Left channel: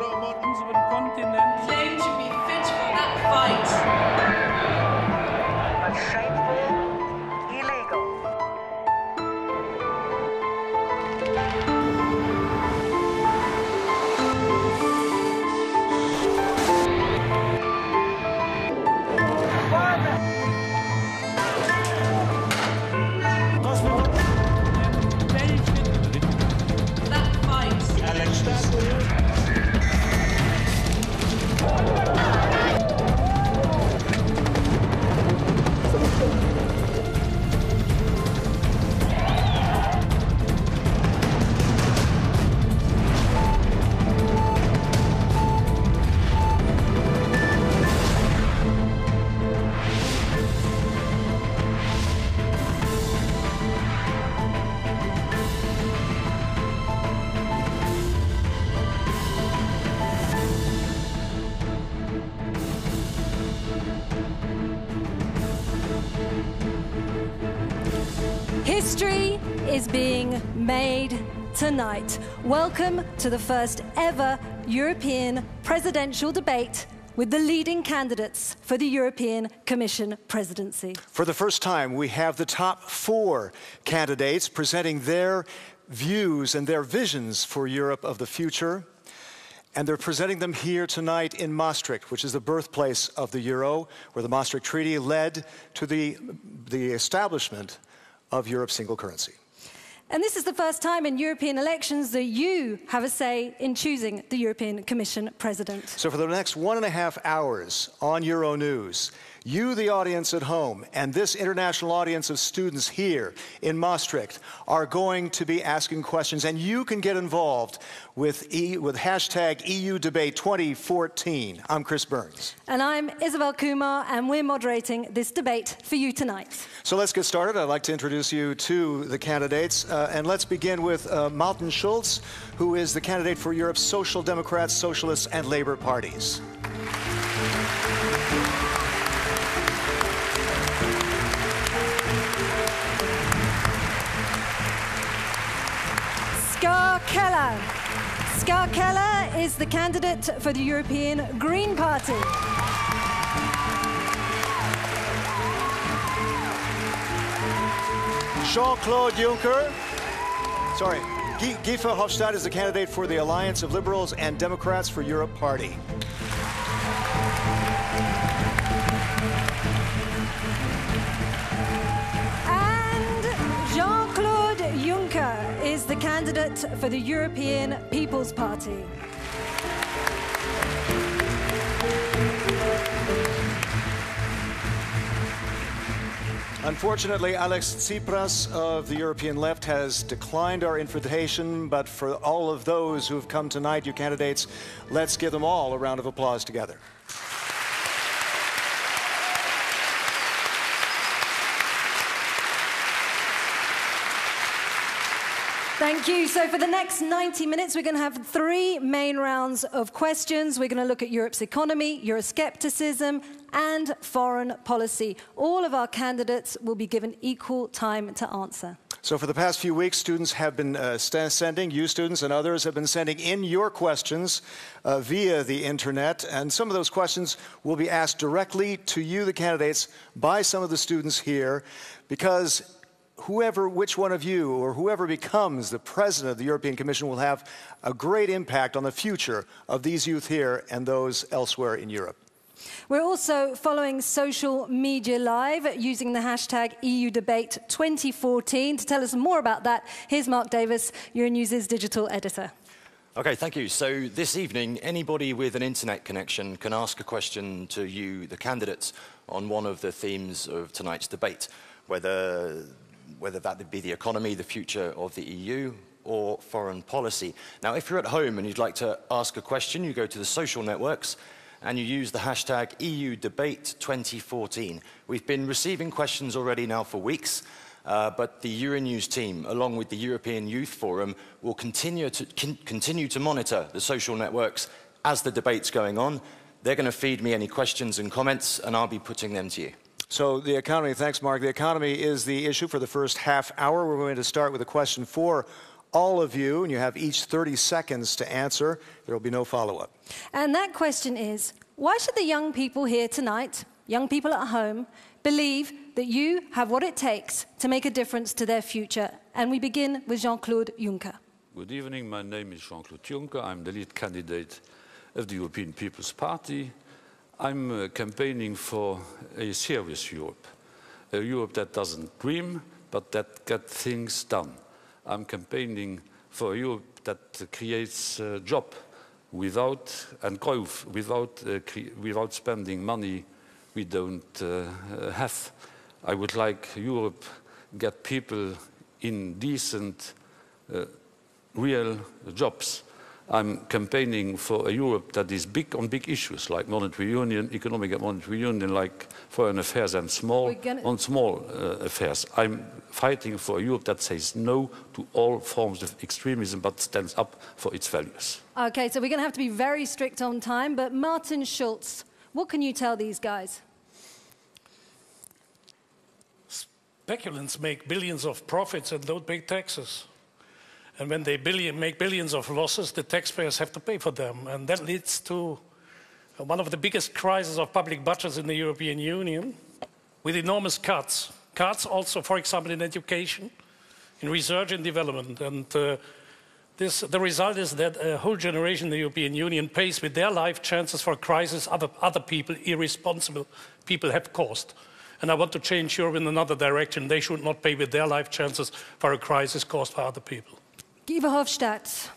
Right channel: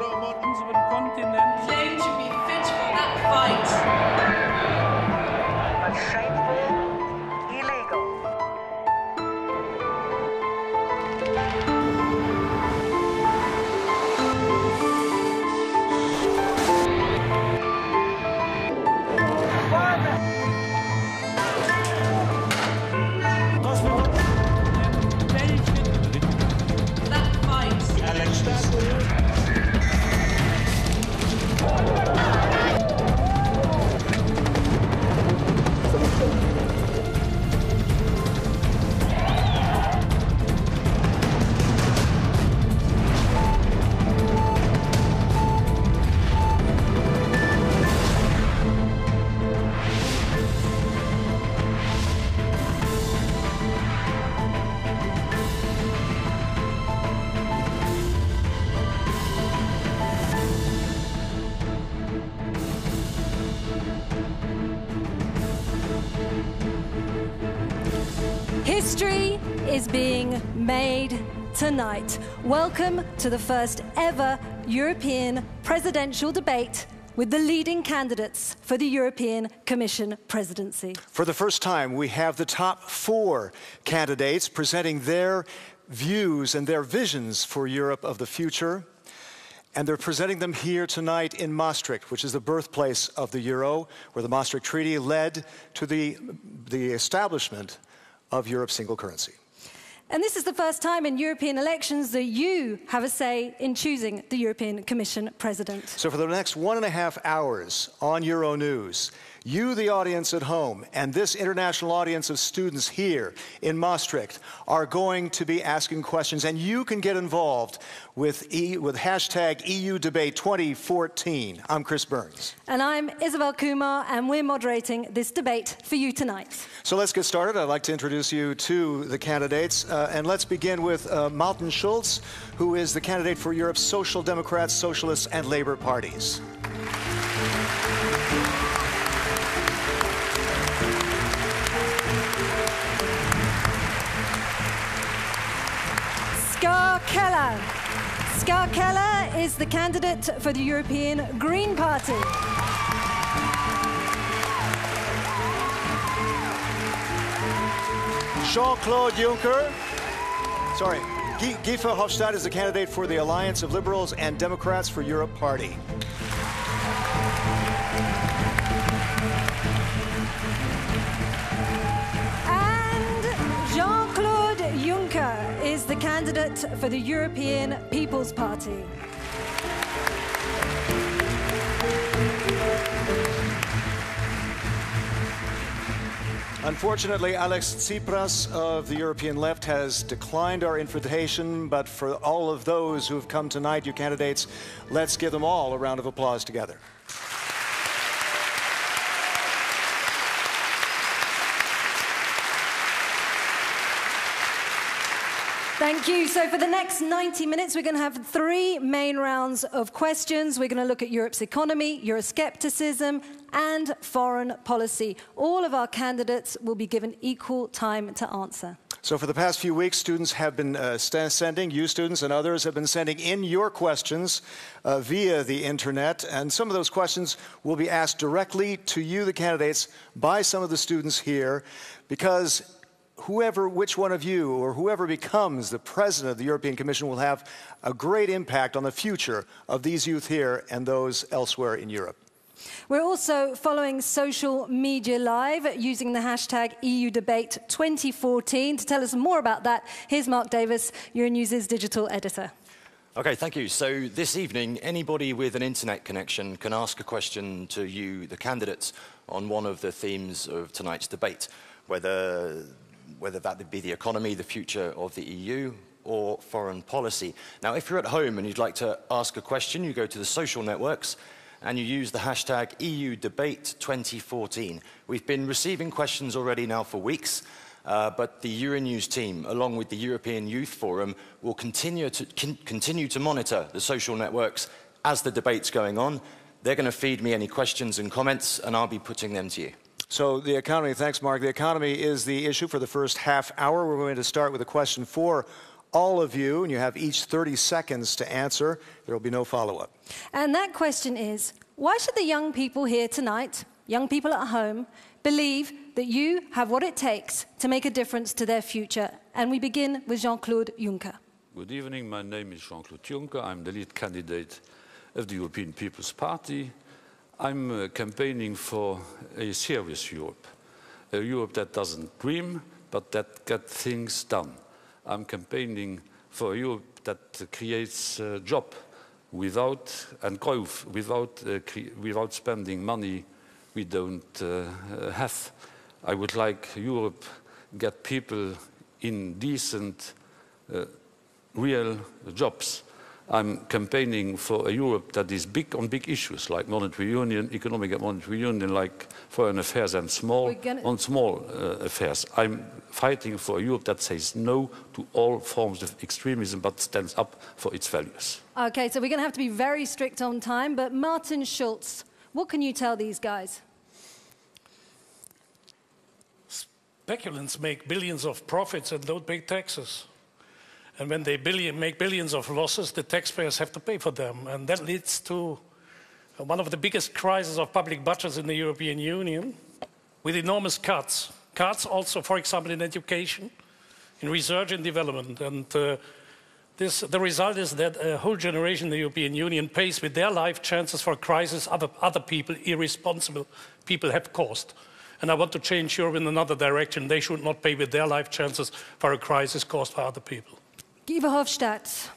unseren Kontinent. Claim to be fit for that fight. But shameful, illegal. History is being made tonight. Welcome to the first ever European presidential debate with the leading candidates for the European Commission presidency. For the first time, we have the top 4 candidates presenting their views and their visions for Europe of the future. And they're presenting them here tonight in Maastricht, which is the birthplace of the euro, where the Maastricht Treaty led to the establishment of Europe's single currency. And this is the first time in European elections that you have a say in choosing the European Commission president. So for the next 1.5 hours on Euronews, you, the audience at home, and this international audience of students here in Maastricht are going to be asking questions, and you can get involved with hashtag EU Debate 2014. I'm Chris Burns. And I'm Isabel Kumar, and we're moderating this debate for you tonight. So let's get started. I'd like to introduce you to the candidates, and let's begin with Martin Schulz, who is the candidate for Europe's Social Democrats, Socialists, and Labour parties. KELLER is the candidate for the European Green Party. Jean-Claude Juncker. Sorry. Guy Verhofstadt is the candidate for the Alliance of Liberals and Democrats for Europe party. And Jean-Claude Juncker is the candidate for the European People's Party. Unfortunately, Alex Tsipras of the European Left has declined our invitation, but for all of those who have come tonight, you candidates, let's give them all a round of applause together. Thank you. So for the next 90 minutes, we're going to have 3 main rounds of questions. We're going to look at Europe's economy, Euroscepticism, and foreign policy. All of our candidates will be given equal time to answer. So for the past few weeks, students have been sending, you students and others have been sending in your questions via the internet, and some of those questions will be asked directly to you, the candidates, by some of the students here, because which one of you or whoever becomes the president of the European Commission will have a great impact on the future of these youth here and those elsewhere in Europe. We're also following social media live using the hashtag EU Debate 2014. To tell us more about that, here's Mark Davis, Euronews' digital editor. Okay, thank you. So this evening, anybody with an internet connection can ask a question to you, the candidates, on one of the themes of tonight's debate, whether that be the economy, the future of the EU, or foreign policy. Now, if you're at home and you'd like to ask a question, you go to the social networks and you use the hashtag EU Debate 2014. We've been receiving questions already now for weeks, but the Euronews team, along with the European Youth Forum, will continue to monitor the social networks as the debate's going on. They're going to feed me any questions and comments, and I'll be putting them to you. So the economy, thanks Mark, the economy is the issue for the first half hour. We're going to start with a question for all of you, and you have each 30 seconds to answer. There will be no follow-up. And that question is, why should the young people here tonight, young people at home, believe that you have what it takes to make a difference to their future? And we begin with Jean-Claude Juncker. Good evening, my name is Jean-Claude Juncker. I'm the lead candidate of the European People's Party. I'm campaigning for a serious Europe, a Europe that doesn't dream, but that gets things done. I'm campaigning for a Europe that creates jobs and growth without spending money we don't have. I would like Europe get people in decent, real jobs. I'm campaigning for a Europe that is big on big issues like monetary union, economic and monetary union, like foreign affairs and small affairs. I'm fighting for a Europe that says no to all forms of extremism but stands up for its values. Okay, so we're going to have to be very strict on time, but Martin Schulz, what can you tell these guys? Speculants make billions of profits and don't pay taxes. And when they make billions of losses, the taxpayers have to pay for them. And that leads to one of the biggest crises of public budgets in the European Union, with enormous cuts. Cuts also, for example, in education, in research and development. And the result is that a whole generation in the European Union pays with their life chances for a crisis other people, irresponsible people, have caused. And I want to change Europe in another direction. They should not pay with their life chances for a crisis caused by other people. VERHOFSTAT.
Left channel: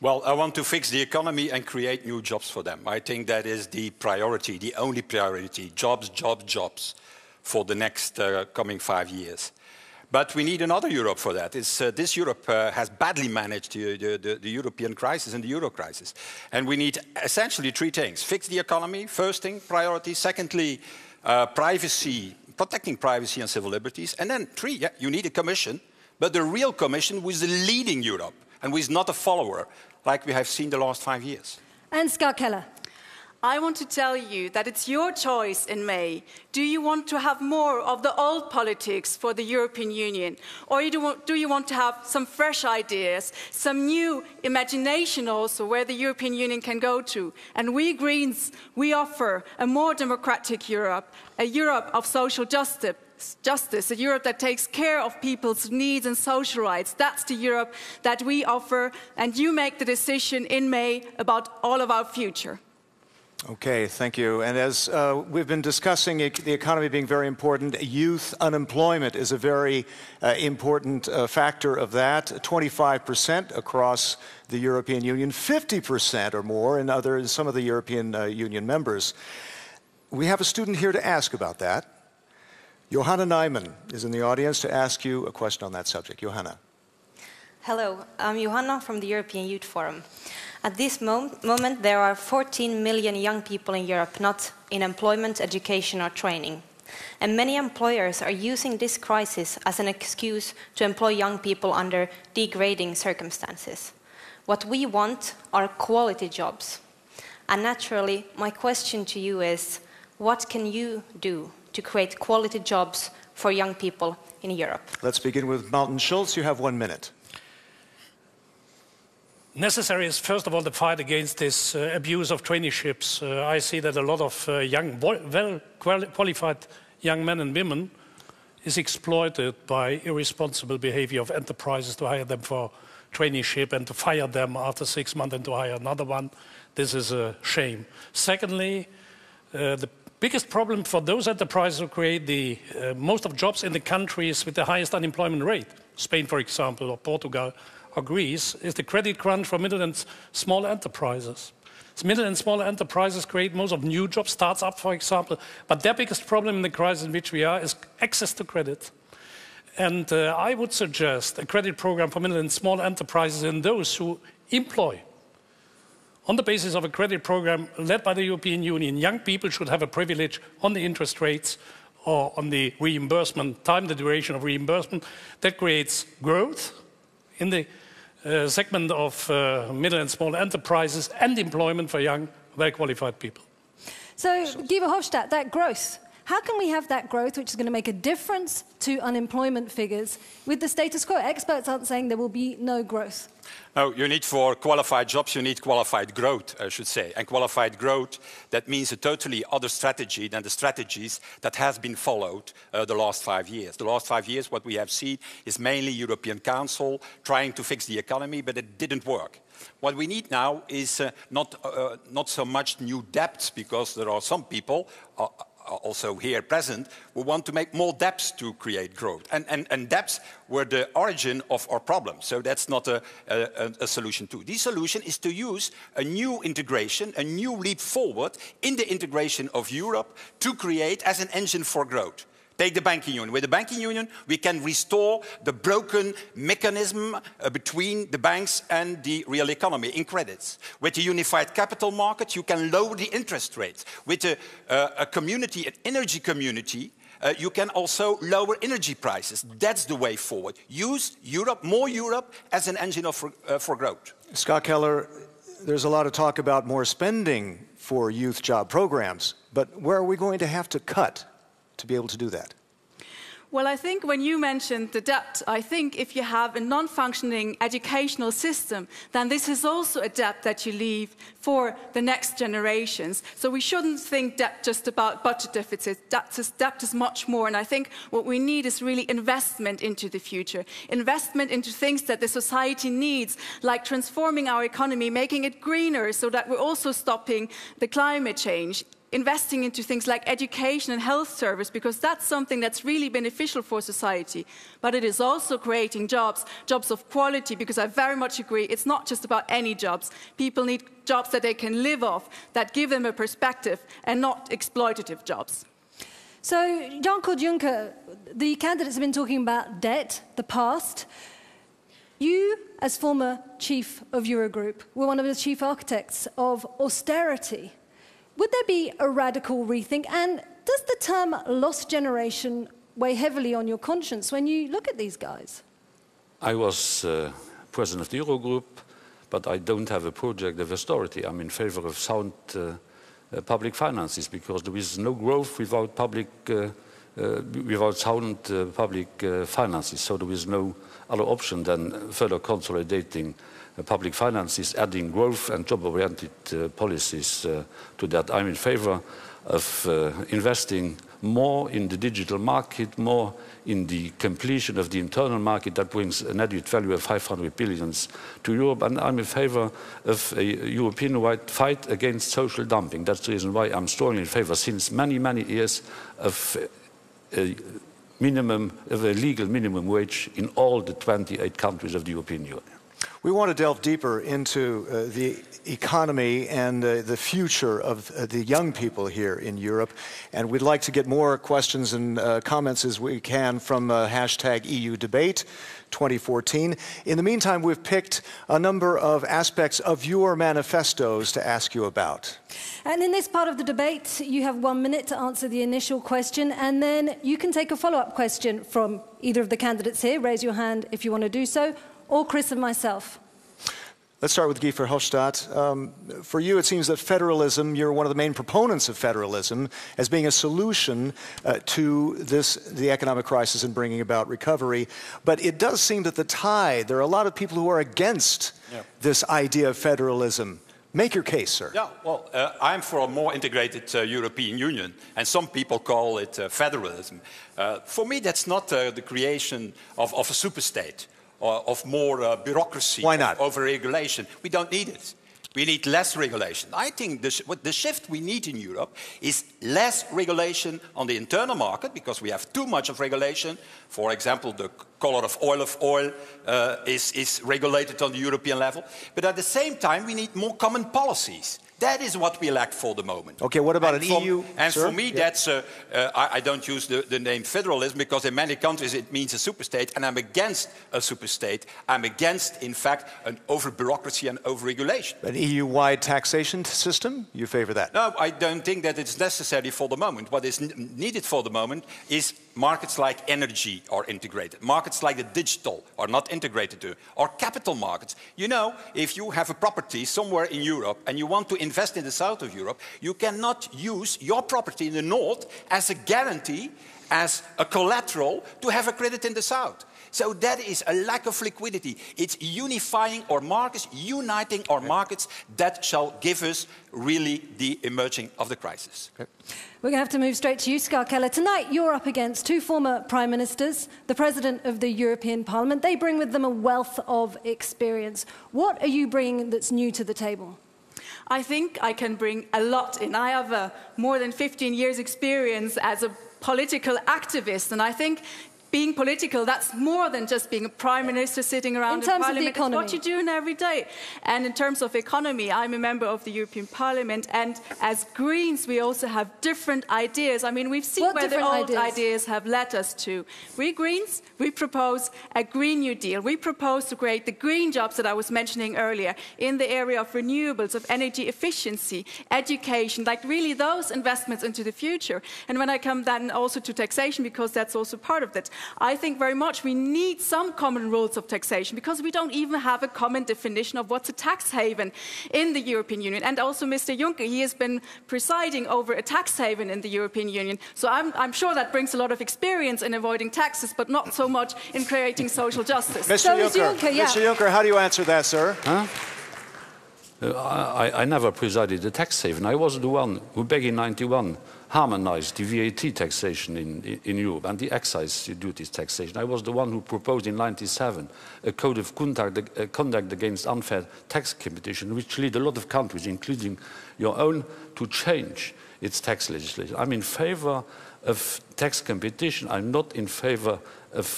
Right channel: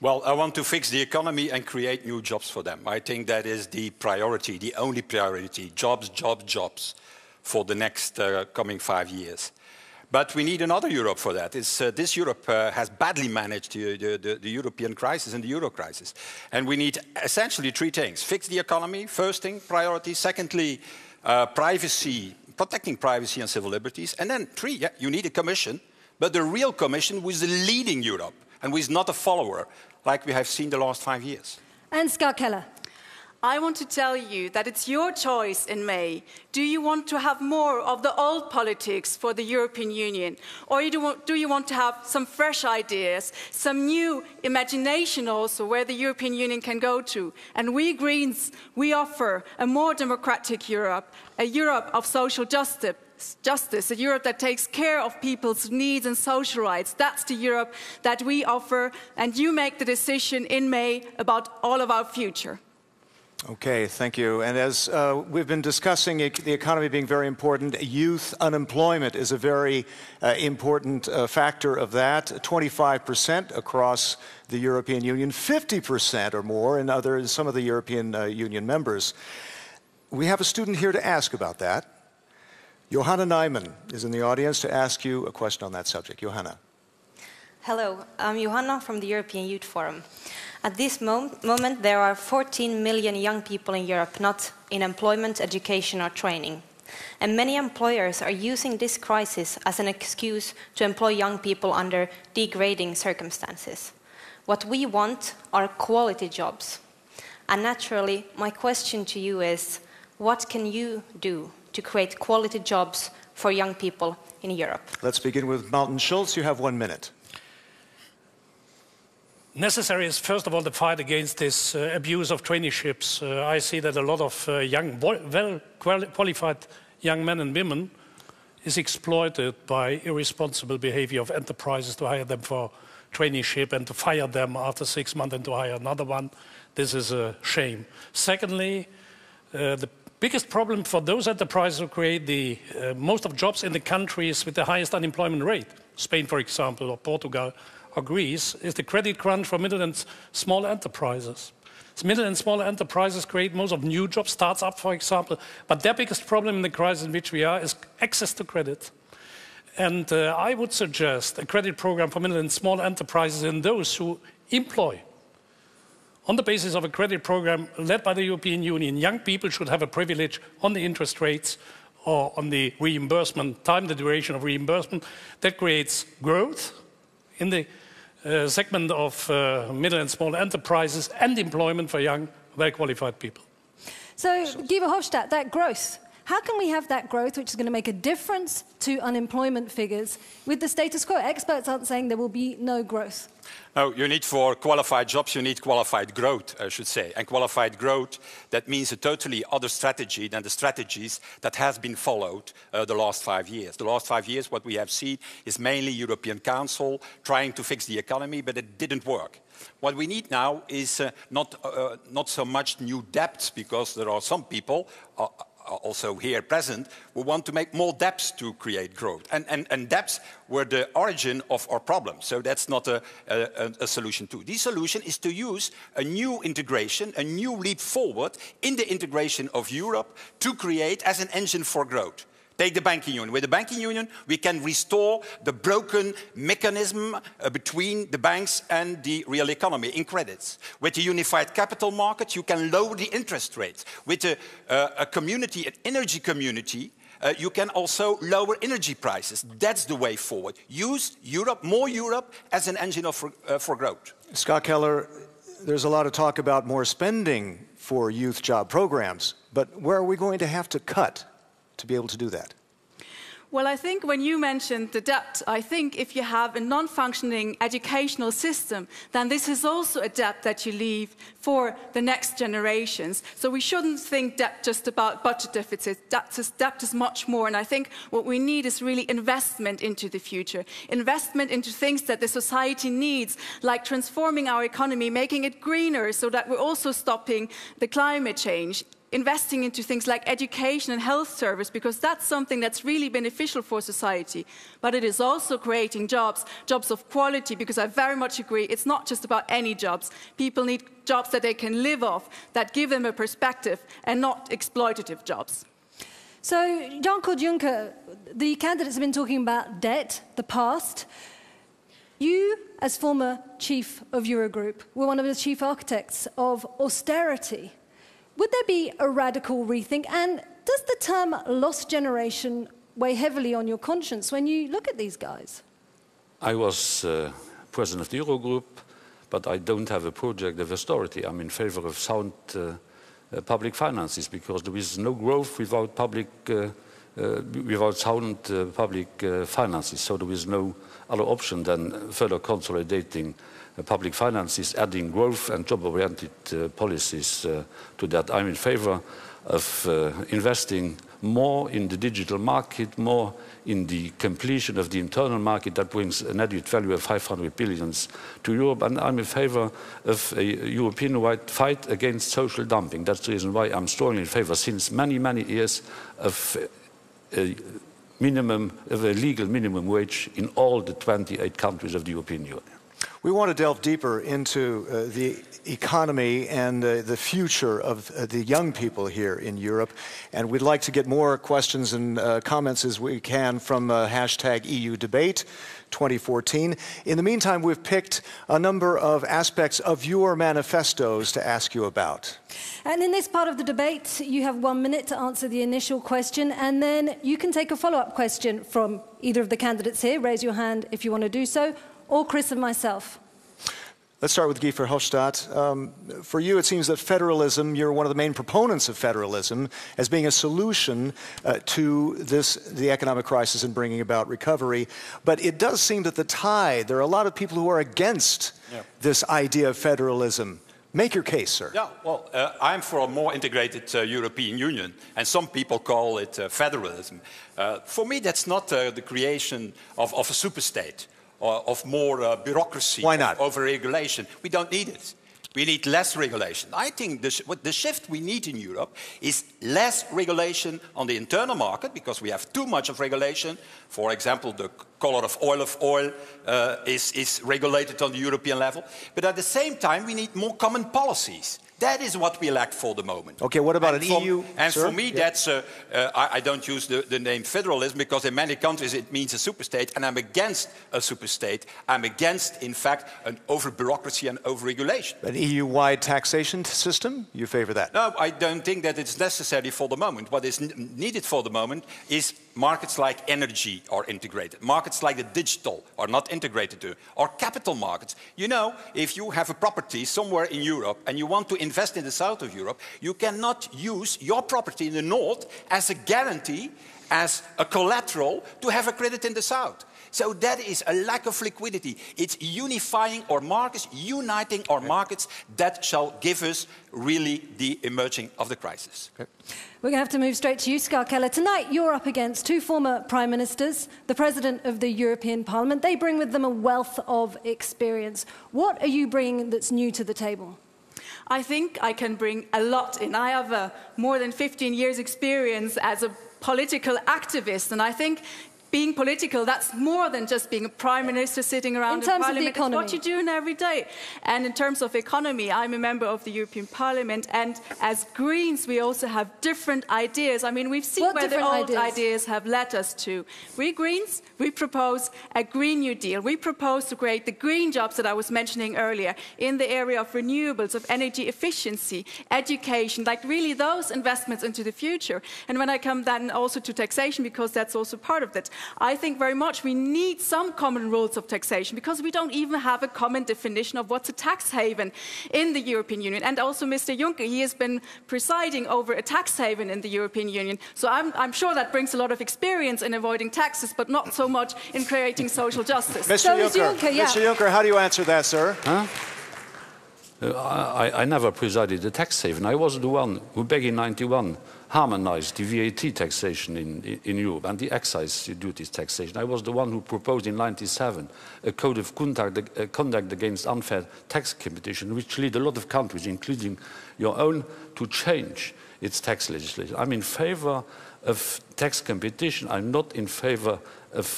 Well, I want to fix the economy and create new jobs for them. I think that is the priority, the only priority. Jobs, jobs, jobs for the next coming 5 years. But we need another Europe for that. This Europe has badly managed the European crisis and the Euro crisis. And we need essentially three things. Fix the economy, first thing, priority. Secondly, privacy, protecting privacy and civil liberties. And then three, you need a commission, but the real commission who is leading Europe and who is not a follower, like we have seen the last 5 years. And KELLER. I want to tell you that it's your choice in May. Do you want to have more of the old politics for the European Union? Or do you want to have some fresh ideas, some new imagination also where the European Union can go to? And we Greens, we offer a more democratic Europe, a Europe of social justice, a Europe that takes care of people's needs and social rights. That's the Europe that we offer, and you make the decision in May about all of our future. Okay, thank you. And as we've been discussing the economy being very important, youth unemployment is a very important factor of that. 25% across the European Union, 50% or more in some of the European Union members. We have a student here to ask about that. Johanna Nijman is in the audience to ask you a question on that subject. Johanna. Hello, I'm Johanna from the European Youth Forum. At this moment, there are 14 million young people in Europe not in employment, education or training. And many employers are using this crisis as an excuse to employ young people under degrading circumstances. What we want are quality jobs. And naturally, my question to you is, what can you do to create quality jobs for young people in Europe? Let's begin with Martin Schulz. You have 1 minute. Necessary is, first of all, the fight against this abuse of traineeships. I see that a lot of young, well-qualified young men and women is exploited by irresponsible behavior of enterprises to hire them for traineeship and to fire them after 6 months and to hire another one. This is a shame. Secondly, the biggest problem for those enterprises who create the most of jobs in the countries with the highest unemployment rate, Spain, for example, or Portugal, or Greece, is the credit crunch for middle and small enterprises. Middle and small enterprises create most of new jobs, startups, for example, but their biggest problem in the crisis in which we are is access to credit. And I would suggest a credit program for middle and small enterprises and those who employ. On the basis of a credit program led by the European Union, young people should have a privilege on the interest rates or on the reimbursement time, the duration of reimbursement. That creates growth in the segment of middle and small enterprises and employment for young, well-qualified people. So, VERHOFSTAT, that growth, How can we have that growth which is going to make a difference to unemployment figures with the status quo? Experts aren't saying there will be no growth. No, you need for qualified jobs, you need qualified growth, I should say. And qualified growth, that means a totally other strategy than the strategies that have been followed the last 5 years. The last 5 years, what we have seen is mainly European Council trying to fix the economy, but it didn't work. What we need now is not so much new debts, because there are some people also here present who want to make more debts to create growth. And debts were the origin of our problem. So that's not a solution too. The solution is to use a new integration, a new leap forward in the integration of Europe to create as an engine for growth. Take the banking union. With the banking union, we can restore the broken mechanism between the banks and the real economy in credits. With the unified capital market, you can lower the interest rates. With a community, an energy community, you can also lower energy prices. That's the way forward. Use Europe, more Europe, as an engine for growth. Scott Keller, there's a lot of talk about more spending for youth job programs, but where are we going to have to cut to be able to do that? Well, I think when you mentioned the debt, I think if you have a non-functioning educational system, then this is also a debt that you leave for the next generations. So we shouldn't think debt just about budget deficits. Debt is much more. And I think what we need is really investment into the future. Investment into things that the society needs, like transforming our economy, making it greener so that we're also stopping the climate change. Investing into things like education and health service, because that's something that's really beneficial for society. But it is also creating jobs, jobs of quality, because I very much agree, it's not just about any jobs. People need jobs that they can live off, that give them a perspective, and not exploitative jobs. So, Jean-Claude Juncker, the candidates have been talking about debt, the past. You, as former chief of Eurogroup, were one of the chief architects of austerity. Would there be a radical rethink? And does the term lost generation weigh heavily on your conscience when you look at these guys? I was president of the Eurogroup, but I don't have a project of austerity. I'm in favor of sound public finances, because there is no growth without sound public finances. So there is no other option than further consolidating public finances, adding growth and job-oriented policies to that. I'm in favor of investing more in the digital market, more in the completion of the internal market that brings an added value of 500 billion to Europe. And I'm in favor of a European-wide fight against social dumping. That's the reason why I'm strongly in favor, since many, many years, of a legal minimum wage in all the 28 countries of the European Union. We want to delve deeper into the economy and the future of the young people here in Europe. And we'd like to get more questions and comments as we can from hashtag EU Debate 2014. In the meantime, we've picked a number of aspects of your manifestos to ask you about. And in this part of the debate, you have 1 minute to answer the initial question, and then you can take a follow-up question from either of the candidates here. Raise your hand if you want to do so, or Chris and myself. Let's start with Guy Verhofstadt. For you, it seems that federalism, you're one of the main proponents of federalism as being a solution to the economic crisis and bringing about recovery. But it does seem that there are a lot of people who are against this idea of federalism. Make your case, sir. Yeah, well, I'm for a more integrated European Union, and some people call it federalism. For me, that's not the creation of a superstate. Or of more bureaucracy. Why not? Over regulation. We don't need it. We need less regulation. I think the shift we need in Europe is less regulation on the internal market, because we have too much of regulation. For example, the color of oil is regulated on the European level. But at the same time, we need more common policies. That is what we lack for the moment. Okay, what about EU? And for me, that's, I don't use the name federalism, because in many countries it means a superstate, and I'm against a superstate. I'm against, in fact, an over-bureaucracy and over-regulation. An EU-wide taxation system? You favor that? No, I don't think that it's necessary for the moment. What is needed for the moment is markets like energy are integrated. Markets like the digital are not integrated to, or capital markets. You know, if you have a property somewhere in Europe and you want to invest in the south of Europe, you cannot use your property in the north as a guarantee, as a collateral to have a credit in the south. So that is a lack of liquidity. It's unifying our markets, uniting our markets that shall give us really the emerging of the crisis. Okay. We're going to have to move straight to you, KELLER. Tonight you're up against two former Prime Ministers, the President of the European Parliament. They bring with them a wealth of experience. What are you bringing that's new to the table? I think I can bring a lot in. I have more than 15 years experience as a political activist, and I think being political, that's more than just being a prime minister sitting around in parliament. It's what you're doing every day. And in terms of economy, I'm a member of the European Parliament, and as Greens, we also have different ideas. I mean, we've seen where the old ideas have led us to. We Greens, we propose a Green New Deal. We propose to create the green jobs that I was mentioning earlier in the area of renewables, of energy efficiency, education, like really those investments into the future. And when I come then also to taxation, because that's also part of it, I think very much we need some common rules of taxation, because we don't even have a common definition of what's a tax haven in the European Union. And also Mr. Juncker, he has been presiding over a tax haven in the European Union. So I'm sure that brings a lot of experience in avoiding taxes, but not so much in creating social justice. Mr. Juncker, how do you answer that, sir? Huh? I never presided a tax haven. I was the one who, back in '91, harmonized the VAT taxation in Europe and the excise duties taxation. I was the one who proposed in '97 a code of conduct against unfair tax competition, which led a lot of countries, including your own, to change its tax legislation. I'm in favor of tax competition. I'm not in favor of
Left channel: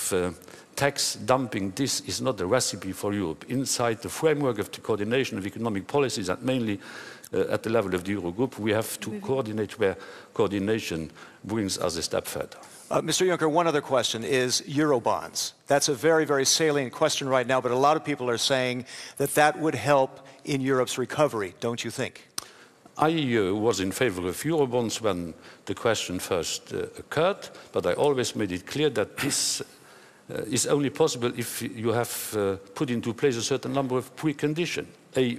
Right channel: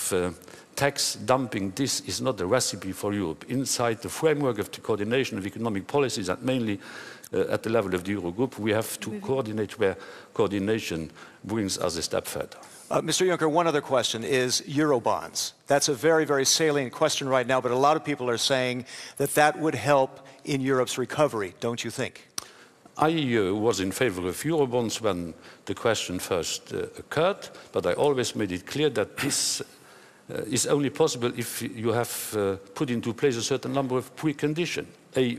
tax dumping. This is not a recipe for Europe. Inside the framework of the coordination of economic policies, and mainly at the level of the Eurogroup, we have to coordinate where coordination brings us a step further. Mr. Juncker, one other question is Eurobonds. That's a very, very salient question right now, but a lot of people are saying that that would help in Europe's recovery, don't you think? I was in favor of Eurobonds when the question first occurred, but I always made it clear that this is only possible if you have put into place a certain number of preconditions. A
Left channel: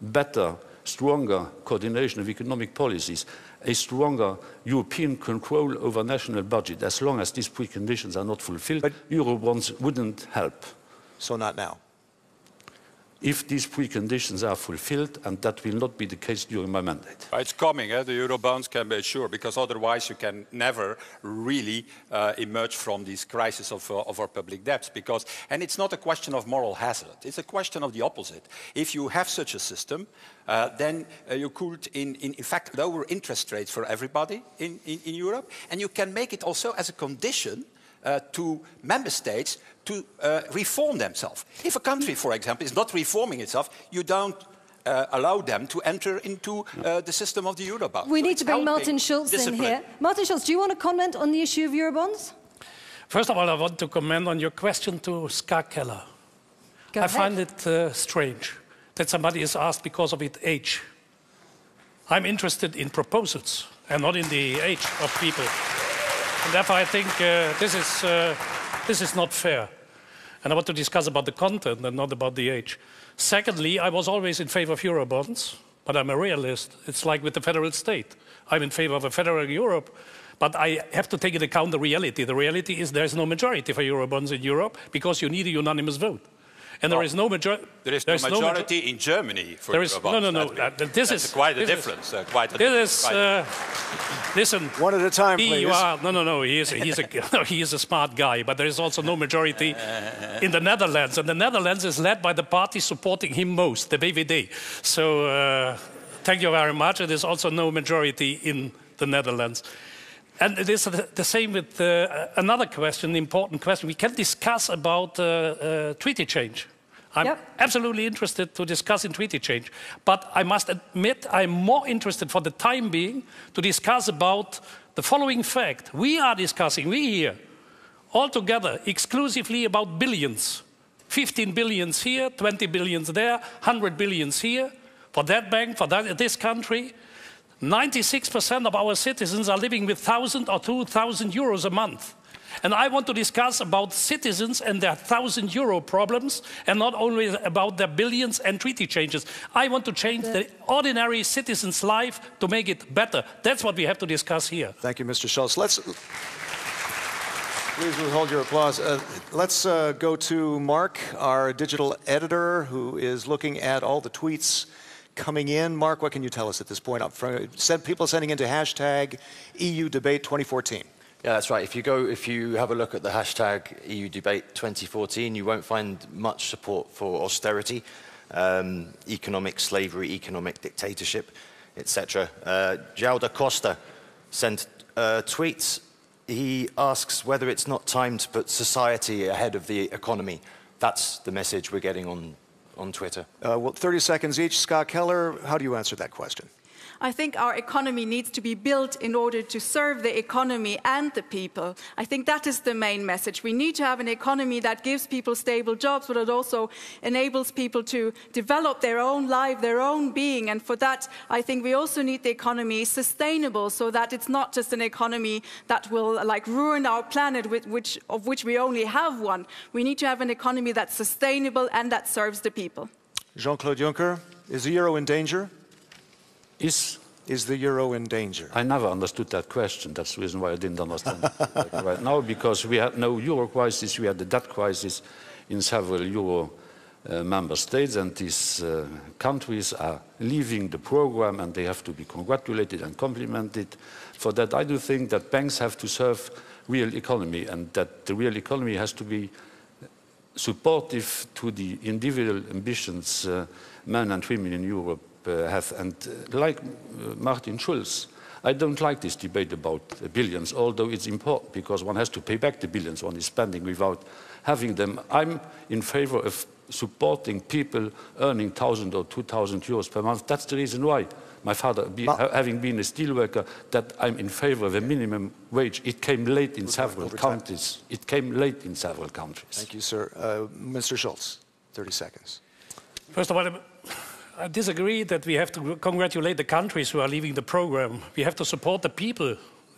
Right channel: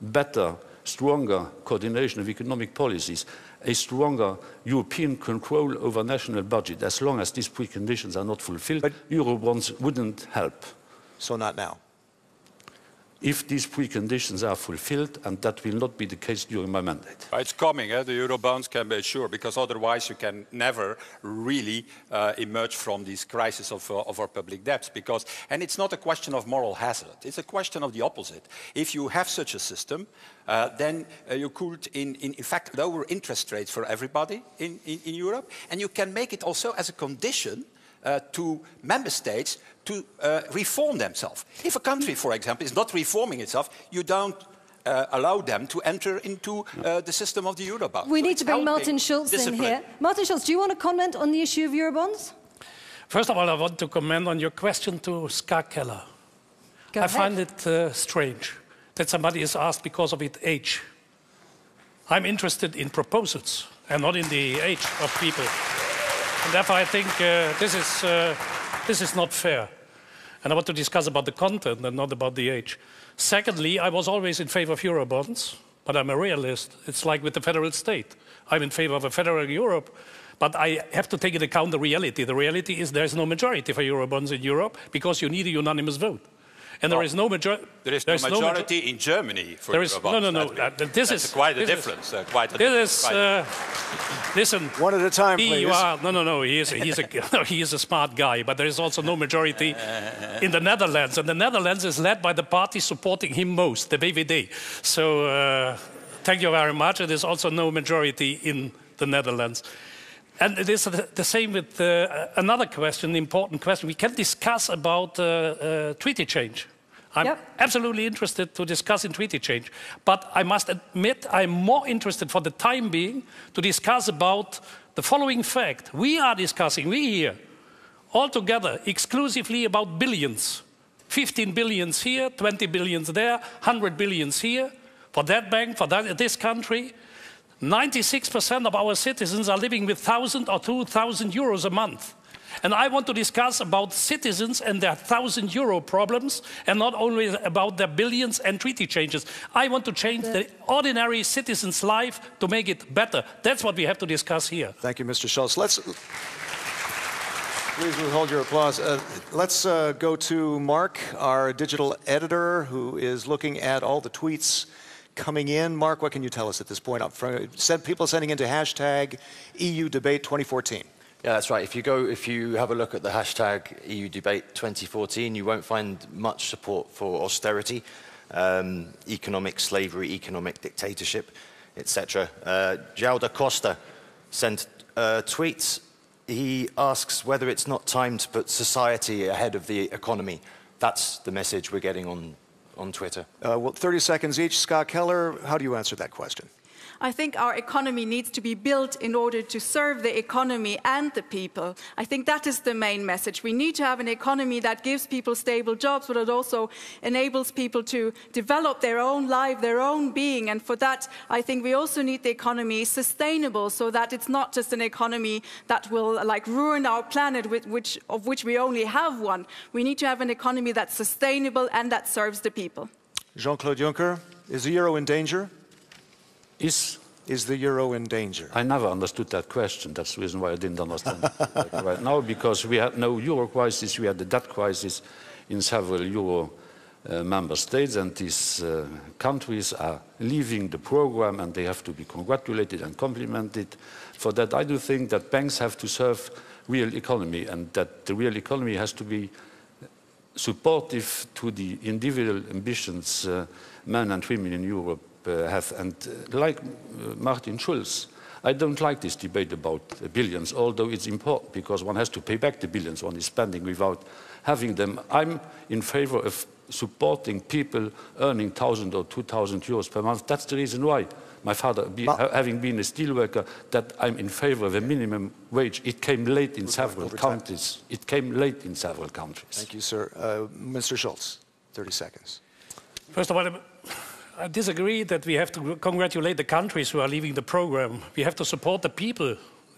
better, stronger coordination of economic policies, a stronger European control over national budget. As long as these preconditions are not fulfilled, Eurobonds wouldn't help. So not now? If these preconditions are fulfilled, and that will not be the case during my mandate. It's coming, the Eurobonds can be assured, because otherwise you can never really emerge from this crisis of our public debts. And it's not a question of moral hazard, it's a question of the opposite. If you have such a system, then you could, in fact, lower interest rates for everybody in Europe, and you can make it also as a condition to member states to reform themselves. If a country, for example, is not reforming itself, you don't allow them to enter into the system of the Eurobond. We need to bring Martin Schulz in here. Martin Schulz, do you want to comment on the issue of Eurobonds? First of all, I want to comment on your question to KELLER. I find it strange that somebody is asked because of its age. I'm interested in proposals and not in the age of people. And therefore, I think this is not fair. And I want to discuss about the content and not about the age. Secondly, I was always in favor of Eurobonds, but I'm a realist. It's like with the federal state. I'm in favor of a federal Europe, but I have to take into account the reality. The reality is there's no majority for Eurobonds in Europe because you need a unanimous vote. And there is no majority. There is no majority in Germany for Eurobonds. No. This is quite a difference. Listen. One at a time, please. No. He is a smart guy, but there is also no majority in the Netherlands, and the Netherlands is led by the party supporting him most, the VVD. So thank you very much. There is also no majority in the Netherlands. And it is the same with another question, the important question. We can discuss about treaty change. I'm absolutely interested to discuss in treaty change. But I must admit I'm more interested for the time being to discuss about the following fact. We are discussing, we here, all together, exclusively about billions. 15 billions here, 20 billions there, 100 billions here, for that bank, for this country. 96% of our citizens are living with 1,000 or 2,000 euros a month. And I want to discuss about citizens and their €1,000 problems, and not only about their billions and treaty changes. I want to change the ordinary citizen's life to make it better. That's what we have to discuss here. Thank you, Mr. Schulz. Please withhold your applause. Let's go to Mark, our digital editor, who is looking at all the tweets coming in. Mark, what can you tell us at this point? People sending into hashtag EU Debate 2014. Yeah, that's right. If you have a look at the hashtag EU Debate 2014, you won't find much support for austerity, economic slavery, economic dictatorship, etc. João da Costa sent tweets. He asks whether it's not time to put society ahead of the economy. That's the message we're getting on Twitter. Well, 30 seconds each. Scott Keller, how do you answer that question? I think our economy needs to be built in order to serve the economy and the people. I think that is the main message. We need to have an economy that gives people stable jobs, but it also enables people to develop their own life, their own being. And for that, I think we also need the economy sustainable, so that it's not just an economy that will ruin our planet, of which we only have one. We need to have an economy that's sustainable and that serves the people. Jean-Claude Juncker, is the euro in danger? Is the euro in danger? I never understood that question. That's the reason why I didn't understand it right now, because we had no euro crisis, we had the debt crisis in several euro member states, and these countries are leaving the program, and they have to be congratulated and complimented for that. I do think that banks have to serve real economy, and that the real economy has to be supportive to the individual ambitions men and women in Europe have. And like Martin Schulz, I don't like this debate about billions, although it's important because one has to pay back the billions one is spending without having them. I'm in favor of supporting people earning 1,000 or 2,000 euros per month. That's the reason why, my father having been a steelworker, that I'm in favor of a minimum wage. It came late in several countries. It came late in several countries. Thank you, sir. Mr. Schulz, 30 seconds. First of all, I disagree that we have to congratulate the countries who are leaving the program. We have to support the people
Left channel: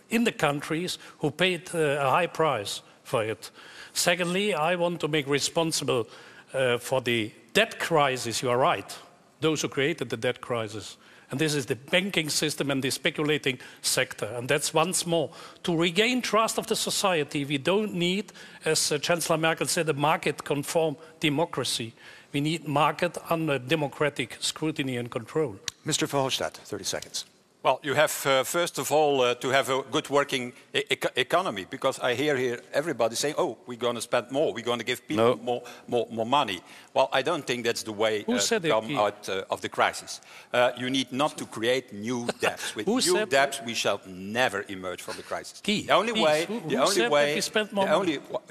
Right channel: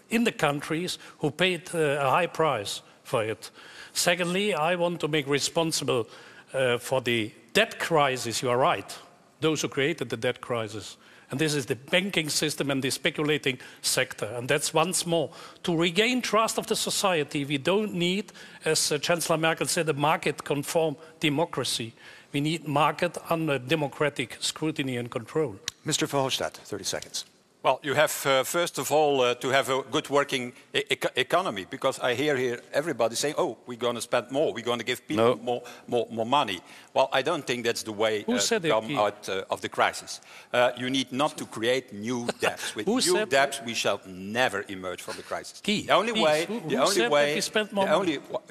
in the countries who paid a high price for it. Secondly, I want to make responsible for the debt crisis. You are right, those who created the debt crisis. And this is the banking system and the speculating sector. And that's once more, to regain trust of the society, we don't need, as Chancellor Merkel said, a market-conform democracy. We need market under democratic scrutiny and control. Mr. Verhofstadt, 30 seconds. Well, you have, first of all, to have a good working economy, because I hear here everybody saying, oh, we're going to spend more, we're going to give people more money. Well, I don't think that's the way to come out of the crisis. You need not to create new debts. With new debts, we shall never emerge from the crisis. The only way,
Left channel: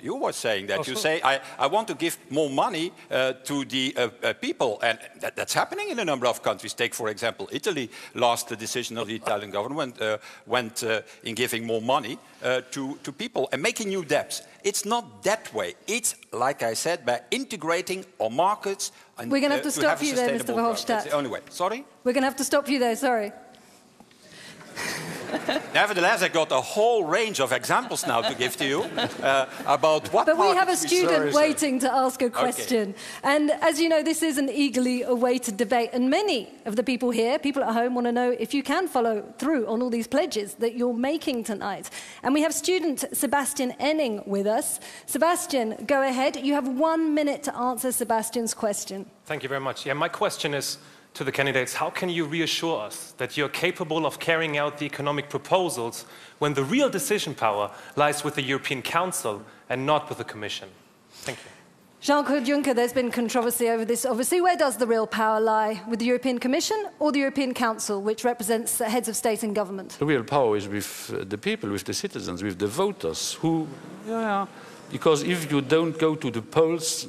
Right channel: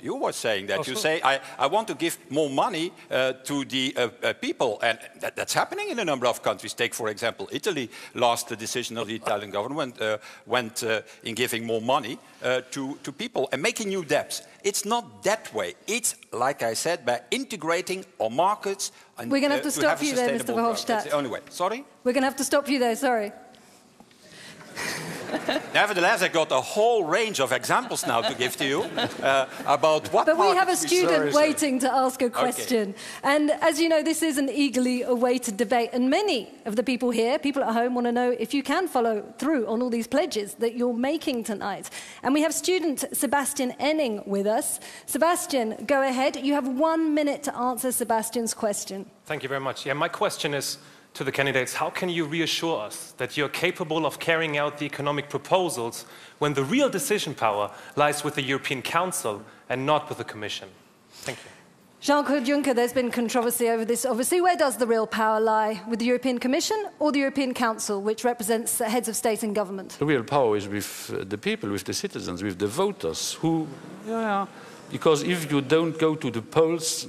you were saying that. You say, I want to give more money to the people, and that's happening in a number of countries. Take, for example, Italy. Last decision of the Italian government went in giving more money to people and making new debts. It's not that way. It's, like I said, by integrating our markets. And, we're going to have to stop you there, Mr. Verhofstadt. That's the only way. Sorry? We're going to have to stop you there, sorry. Nevertheless, I got a whole range of examples now to give to you about what. But we have a student waiting to ask a question. Okay. And as you know, this is an eagerly awaited debate. And many of the people here, people at home, want to know if you can follow through on all these pledges that you're making tonight. And we have student Sebastian Enning with us. Sebastian, go ahead. You have 1 minute to answer Sebastian's question. Thank you very much. Yeah, my question is to the candidates, how can you reassure us that you're capable of carrying out the economic proposals when the real decision power lies with the European Council and not with the Commission? Thank you. Jean-Claude Juncker, there's been controversy over this. Obviously, where does the real power lie? With the European Commission or the European Council, which represents heads of state and government? The real power is with the people, with the citizens, with the voters, who, because if you don't go to the polls,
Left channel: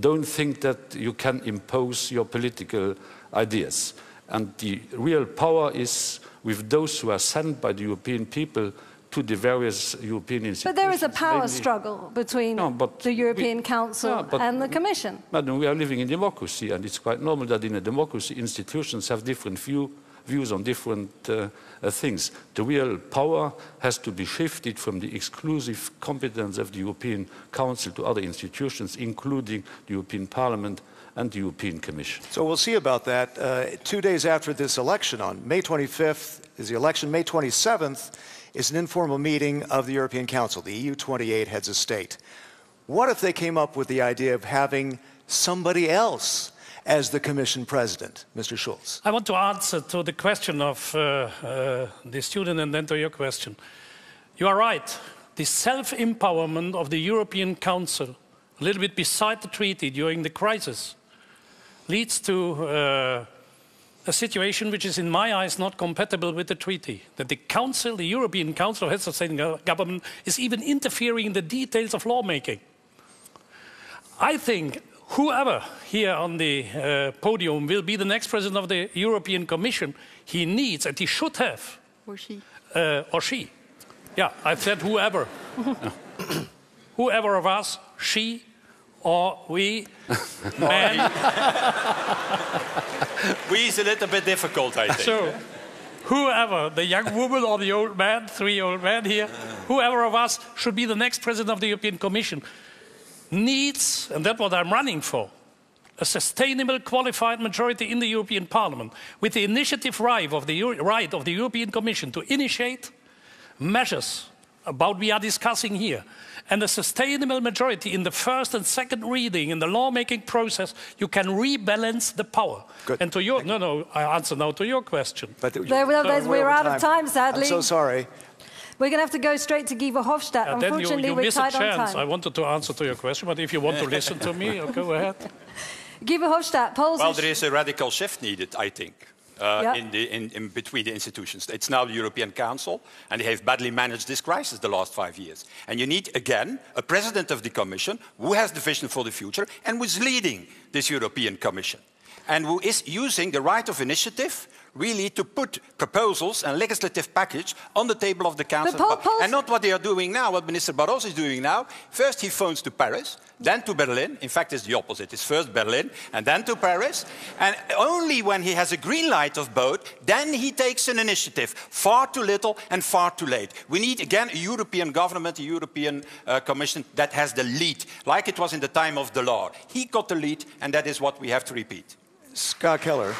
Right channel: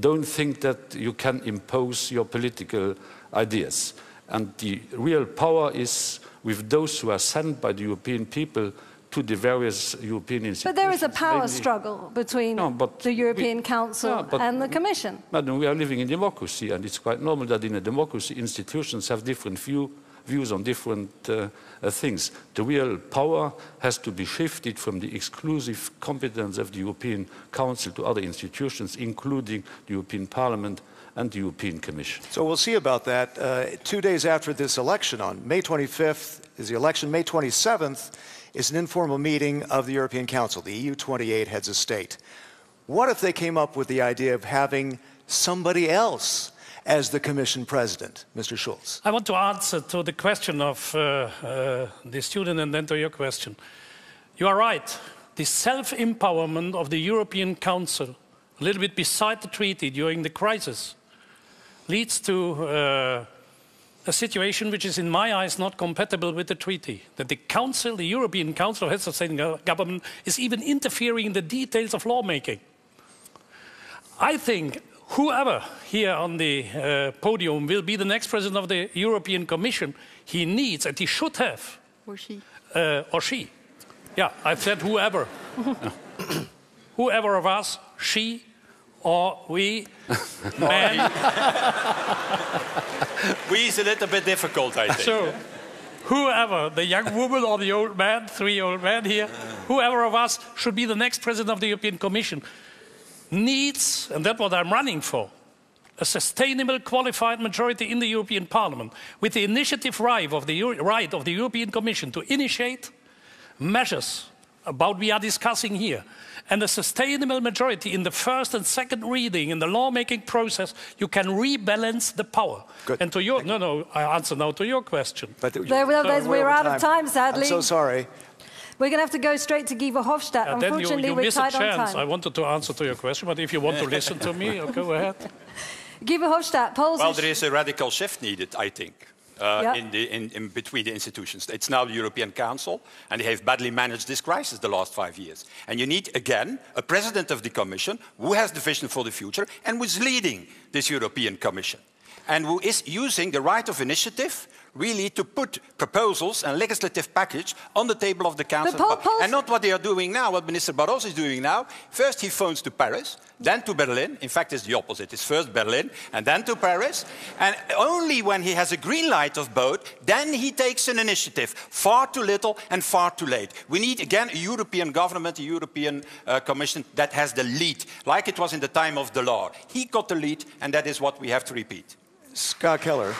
don't think that you can impose your political ideas. And the real power is with those who are sent by the European people to the various European institutions. But there is a power struggle between the European Council and the Commission. Madam, we are living in democracy, and it's quite normal that in a democracy institutions have different views views on different things. The real power has to be shifted from the exclusive competence of the European Council to other institutions, including the European Parliament and the European Commission. So we'll see about that. 2 days after this election, on May 25th is the election. May 27th is an informal meeting of the European Council, the EU 28 heads of state. What if they came up with the idea of having somebody else as the Commission President, Mr. Schulz? I want to answer to the question of the student and then to your question. You are right. The self-empowerment of the European Council, a little bit beside the treaty during the crisis, leads to a situation which is in my eyes not compatible with the treaty. That the Council, the European Council of Heads of State and Government, is even interfering in the details of lawmaking. I think whoever here on the podium will be the next president of the European Commission, he needs, and he should have, or she. Yeah, I said whoever. Whoever of us, she or we, man. We is a little bit difficult, I think. So, whoever, the young woman or the old man, 3 old men here, whoever of us should be the next president of the European Commission, needs, and that's what I'm running for, a sustainable qualified majority in the European Parliament with the initiative right of the European Commission to initiate measures about we are discussing here, and a sustainable majority in the first and second reading in the lawmaking process. You can rebalance the power. Good. And to your, I answer now to your question. But we're out of time, sadly. I'm so sorry. We're going to have to go straight to Guy Verhofstadt. Unfortunately, you we're miss a tight on chance. time. I wanted to answer to your question, but if you want to listen to me, go ahead. Guy Verhofstadt, polls. Well, there is a radical shift needed, I think. In between the institutions. It's now the European Council, and they have badly managed this crisis the last 5 years. And you need, again, a president of the Commission who has the vision for the future and who is leading this European Commission, and who is using the right of initiative really to put proposals and legislative package on the table of the Council. And not what they are doing now, what Minister Barroso is doing now. First he phones to Paris, then to Berlin. In fact, it's the opposite. It's first Berlin and then to Paris. And only when he has a green light of both, then he takes an initiative. Far too little and far too late. We need, again, a European government, a European Commission that has the lead, like it was in the time of Delors. He got the lead, and that is what we have to repeat. Scott Keller.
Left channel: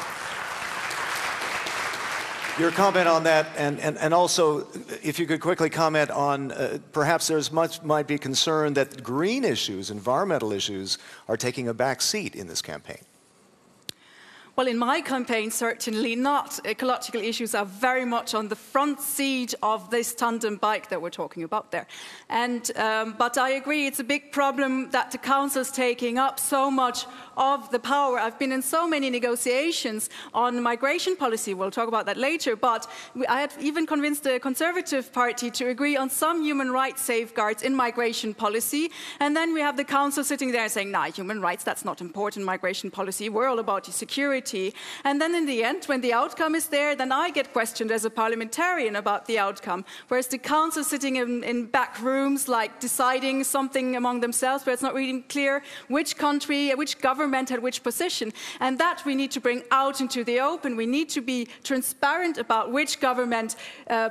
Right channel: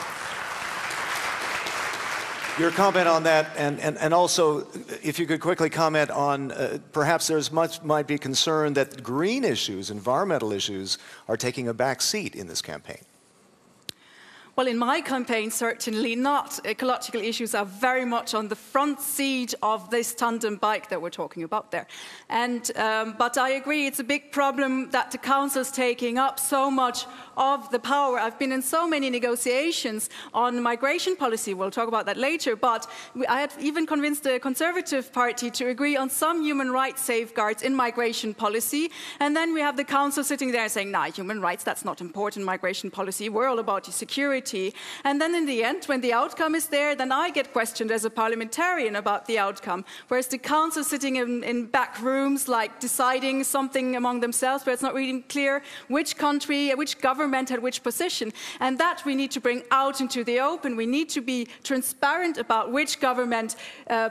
Your comment on that, and also, if you could quickly comment on, perhaps might be concern that green issues, environmental issues, are taking a back seat in this campaign. Well, in my campaign, certainly not. Ecological issues are very much on the front seat of this tandem bike that we're talking about there. And, but I agree, it's a big problem that the Council's taking up so much of the power. I've been in so many negotiations on migration policy. We'll talk about that later. But I had even convinced the Conservative Party to agree on some human rights safeguards in migration policy. And then we have the Council sitting there saying, nah, human rights, that's not important, migration policy. We're all about security. And then in the end, when the outcome is there, then I get questioned as a parliamentarian about the outcome. Whereas the Council sitting in back rooms, like deciding something among themselves, where it's not really clear which country, which government had which position. And that we need to bring out into the open. We need to be transparent about which government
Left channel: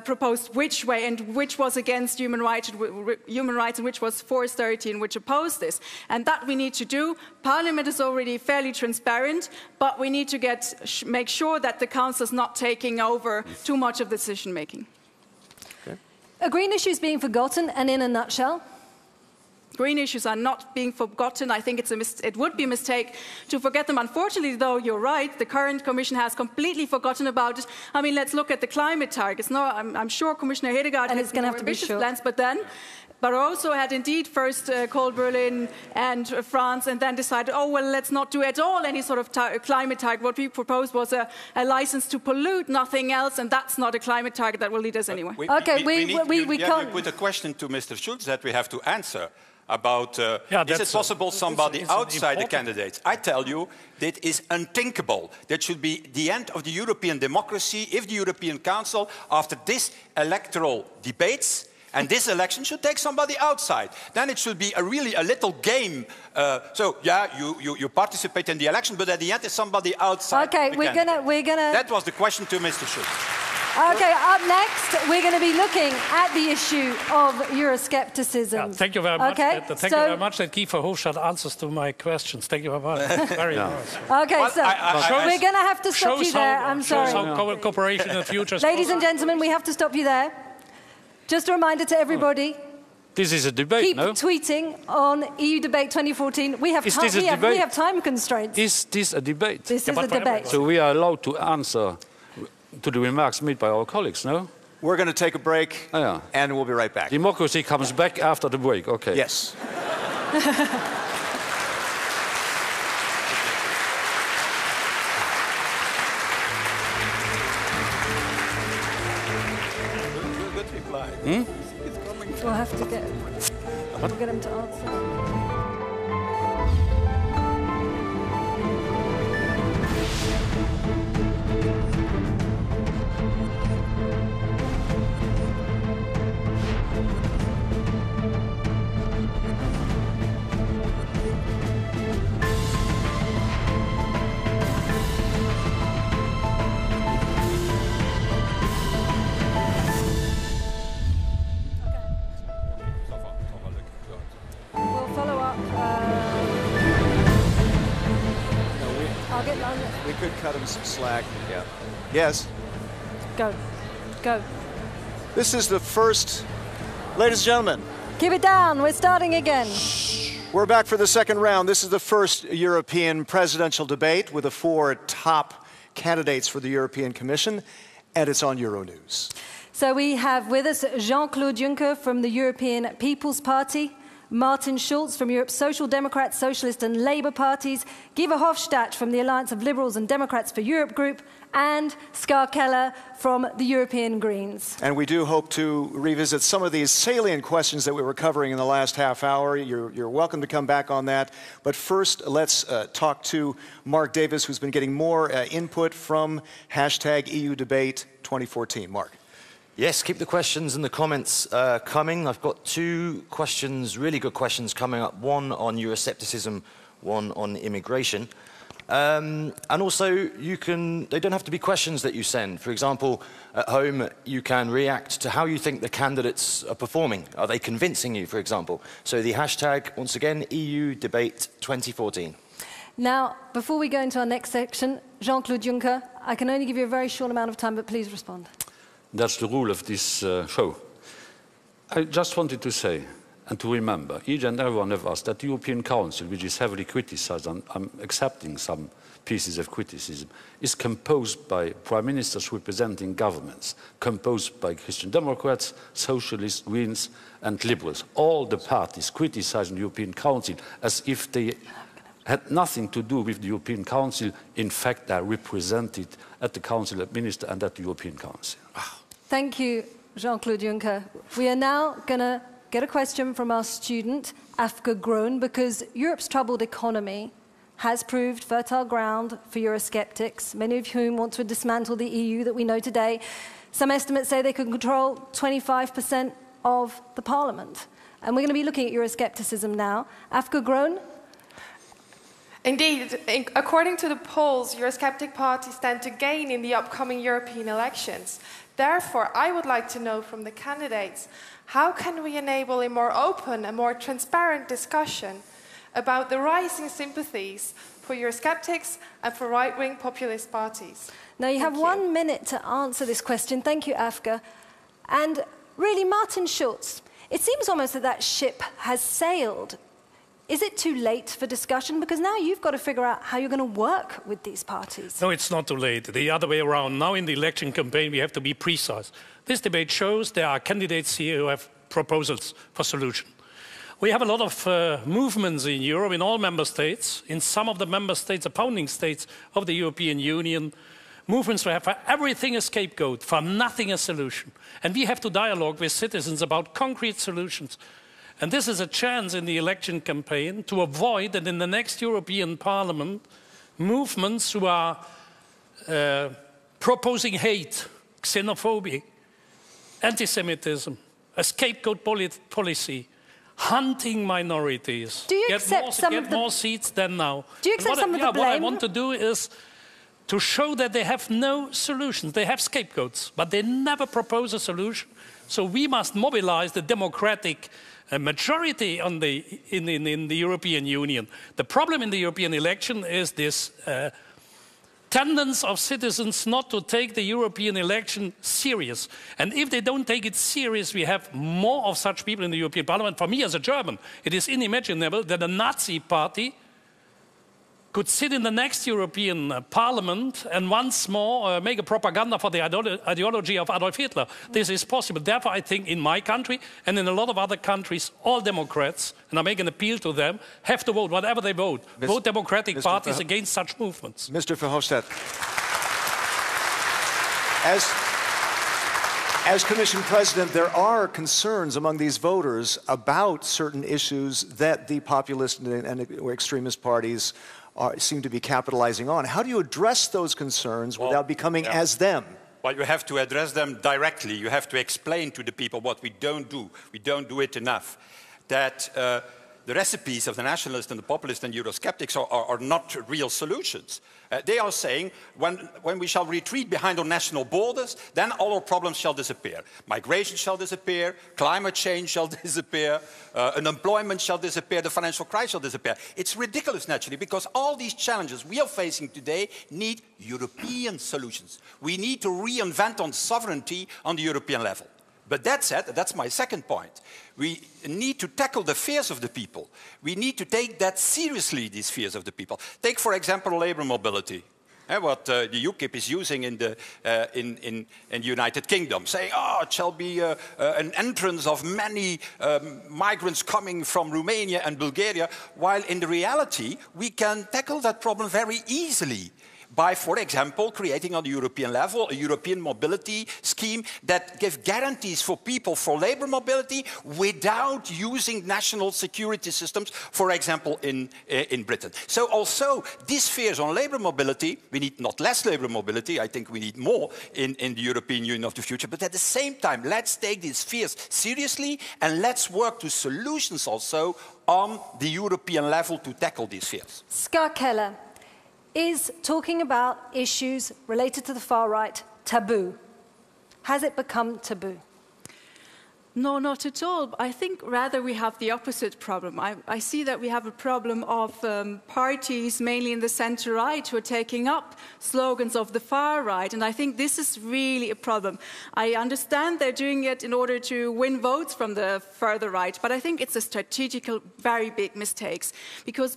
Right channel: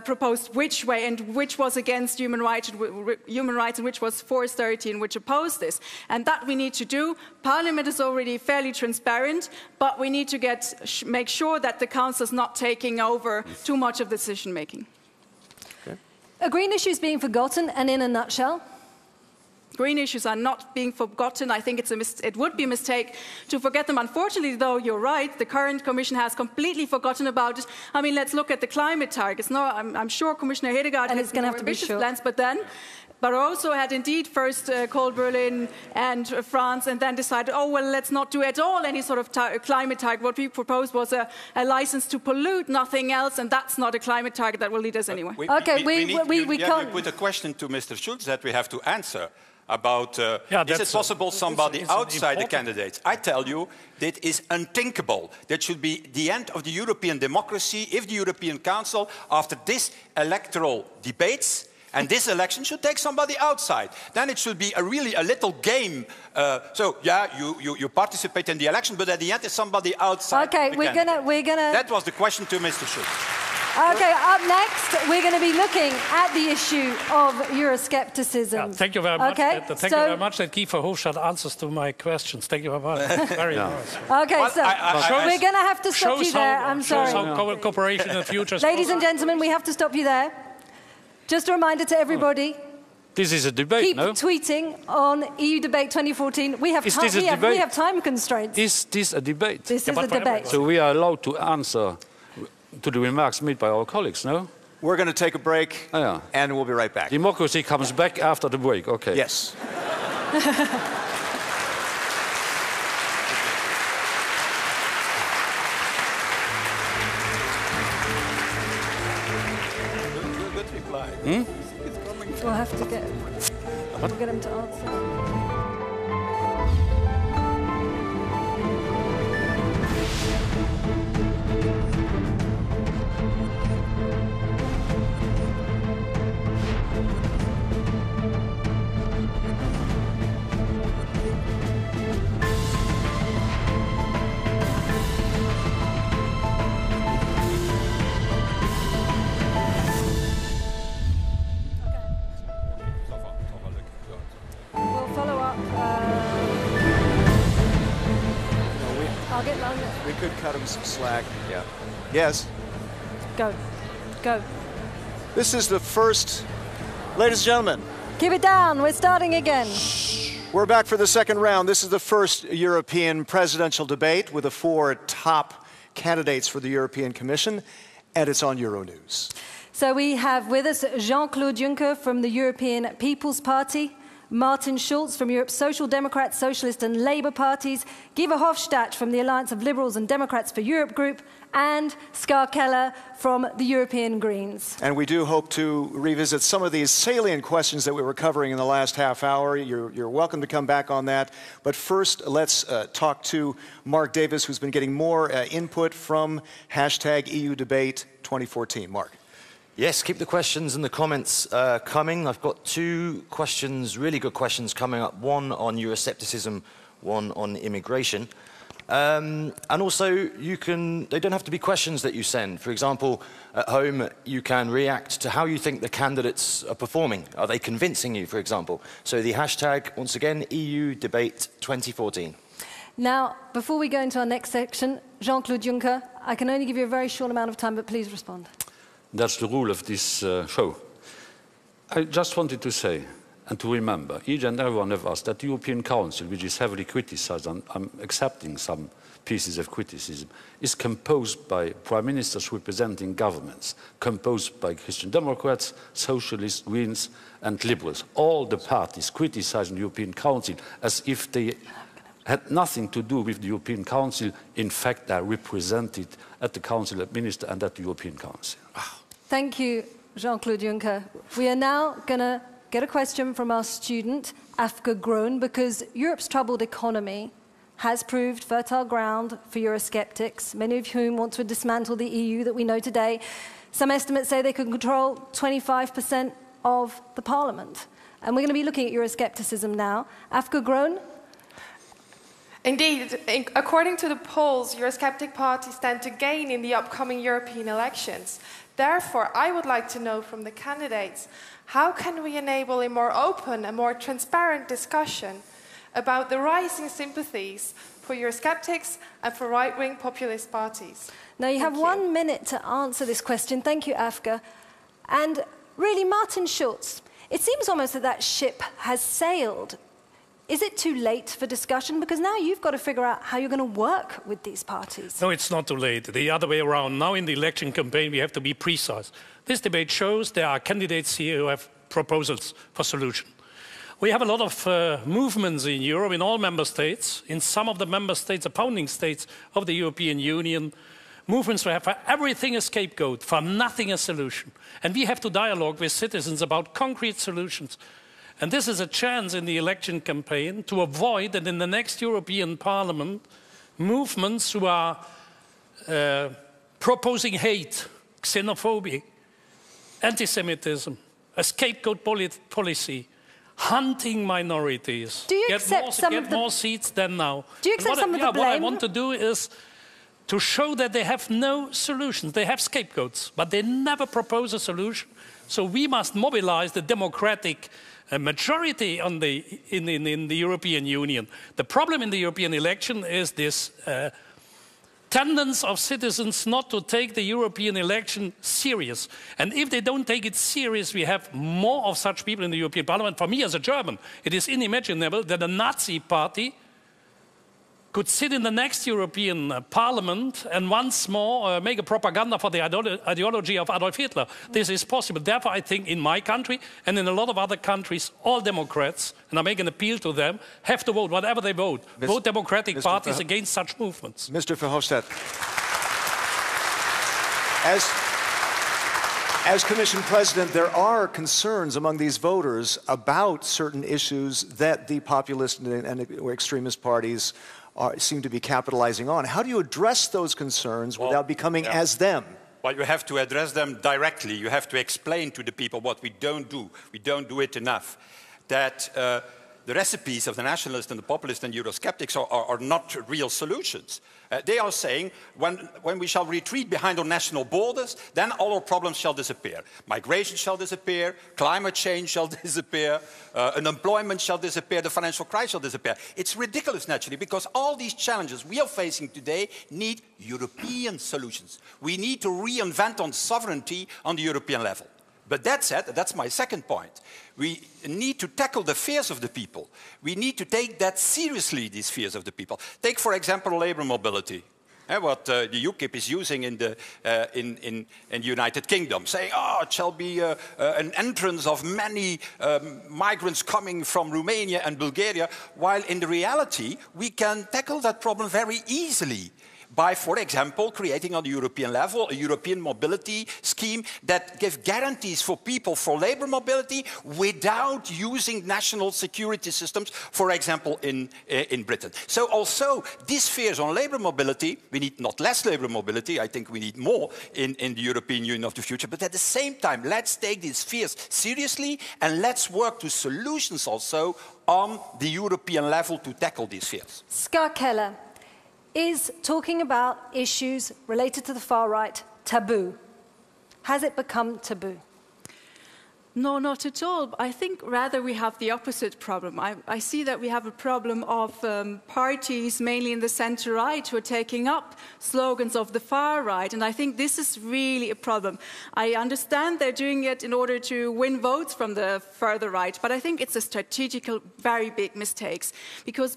proposed which way and which was against human rights and which was for austerity and which opposed this. And that we need to do. Parliament is already fairly transparent, but we need to make sure that the Council is not taking over too much of the decision-making. Okay. Are green issues being forgotten? And in a nutshell? Green issues are not being forgotten. I think it would be a mistake to forget them. Unfortunately, though, you're right. The current Commission has completely forgotten about it. I mean, let's look at the climate targets. No, I'm sure Commissioner Hedegaard has going to have ambitious plans, but then Barroso had indeed first called Berlin and France and then decided, oh, well, let's not do at all any sort of climate target. What we proposed was a license to pollute, nothing else, and that's not a climate target that will lead us anywhere. We can't put a question to Mr. Schulz that we have to answer about is it possible somebody outside the candidates? I tell you, that is unthinkable. That should be the end of the European democracy if the European Council, after this electoral debates, And this election should take somebody outside. Then it should be really a little game. So yeah, you participate in the election, but at the end it's somebody outside. Okay, we're gonna. That was the question to Mr. Schulz. Okay, up next, we're going to be looking at the issue of Euroscepticism. Yeah, thank you very much. Okay, Thank you very much that Guy Verhofstadt answers to my questions. Thank you very much. Very nice. Okay, so we're going to have to stop you there. I'm sorry. Show some cooperation in the future. Ladies and gentlemen, we have to stop you there. Just a reminder to everybody. This is a debate, Keep no? tweeting on EU Debate 2014. We have time constraints. Is this a debate? This is a debate. So we are allowed to answer to the remarks made by our colleagues, no? We're going to take a break, and we'll be right back. Democracy comes back after the break, okay. Yes. We'll have to we'll get him to answer. Some slack. Yeah. Yes. Go. This is the first, ladies and gentlemen. Keep it down. We're starting again. We're back for the second round. This is the first European presidential debate with the 4 top candidates for the European Commission, and it's on Euronews. So we have with us Jean-Claude Juncker from the European People's Party, Martin Schulz from Europe's Social Democrats, Socialist and Labour parties, Guy Verhofstadt from the Alliance of Liberals and Democrats for Europe group, and KELLER from the European Greens. And we do hope to revisit some of these salient questions that we were covering in the last half hour. You're welcome to come back on that. But first, let's talk to Mark Davis, who's been getting more input from #EU Debate 2014. Mark. Yes, keep the questions and the comments coming. I've got 2 questions, really good questions coming up. One on Euroscepticism, one on immigration. And also, they don't have to be questions that you send. For example, at home, you can react to how you think the candidates are performing. Are they convincing you, for example? So the hashtag, once again, EU Debate 2014. Now, before we go into our next section, Jean-Claude Juncker, I can only give you a very short amount of time, but please respond. That's the rule of this show. I just wanted to say and to remember, each and every one of us, that the European Council, which is heavily criticized, and I'm accepting some pieces of criticism, is composed by prime ministers representing governments, composed by Christian Democrats, Socialists, Greens and Liberals. All the parties criticizing the European Council as if they had nothing to do with the European Council. In fact, they are represented at the Council of Ministers and at the European Council. Thank you, Jean-Claude Juncker. We are now going to get a question from our student, Afka Groen, because Europe's troubled economy has proved fertile ground for Eurosceptics, many of whom want to dismantle the EU that we know today. Some estimates say they could control 25% of the parliament. And we're going to be looking at Euroscepticism now. Afka Groen? Indeed, according to the polls, Eurosceptic parties stand to gain in the upcoming European elections. Therefore, I would like to know from the candidates, how can we enable a more open and more transparent discussion about the rising sympathies for Eurosceptics and for right-wing populist parties? Now, you have 1 minute to answer this question. Thank you, Afka. And really, Martin Schulz, it seems almost that ship has sailed. Is it too late for discussion? Because now you've got to figure out how you're going to work with these parties. No, it's not too late. The other way around. Now in the election campaign, we have to be precise. This debate shows there are candidates here who have proposals for solution. We have a lot of movements in Europe, in all member states, in some of the member states, opposing states of the European Union, movements who have for everything a scapegoat, for nothing a solution. And we have to dialogue with citizens about concrete solutions. And this is a chance in the election campaign to avoid that in the next European Parliament, movements who are proposing hate, xenophobia, anti-Semitism, a scapegoat policy, hunting minorities. Do you accept some of the more seats than now? Do you accept some of the blame? What I want to do is to show that they have no solutions. They have scapegoats, but they never propose a solution. So we must mobilize the democratic majority in the European Union. The problem in the European election is this tendency of citizens not to take the European election serious. And if they don't take it serious, we have more of such people in the European Parliament. For me as a German, it is unimaginable that a Nazi party could sit in the next European Parliament and once more make a propaganda for the ideology of Adolf Hitler. This is possible. Therefore, I think in my country and in a lot of other countries, all Democrats, and I make an appeal to them, have to vote, whatever they vote, vote Democratic parties against such movements. Mr. Verhofstadt, as Commission President, there are concerns among these voters about certain issues that the populist and extremist parties seem to be capitalizing on. How do you address those concerns without becoming as them? Well, you have to address them directly. You have to explain to the people what we don't do. We don't do it enough. That the recipes of the nationalists and the populists and Eurosceptics are not real solutions. They are saying when we shall retreat behind our national borders, then all our problems shall disappear. Migration shall disappear, climate change shall disappear, unemployment shall disappear, the financial crisis shall disappear. It's ridiculous, naturally, because all these challenges we are facing today need European solutions. We need to reinvent on sovereignty on the European level. But that said, that's my second point. We need to tackle the fears of the people. We need to take that seriously, these fears of the people. Take, for example, labor mobility. What the UKIP is using in the United Kingdom, saying, it shall be an entrance of many migrants coming from Romania and Bulgaria, while in the reality, we can tackle that problem very easily by, for example, creating on the European level a European mobility scheme that gives guarantees for people for labor mobility without using national security systems, for example, in Britain. So also, these fears on labor mobility, we need not less labor mobility, I think we need more in the European Union of the future, but at the same time, let's take these fears seriously and let's work to solutions also on the European level to tackle these fears. KELLER. Is talking about issues related to the far right taboo? Has it become taboo? No, not at all. I think rather we have the opposite problem. I see that we have a problem of parties, mainly in the centre-right, who are taking up slogans of the far right, and I think this is really a problem. I understand they're doing it in order to win votes from the further right, but I think it's a strategical, very big mistake, because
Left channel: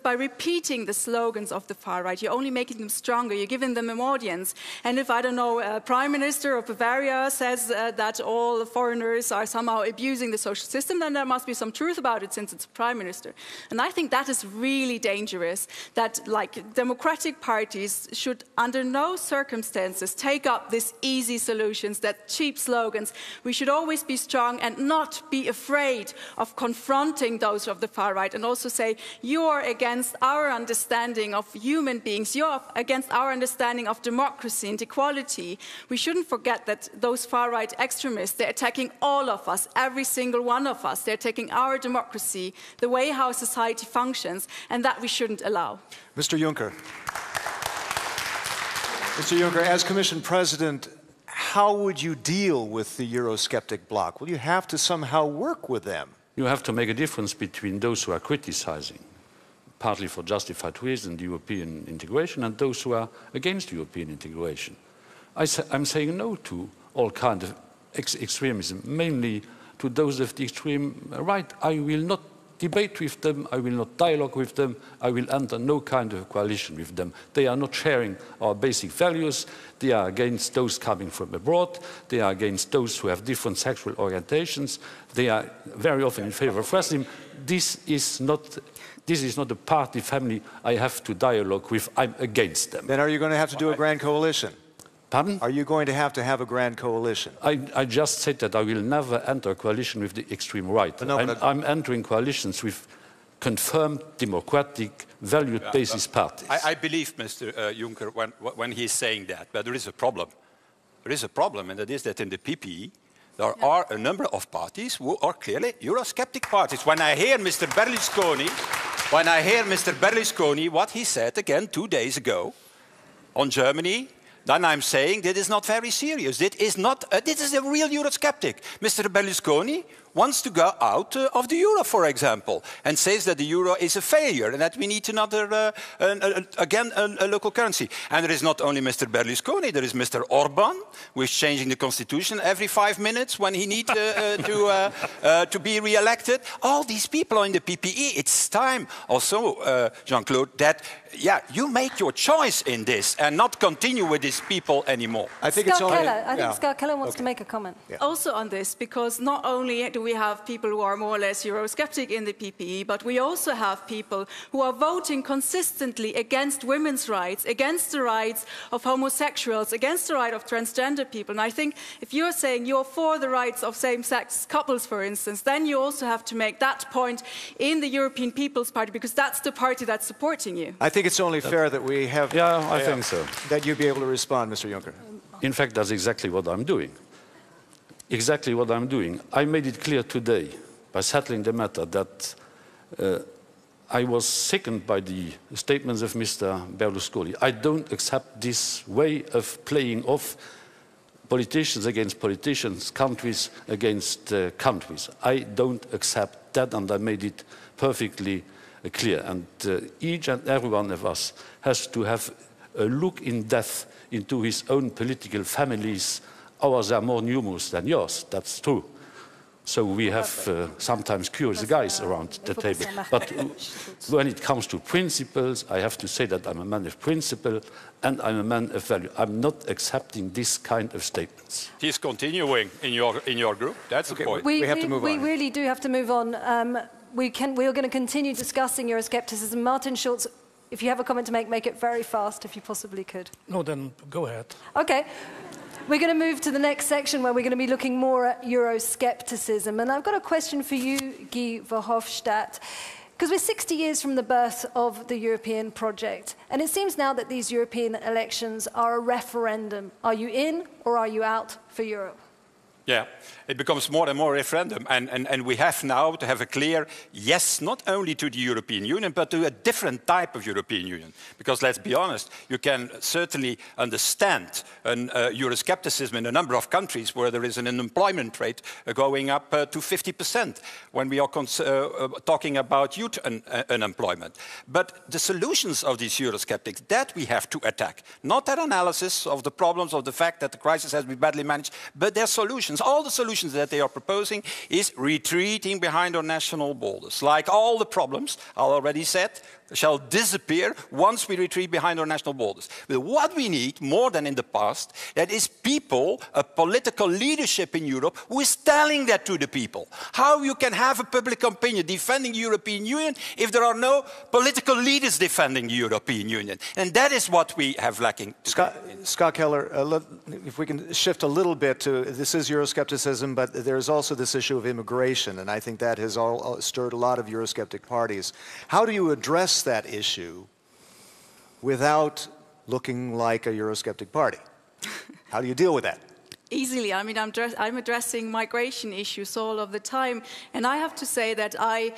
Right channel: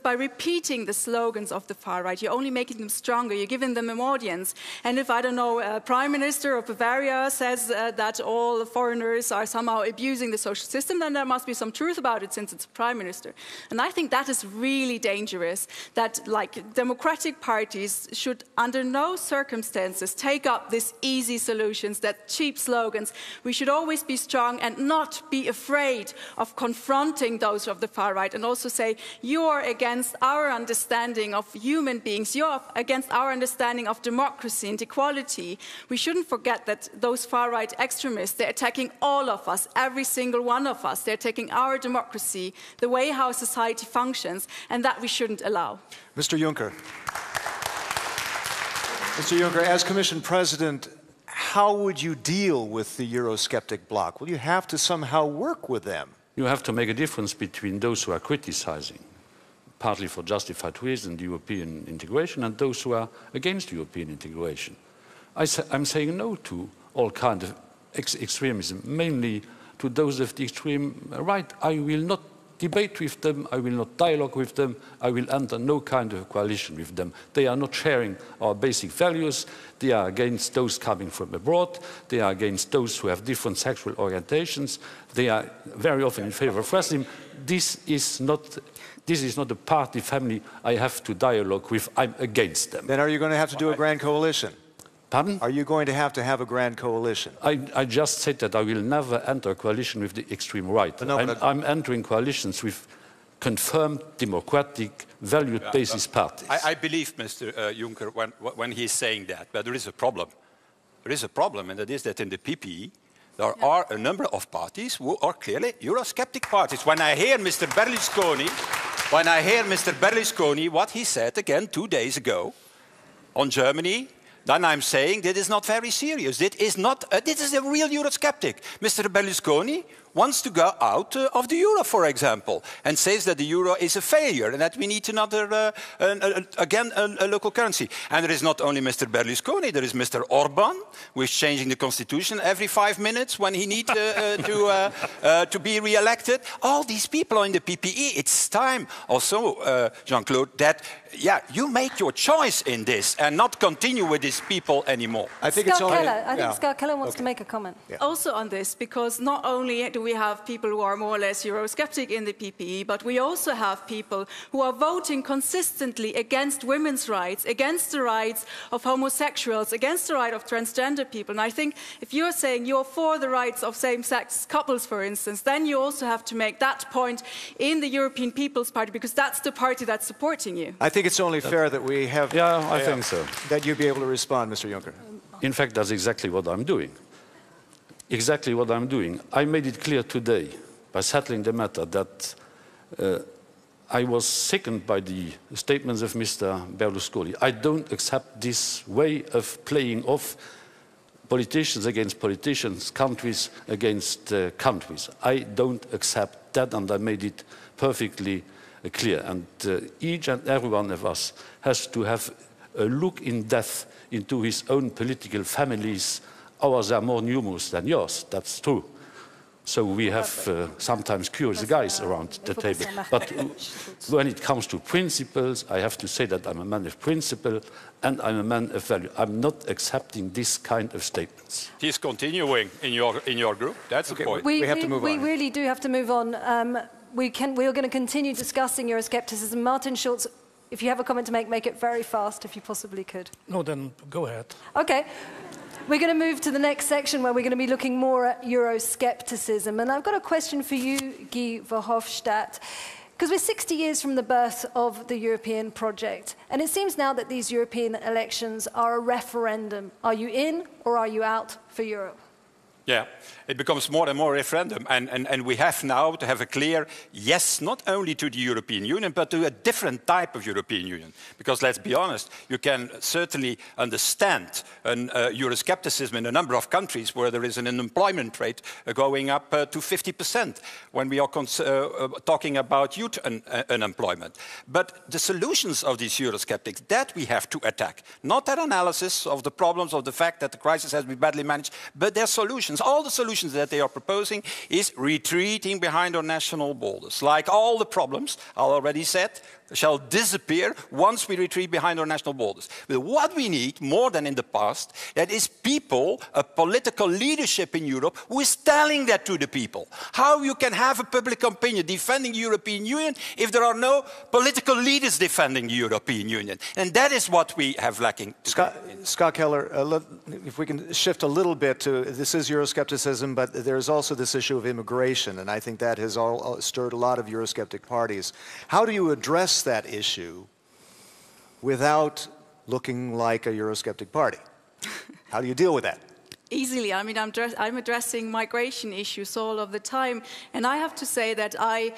by repeating the slogans of the far right, you're only making them stronger, you're giving them an audience. And if, I don't know, a Prime Minister of Bavaria says that all foreigners are somehow abusing the social system, then there must be some truth about it since it's a Prime Minister. And I think that is really dangerous, that democratic parties should under no circumstances take up these easy solutions, that cheap slogans. We should always be strong and not be afraid of confronting those of the far right and also say, you're against our understanding of human beings, you're against our understanding of democracy and equality. We shouldn't forget that those far-right extremists, they're attacking all of us, every single one of us. They're taking our democracy, the way how society functions, and that we shouldn't allow. Mr. Juncker. Mr. Juncker, as Commission President, how would you deal with the Eurosceptic bloc? Will you have to somehow work with them? You have to make a difference between those who are criticizing, partly for justified reasons, European integration, and those who are against European integration. I'm saying no to all kinds of extremism, mainly to those of the extreme right. I will not debate with them, I will not dialogue with them, I will enter no kind of coalition with them. They are not sharing our basic values, they are against those coming from abroad, they are against those who have different sexual orientations, they are very often in favor of racism. This is not a party family I have to dialogue with, I'm against them. Then are you going to have to do a grand coalition? Pardon? Are you going to have a grand coalition? I just said that I will never enter a coalition with the extreme right. I'm entering coalitions with confirmed democratic, value-basis parties. I believe Mr. Juncker when he is saying that, but there is a problem. There is a problem, and that is that in the PPE, There are a number of parties who are clearly Eurosceptic parties. When I hear Mr. Berlusconi, what he said again 2 days ago on Germany, then I'm saying that is not very serious. This is a real Eurosceptic. Mr. Berlusconi wants to go out of the euro, for example, and says that the euro is a failure and that we need another, a local currency. And there is not only Mr. Berlusconi, there is Mr. Orban, who is changing the constitution every 5 minutes when he needs to be re-elected. All these people are in the PPE. It's time also, Jean-Claude, that you make your choice in this and not continue with these people anymore. I think Scott Keller wants to make a comment. Yeah. Also on this, because not only do we have people who are more or less Eurosceptic in the PPE, but we also have people who are voting consistently against women's rights, against the rights of homosexuals, against the right of transgender people. And I think if you're saying you're for the rights of same-sex couples, for instance, then you also have to make that point in the European People's Party, because that's the party that's supporting you. I think it's only fair that we have... Yeah, I think so. That you be able to respond, Mr. Juncker. In fact, that's exactly what I'm doing. Exactly what I'm doing. I made it clear today, by settling the matter, that I was sickened by the statements of Mr. Berlusconi. I don't accept this way of playing off politicians against politicians, countries against countries. I don't accept that, and I made it perfectly clear. And each and every one of us has to have a look in depth into his own political families. Ours are more numerous than yours, that's true. So we have sometimes curious guys around the table. But when it comes to principles, I have to say that I'm a man of principle and I'm a man of value. I'm not accepting this kind of statements. He's continuing in your group. That's the point. We have to move on. We really do have to move on. We are going to continue discussing Euroscepticism. Martin Schulz, if you have a comment to make it very fast, if you possibly could. No, then go ahead. Okay. We're going to move to the next section where we're going to be looking more at Euroscepticism. And I've got a question for you, Guy Verhofstadt, because we're 60 years from the birth of the European project. And it seems now that these European elections are a referendum. Are you in or are you out for Europe? Yeah, it becomes more and more a referendum, and we have now to have a clear yes, not only to the European Union, but to a different type of European Union. Because let's be honest, you can certainly understand Euroscepticism in a number of countries where there is an unemployment rate going up to 50% when we are talking about youth unemployment. But the solutions of these Eurosceptics, that we have to attack. Not their analysis of the problems, of the fact that the crisis has been badly managed, but their solutions. All the solutions that they are proposing is retreating behind our national borders. Like all the problems, I already said, shall disappear once we retreat behind our national borders. But what we need, more than in the past, that is people, a political leadership in Europe, who is telling that to the people. How you can have a public opinion defending the European Union if there are no political leaders defending the European Union. And that is what we have lacking. Scott Keller, if we can shift a little bit to, this is Euroscepticism, but there's also this issue of immigration, and I think that has stirred a lot of Eurosceptic parties. How do you address that issue without looking like a Eurosceptic party? How do you deal with that? Easily. I mean, I'm addressing migration issues all of the time, and I have to say that I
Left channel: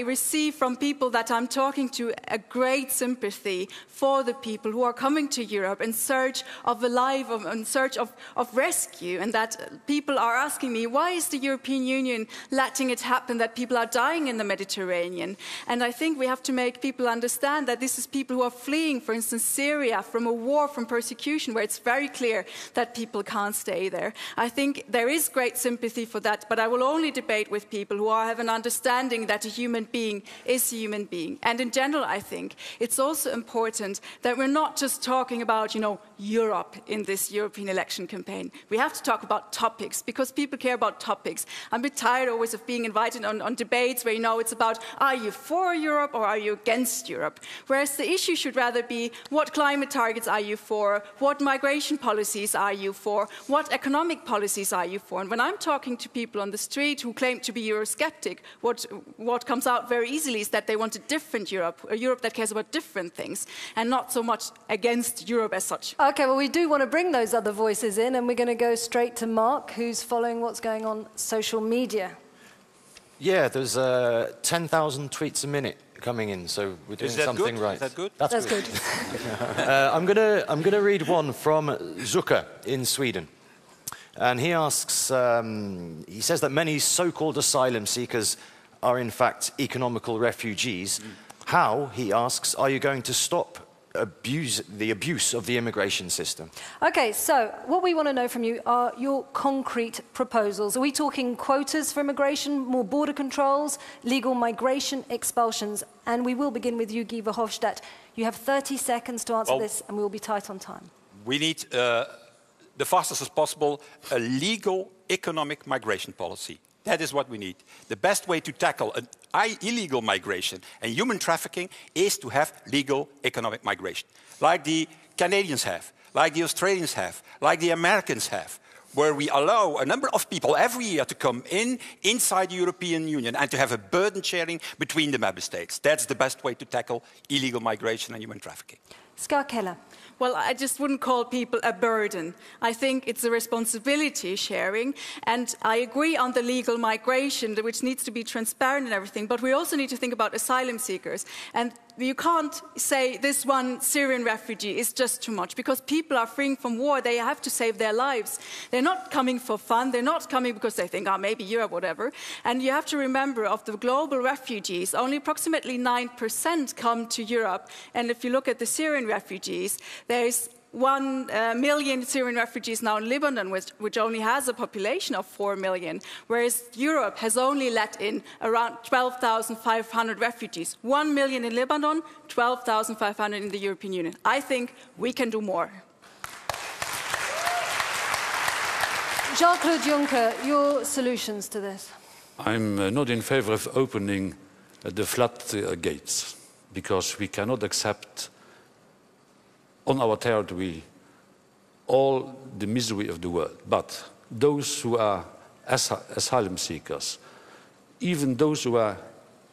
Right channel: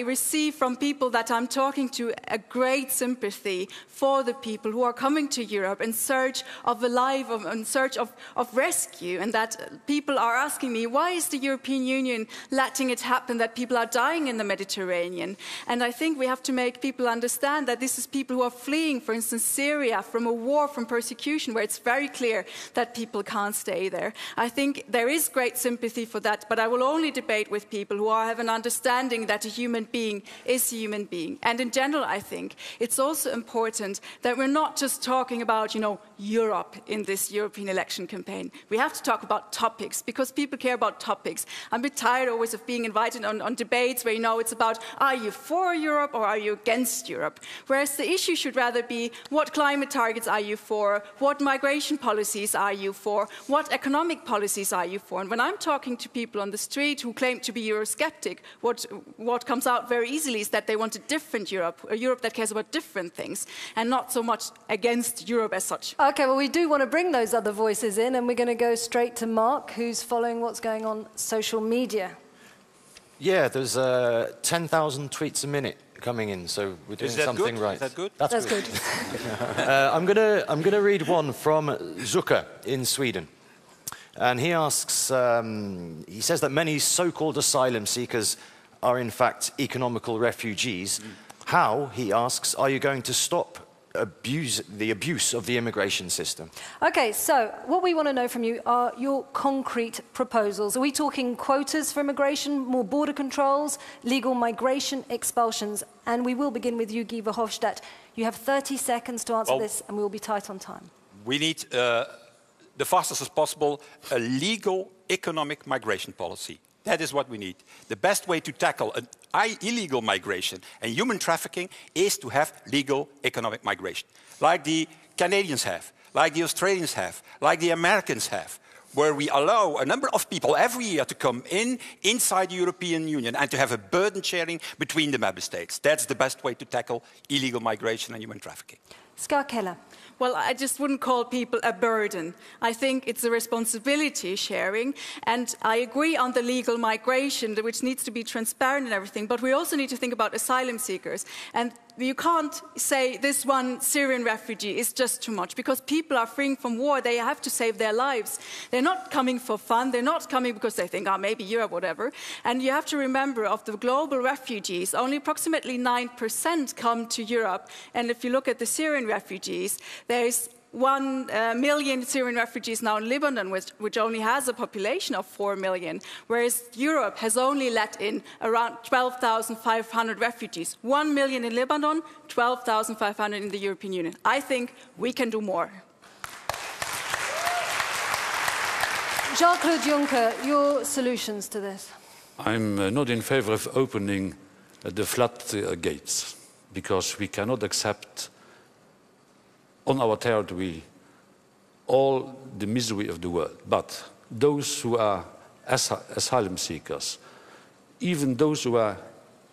receive from people that I'm talking to a great sympathy for the people who are coming to Europe in search of a life, in search of rescue, and that people are asking me, why is the European Union letting it happen that people are dying in the Mediterranean? And I think we have to make people understand that this is people who are fleeing, for instance, Syria, from a war, from persecution, where it's very clear that people can't stay there. I think there is great sympathy for that, but I will only debate with people who have an understanding that a human being is a human being. And in general, I think it's also important that we're not just talking about, Europe in this European election campaign. We have to talk about topics, because people care about topics. I'm a bit tired always of being invited on debates where, it's about, are you for Europe or are you against Europe? Whereas the issue should rather be, what climate targets are you for? What migration policies are you for? What economic policies are you for? And when I'm talking to people on the street who claim to be Eurosceptic, what what comes out very easily is that they want a different Europe, a Europe that cares about different things, and not so much against Europe as such. Okay, well, we do want to bring those other voices in, and we're going to go straight to Mark, who's following what's going on social media. Yeah, there's 10,000 tweets a minute coming in, so we're doing something good? right. Is that good? That's good. I'm gonna read one from JUNCKER in Sweden, and he asks. He says that many so-called asylum seekers are in fact economical refugees. How, he asks, are you going to stop the abuse of the immigration system? Okay, so what we want to know from you are your concrete proposals. Are we talking quotas for immigration, more border controls, legal migration, expulsions? And we will begin with you, Guy Verhofstadt. You have 30 seconds to answer this, and we will be tight on time. We need, the fastest as possible, a legal economic migration policy. That is what we need. The best way to tackle illegal migration and human trafficking is to have legal economic migration, like the Canadians have, like the Australians have, like the Americans have, where we allow a number of people every year to come inside the European Union and to have a burden sharing between the member states. That's the best way to tackle illegal migration and human trafficking. KELLER. Well, I just wouldn't call people a burden. I think it's a responsibility sharing, and I agree on the legal migration, which needs to be transparent and everything, but we also need to think about asylum seekers. And you can't say this one Syrian refugee is just too much, because people are fleeing from war. They have to save their lives. They're not coming for fun. They're not coming because they think, maybe Europe, whatever. And you have to remember, of the global refugees, only approximately 9% come to Europe. And if you look at the Syrian refugees, there's 1 million Syrian refugees now in Lebanon, which only has a population of 4 million, whereas Europe has only let in around 12,500 refugees. 1 million in Lebanon, 12,500 in the European Union. I think we can do more. Jean-Claude Juncker, your solutions to this? I'm not in favor of opening the floodgates, because we cannot accept on our territory all the misery of the world. But those who are asylum seekers, even those who are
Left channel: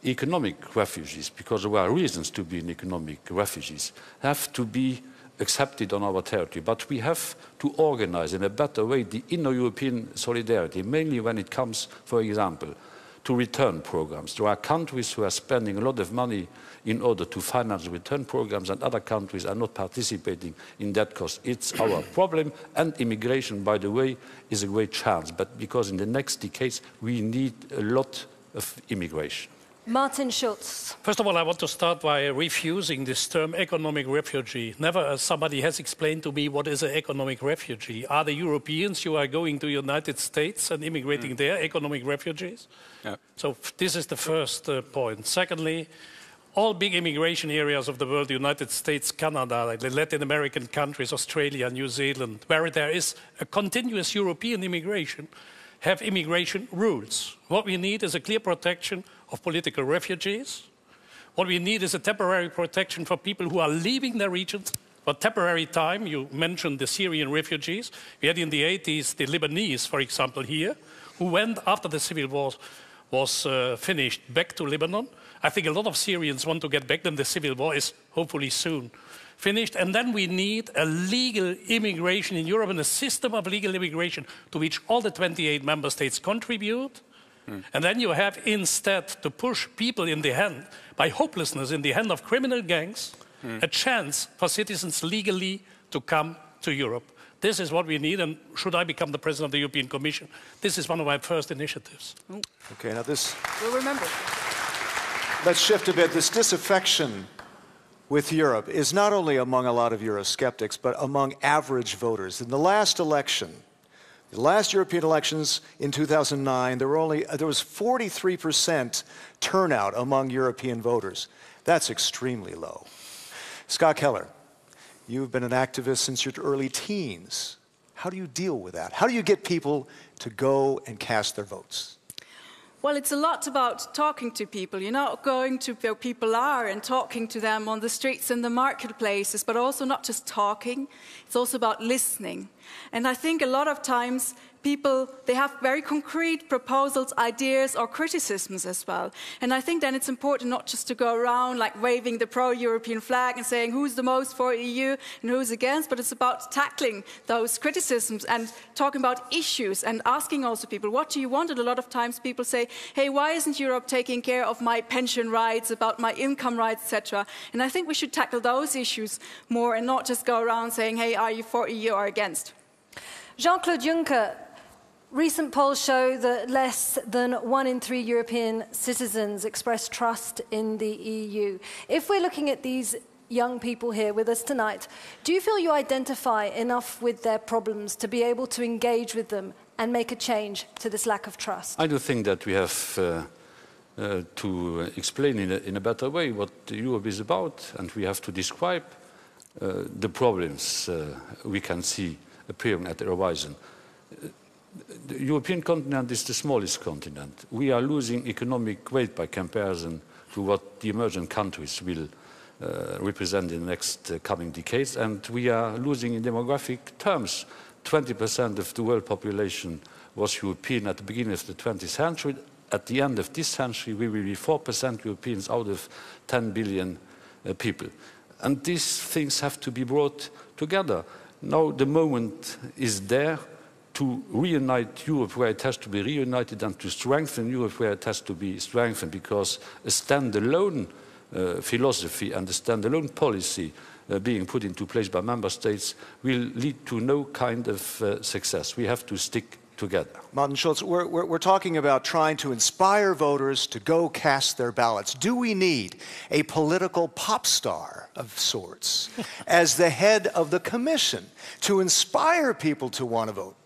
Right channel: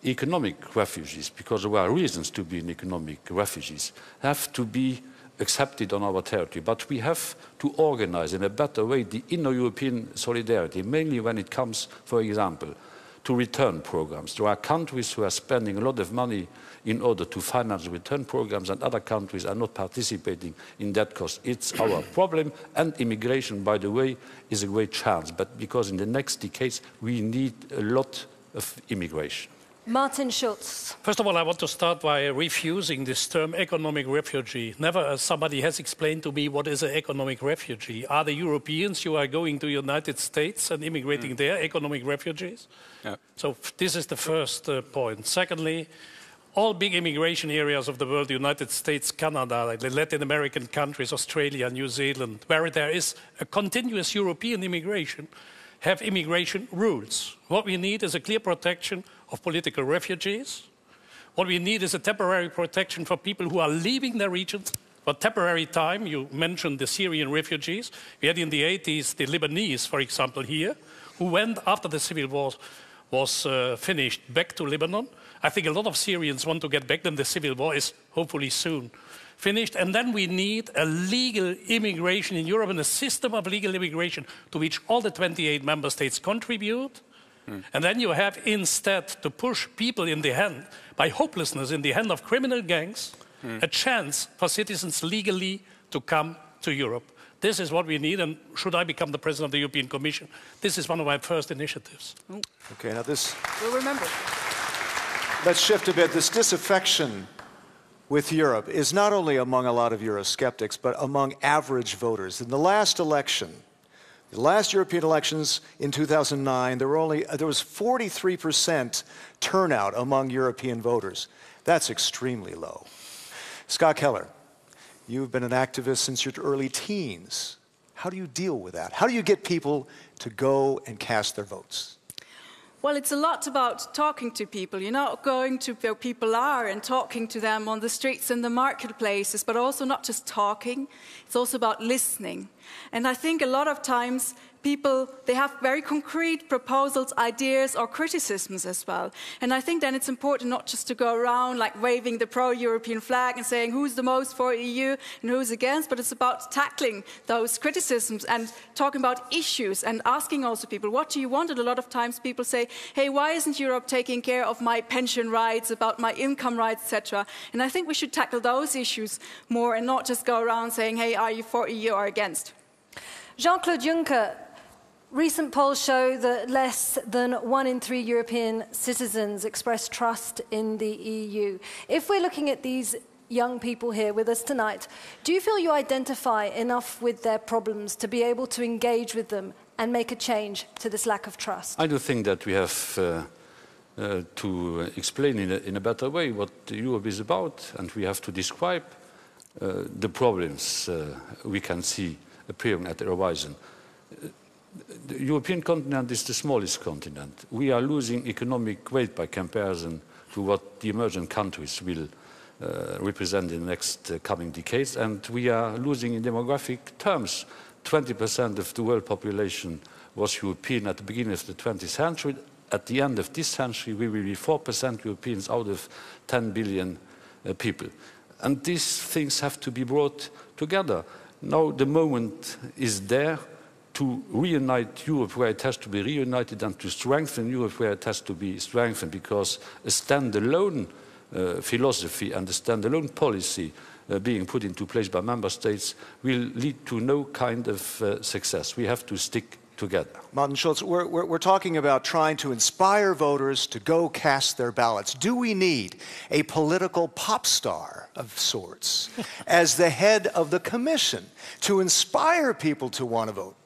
economic refugees, because there are reasons to be economic refugees, have to be accepted on our territory. But we have to organize in a better way the inner-European solidarity, mainly when it comes, for example, to return programs. There are countries who are spending a lot of money in order to finance return programs, and other countries are not participating in that cost. It's our problem, and immigration, by the way, is a great chance, but because in the next decades we need a lot of immigration. Martin Schulz. First of all, I want to start by refusing this term economic refugee. Never somebody has explained to me what is an economic refugee. Are the Europeans who are going to the United States and immigrating there economic refugees? Yeah. So this is the first point. Secondly, all big immigration areas of the world, the United States, Canada, the Latin American countries, Australia, New Zealand, where there is a continuous European immigration, have immigration rules. What we need is a clear protection of political refugees. What we need is a temporary protection for people who are leaving their regions for temporary time. You mentioned the Syrian refugees. We had in the 80s the Lebanese, for example, here, who went after the civil war was finished back to Lebanon. I think a lot of Syrians want to get back, then the civil war is hopefully soon finished. And then we need a legal immigration in Europe and a system of legal immigration to which all the 28 member states contribute. And then you have instead to push people in the hand, by hopelessness, in the hand of criminal gangs, a chance for citizens legally to come to Europe. This is what we need, and should I become the President of the European Commission, this is one of my first initiatives. Okay, now this... We'll remember. Let's shift a bit. This disaffection with Europe is not only among a lot of Eurosceptics, but among average voters. In the last election, the last European elections in 2009, there was 43% turnout among European voters. That's extremely low. Scott Keller, you've been an activist since your early teens. How do you deal with that? How do you get people to go and cast their votes? Well, it's a lot about talking to people, going to where people are and talking to them on the streets and the marketplaces, but also not just talking. It's also about listening. And I think a lot of times people, they have very concrete proposals, ideas or criticisms as well. And I think then it's important not just to go around like waving the pro-European flag and saying who's the most for EU and who's against, but it's about tackling those criticisms and talking about issues and asking also people, what do you want? And a lot of times people say, hey, why isn't Europe taking care of my pension rights, about my income rights, etc.? And I think we should tackle those issues more and not just go around saying, hey, are you for EU or against? Jean-Claude Juncker, recent polls show that less than 1 in 3 European citizens express trust in the EU. If we're looking at these young people here with us tonight, do you feel you identify enough with their problems to be able to engage with them and make a change to this lack of trust? I do think that we have to explain in a better way what Europe is about, and we have to describe the problems we can see appearing at the horizon. The European continent is the smallest continent. We are losing economic weight by comparison to what the emerging countries will represent in the next coming decades, and we are losing in demographic terms. 20% of the world population was European at the beginning of the 20th century. At the end of this century, we will be 4% Europeans out of 10 billion people. And these things have to be brought together. Now the moment is there to reunite Europe where it has to be reunited and to strengthen Europe where it has to be strengthened, because a stand-alone philosophy and a stand-alone policy being put into place by member states will lead to no kind of success. We have to stick together. Martin Schulz, we're talking about trying to inspire voters to go cast their ballots. Do we need a political pop star of sorts as the head of the Commission to inspire people to want to vote?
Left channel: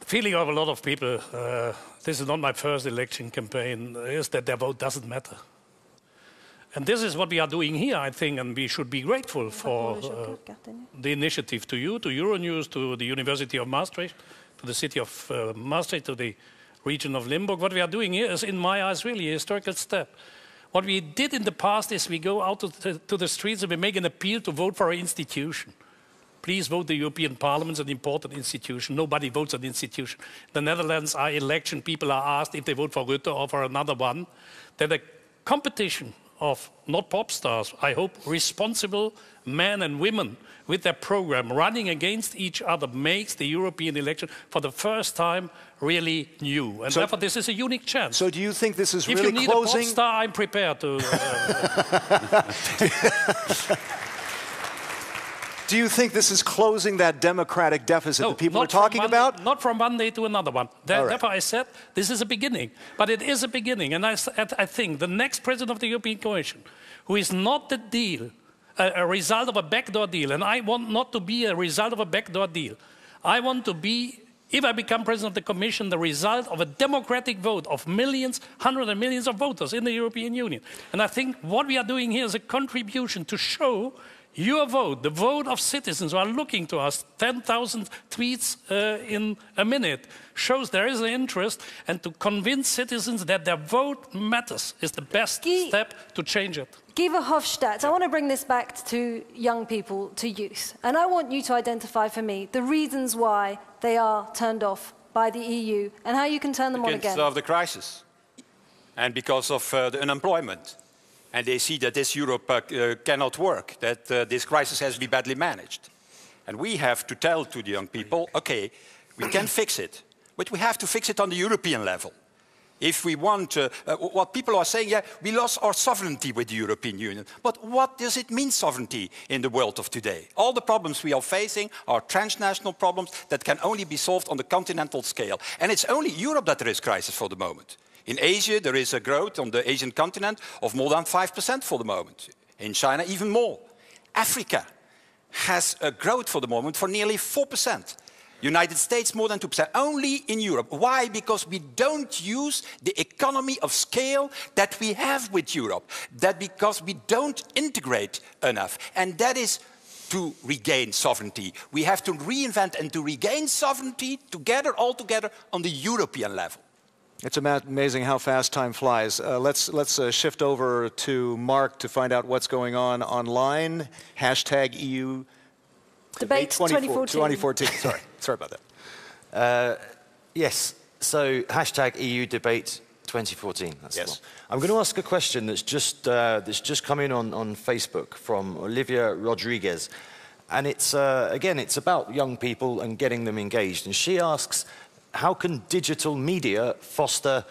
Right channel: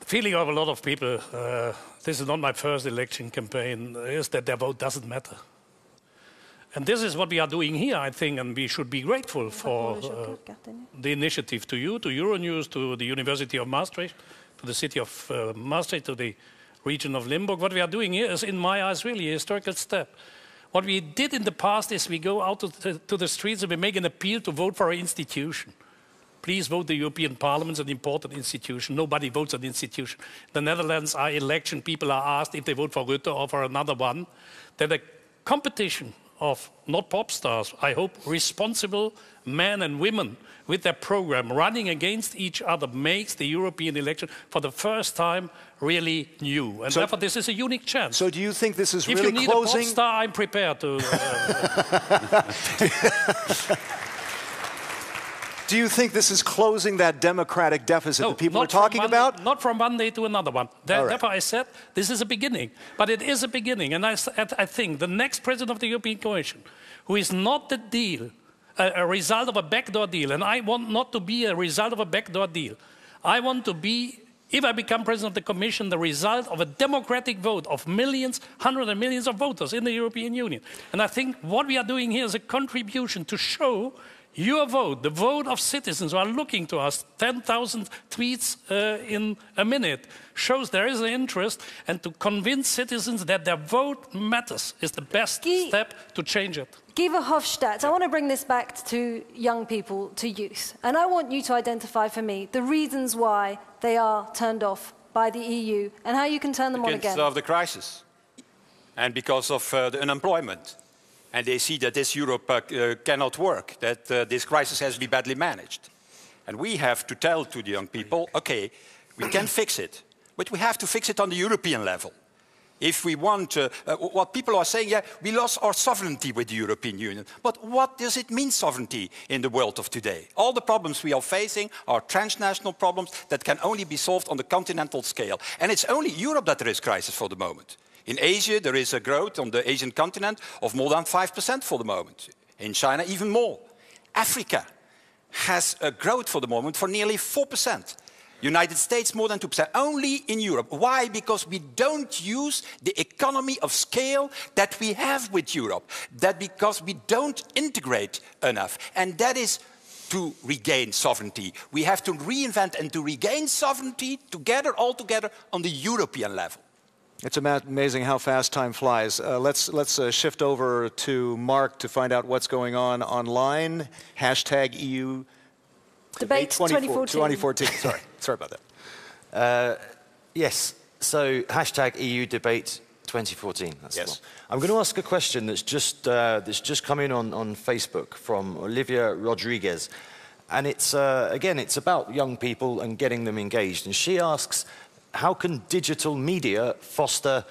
The feeling of a lot of people, this is not my first election campaign, is that their vote doesn't matter. And this is what we are doing here, I think, and we should be grateful for the initiative to you, to Euronews, to the University of Maastricht, to the city of Maastricht, to the region of Limburg. What we are doing here is, in my eyes, really a historical step. What we did in the past is we go out to the streets and we make an appeal to vote for an institution. Please vote the European Parliament, an important institution. Nobody votes an institution. The Netherlands are election. People are asked if they vote for Rutte or for another one. Then a competition of, not pop stars, I hope, responsible men and women with their program running against each other makes the European election for the first time really new. And therefore this is a unique chance. So do you think this is really closing? If you need a pop star, I'm prepared to... Do you think this is closing that democratic deficit that people are talking about? Not from one day to another one. Therefore I said this is a beginning. But it is a beginning. And I think the next president of the European Commission, who is not the deal, a result of a backdoor deal, and I want not to be a result of a backdoor deal. I want to be, if I become president of the Commission, the result of a democratic vote of millions, hundreds of millions of voters in the European Union. And I think what we are doing here is a contribution to show your vote, the vote of citizens who are looking to us, 10,000 tweets in a minute, shows there is an interest, and to convince citizens that their vote matters is the best step to change it. Guy Verhofstadt, I want to bring this back to young people, to youth, and I want you to identify for me the reasons why they are turned off by the EU and how you can turn them on again. Because of the crisis and because of the unemployment. And they see that this Europe cannot work, that this crisis has to be badly managed. And we have to tell to the young people, okay, we can fix it, but we have to fix it on the European level. If we want, what people are saying, yeah, we lost our sovereignty with the European Union. But what does it mean, sovereignty, in the world of today? All the problems we are facing are transnational problems that can only be solved on the continental scale. And it's only Europe that there is crisis for the moment. In Asia, there is a growth on the Asian continent of more than 5% for the moment. In China, even more. Africa has a growth for the moment for nearly 4%. United States, more than 2%. Only in Europe. Why? Because we don't use the economy of scale that we have with Europe. That because we don't integrate enough. And that is to regain sovereignty. We have to reinvent and to regain sovereignty together, all together, on the European level. It's amazing how fast time flies. Let's shift over to Mark to find out what's going on online. #EU Debate 2014. 2014. Sorry about that. Yes, so hashtag EU debate 2014. That's the one. I'm going to ask a question that's just come in on Facebook from Olivia Rodriguez. And it's, again, it's about young people and getting them engaged. And she asks, how can digital media foster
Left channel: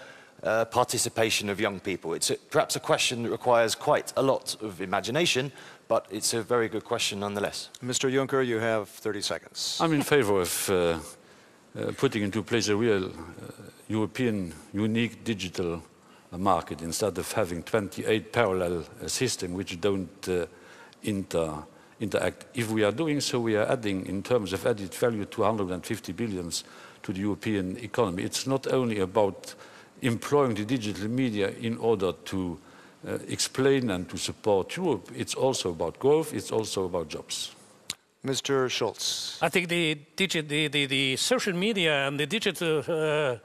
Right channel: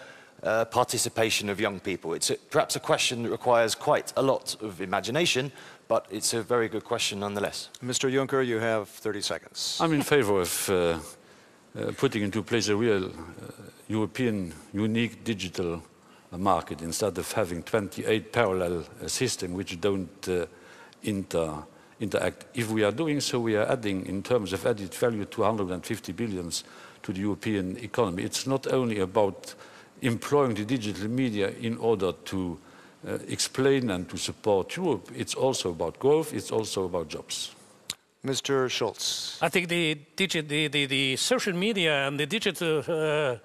participation of young people? It's perhaps a question that requires quite a lot of imagination, but it's a very good question nonetheless. Mr. Juncker, you have 30 seconds. I'm in favor of putting into place a real European unique digital market instead of having 28 parallel systems which don't interact. If we are doing so, we are adding, in terms of added value, 250 billion to the European economy. It's not only about employing the digital media in order to explain and to support Europe, it's also about growth, it's also about jobs. Mr. Schulz. I think the social media and the digital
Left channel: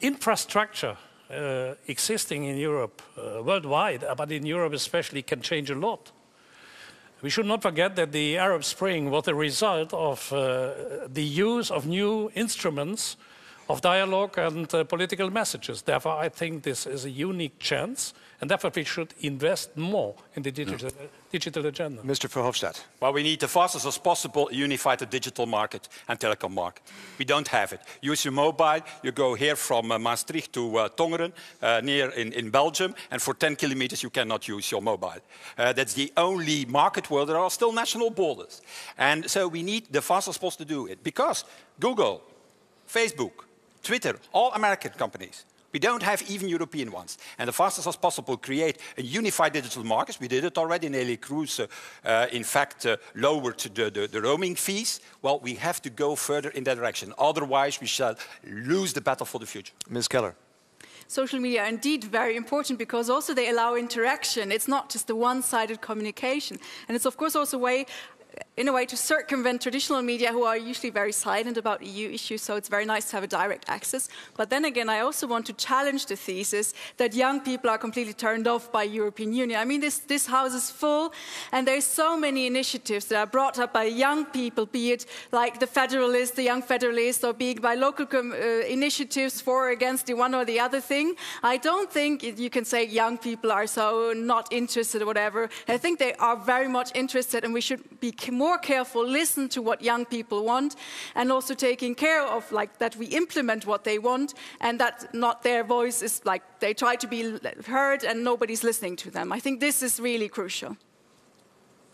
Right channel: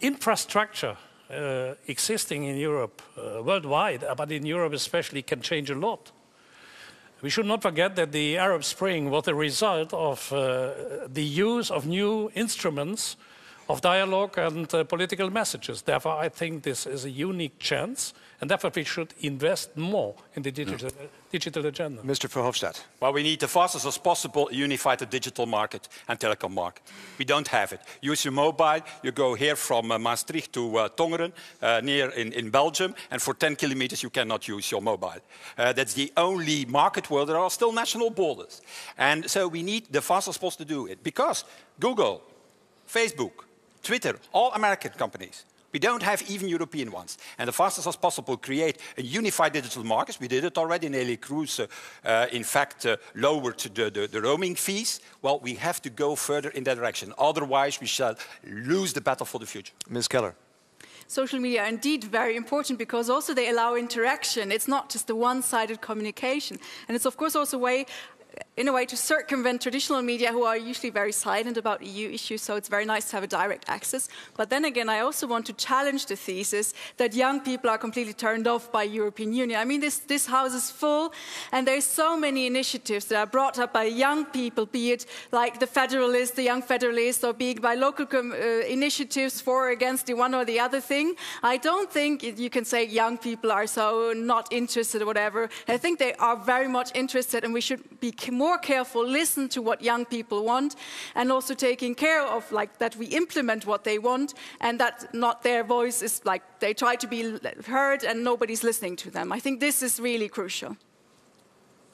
infrastructure existing in Europe worldwide, but in Europe especially, can change a lot. We should not forget that the Arab Spring was the result of the use of new instruments of dialogue and political messages. Therefore, I think this is a unique chance, and therefore we should invest more in the digital agenda. Mr. Verhofstadt. Well, we need the fastest as possible unified digital market and telecom market. We don't have it. Use your mobile, you go here from Maastricht to Tongeren, near in Belgium, and for 10 kilometers you cannot use your mobile. That's the only market where there are still national borders. And so we need the fastest possible to do it, because Google, Facebook, Twitter, all American companies. We don't have even European ones. And the fastest as possible create a unified digital market. We did it already. Nelly Cruz, in fact, lowered the roaming fees. Well, we have to go further in that direction. Otherwise, we shall lose the battle for the future. Ms. Keller. Social media are indeed very important because also they allow interaction. It's not just a one-sided communication. And it's, of course, also a way in a way to circumvent traditional media who are usually very silent about EU issues, so it's very nice to have a direct access. But then again, I also want to challenge the thesis that young people are completely turned off by European Union. I mean, this house is full, and there's so many initiatives that are brought up by young people, be it like the Federalists, the Young Federalists, or be it by local initiatives for or against the one or the other thing. I don't think you can say young people are so not interested or whatever. I think they are very much interested, and we should be more careful, listen to what young people want, and also taking care of like that we implement what they want, and that not their voice is like they try to be heard and nobody's listening to them. I think this is really crucial.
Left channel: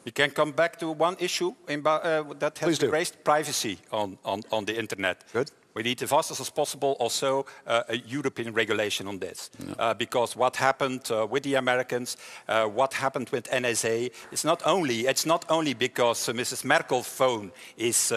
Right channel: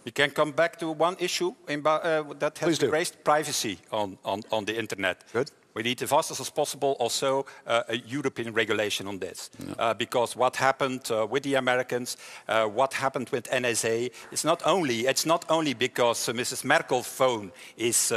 We can come back to one issue that has been raised, privacy on the internet. Good. We need as fast as possible also a European regulation on this. Because what happened with the Americans, what happened with NSA, it's not only because Mrs. Merkel's phone is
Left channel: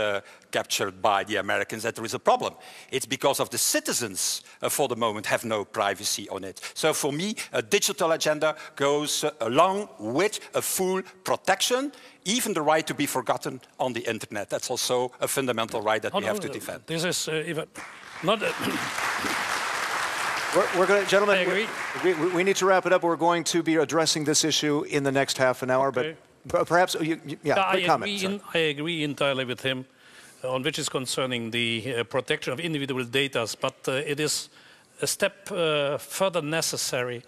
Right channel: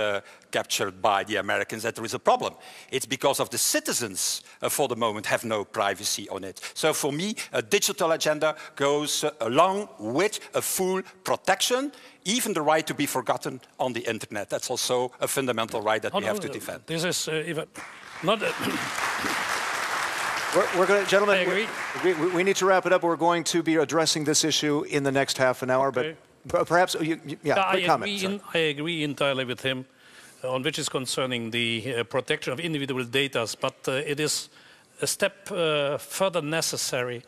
captured by the Americans that there is a problem. It's because of the citizens for the moment have no privacy on it. So for me, a digital agenda goes along with a full protection, even the right to be forgotten on the internet. That's also a fundamental right that we have to defend. This is not... We're going to, gentlemen, I agree. We need to wrap it up. We're going to be addressing this issue in the next half an hour, okay. But perhaps, quick comment. I agree entirely with him on which is concerning the protection of individual data, but it is a step further necessary.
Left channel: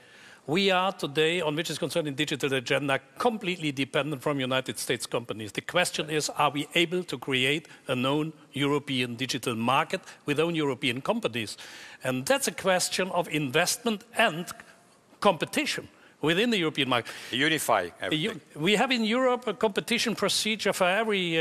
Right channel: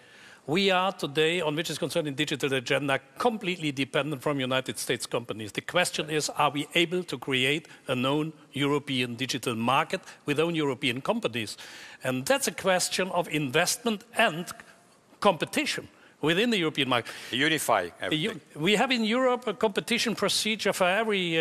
We are today, on which is concerning digital agenda, completely dependent from United States companies. The question is, are we able to create a known European digital market with own European companies? And that's a question of investment and competition within the European market. Unify everything. We have in Europe a competition procedure for every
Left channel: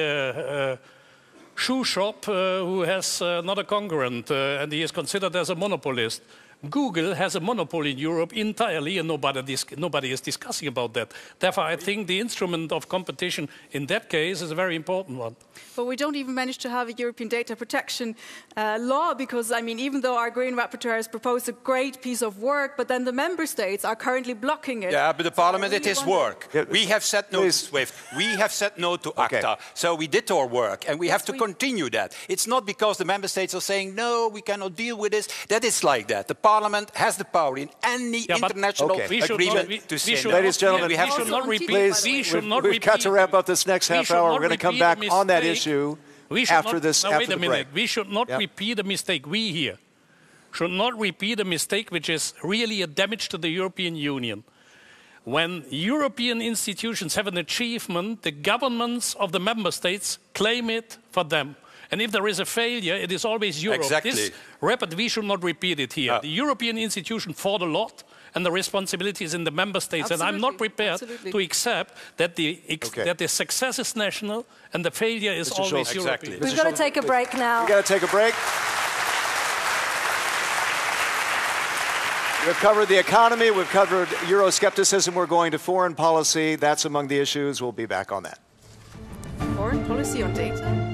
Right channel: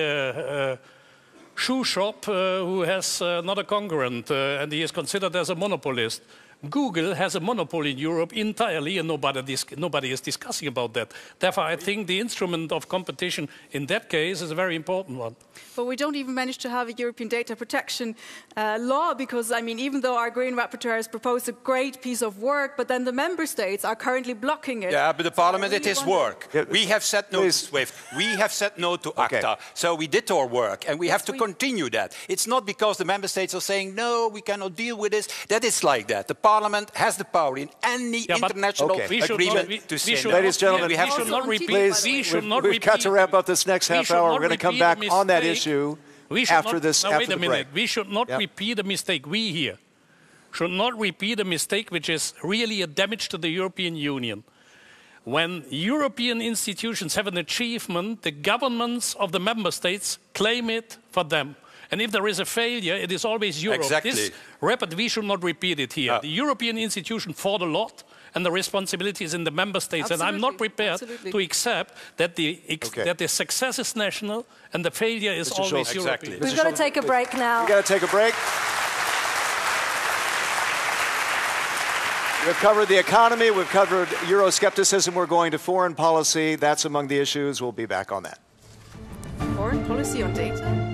shoe shop who has not a concurrent and he is considered as a monopolist. Google has a monopoly in Europe entirely, and nobody is discussing about that. Therefore, I think the instrument of competition in that case is a very important one. But we don't even manage to have a European data protection law because, I mean, even though our Green Rapporteur has proposed a great piece of work, but then the member states are currently blocking it. Yeah, but the Parliament did his work. We have said no to SWIFT. We have said no to ACTA. So we did our work, and we have to continue that. It's not because the member states are saying, no, we cannot deal with this. That is like that. The Parliament has the power in any international agreement to say no. Ladies and gentlemen, we have to not repeat. Please, we've got to wrap up this next half hour. We're going to come back on that issue after this. Now, after wait the a minute. break. We should not repeat a mistake. We here should not repeat a mistake which is really a damage to the European Union. When European institutions have an achievement, the governments of the member states claim it for them. And if there is a failure, it is always Europe. Exactly. This repeat, we should not repeat it here. The European institution fought a lot, and the responsibility is in the member states. Absolutely. And I'm not prepared to accept that the success is national and the failure is Mr. always Schulz. European. Exactly. We've got to take a break now. We've got to take a break. We've covered the economy. We've covered Euroscepticism. We're going to foreign policy. That's among the issues. We'll be back on that. Foreign policy on data?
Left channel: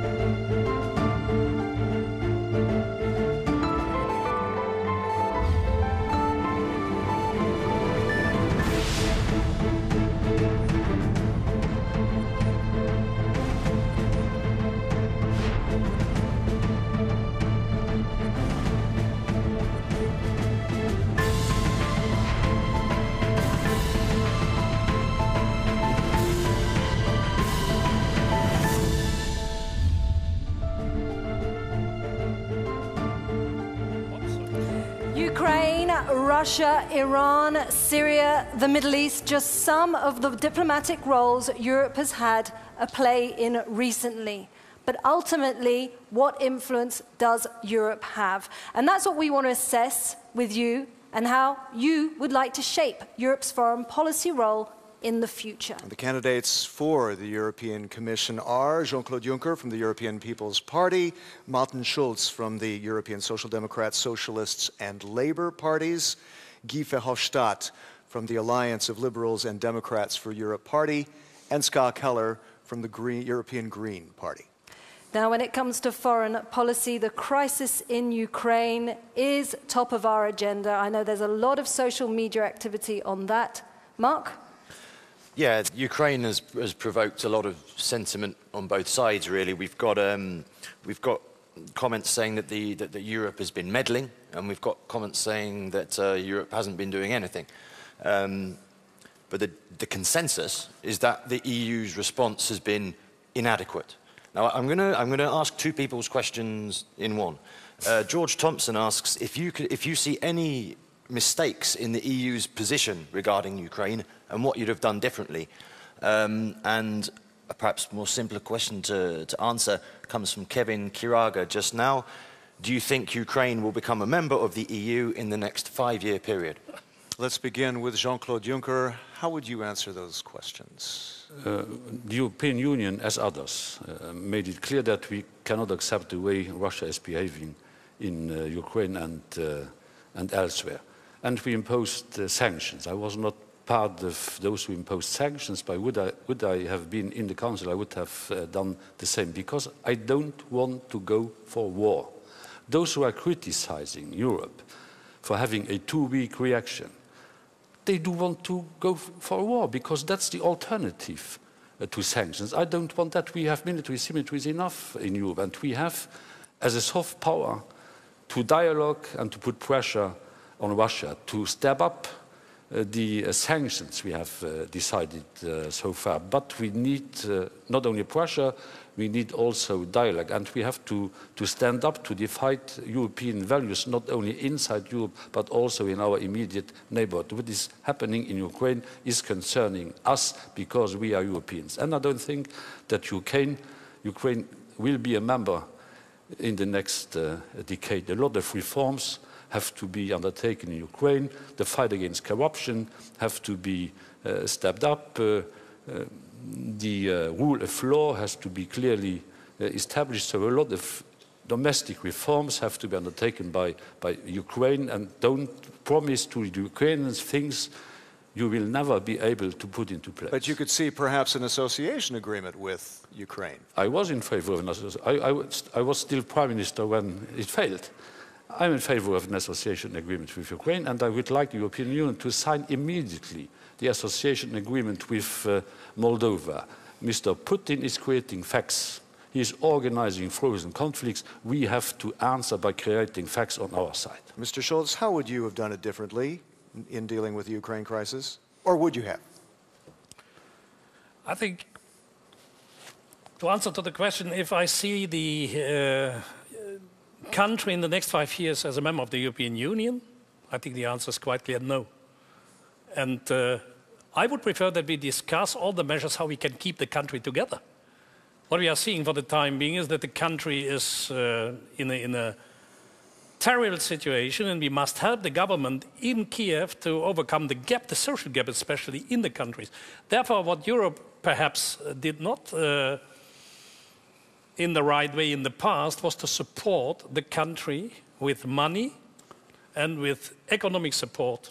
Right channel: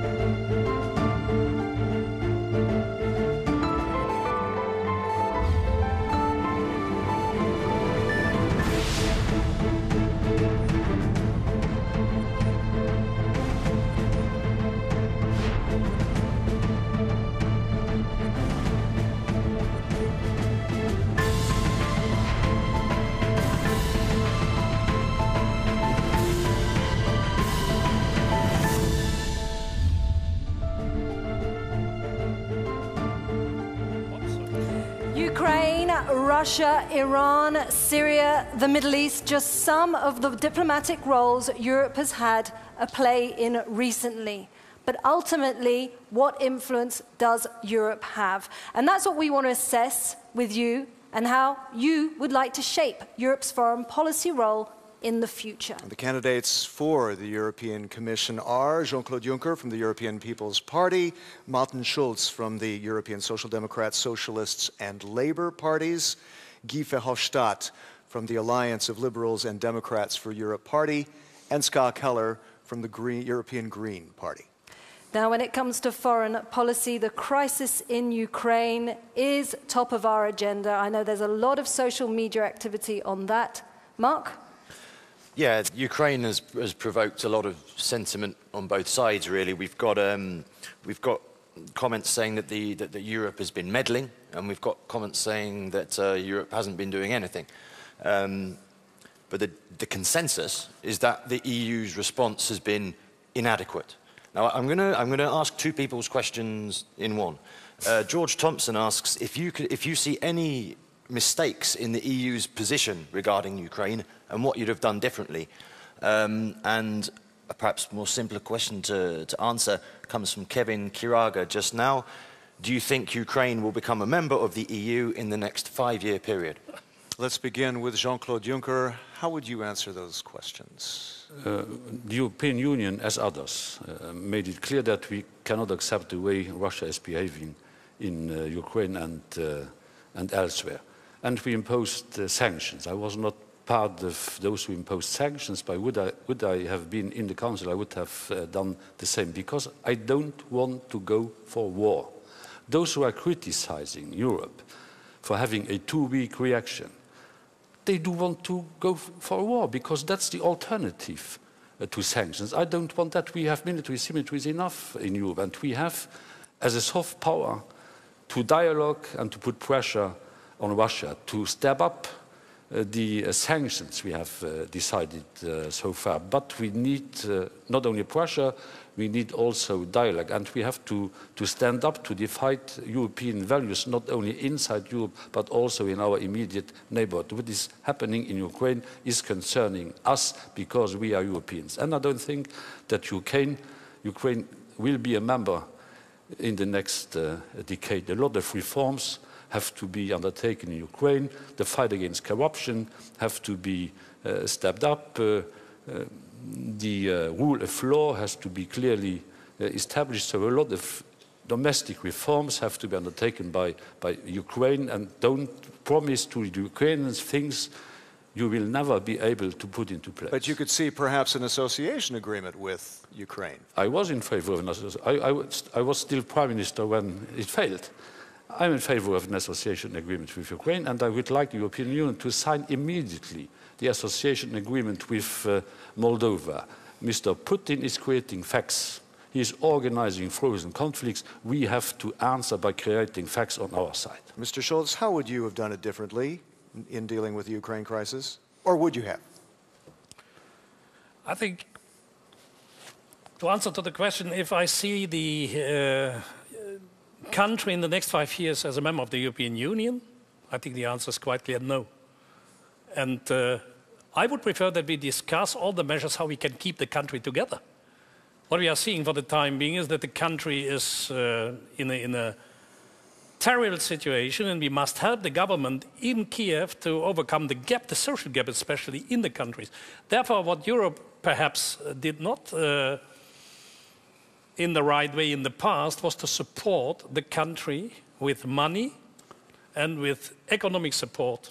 Ukraine, Russia, Iran, Syria, the Middle East, just some of the diplomatic roles Europe has had a play in recently. But ultimately, what influence does Europe have? And that's what we want to assess with you and how you would like to shape Europe's foreign policy role in the future. The candidates for the European Commission are Jean-Claude Juncker from the European People's Party, Martin Schulz from the European Social Democrats, Socialists and Labour parties, Guy Verhofstadt from the Alliance of Liberals and Democrats for Europe Party, and KELLER from the European Green Party. Now, when it comes to foreign policy, the crisis in Ukraine is top of our agenda. I know there's a lot of social media activity on that. Mark? Yeah, Ukraine has provoked a lot of sentiment on both sides. Really, we've got comments saying that that Europe has been meddling, and we've got comments saying that Europe hasn't been doing anything. But the consensus is that the EU's response has been inadequate. Now, I'm going to ask two people's questions in one. George Thompson asks if you see any mistakes in the EU's position regarding Ukraine and what you'd have done differently. And a perhaps more simpler question to answer comes from Kevin Kiraga just now. Do you think Ukraine will become a member of the EU in the next 5-year period? Let's begin with Jean-Claude Juncker. How would you answer those questions? The European Union, as others, made it clear that we cannot accept the way Russia is behaving in Ukraine and elsewhere. And we imposed sanctions. I was not part of those who imposed sanctions, but would I have been in the Council, I would have done the same, because I don't want to go for war. Those who are criticizing Europe for having a too-weak reaction, they do want to go for war, because that's the alternative to sanctions. I don't want that. We have military symmetries enough in Europe, and we have, as a soft power, to dialogue and to put pressure on Russia to step up the sanctions we have decided so far. But we need not only pressure, we need also dialogue. And we have to stand up to defend European values, not only inside Europe, but also in our immediate neighborhood. What is happening in Ukraine is concerning us because we are Europeans. And I don't think that Ukraine will be a member in the next decade. A lot of reforms have to be undertaken in Ukraine. The fight against corruption have to be stepped up. The rule of law has to be clearly established. So a lot of domestic reforms have to be undertaken by Ukraine, and don't promise to the Ukrainians things you will never be able to put into place. But you could see perhaps an association agreement with Ukraine. I was in favor of an association. I was still Prime Minister when it failed. I'm in favor of an association agreement with Ukraine, and I would like the European Union to sign immediately the association agreement with Moldova. Mr. Putin is creating facts. He is organizing frozen conflicts. We have to answer by creating facts on our side. Mr. Schulz, how would you have done it differently in dealing with the Ukraine crisis? Or would you have? I think To answer to the question, if I see the country in the next 5 years as a member of the European Union, I think the answer is quite clear, no. And I would prefer that we discuss all the measures how we can keep the country together. What we are seeing for the time being is that the country is in a terrible situation, and we must help the government in Kiev to overcome the gap, the social gap especially in the countries. Therefore, what Europe perhaps did not in the right way in the past was to support the country with money and with economic support.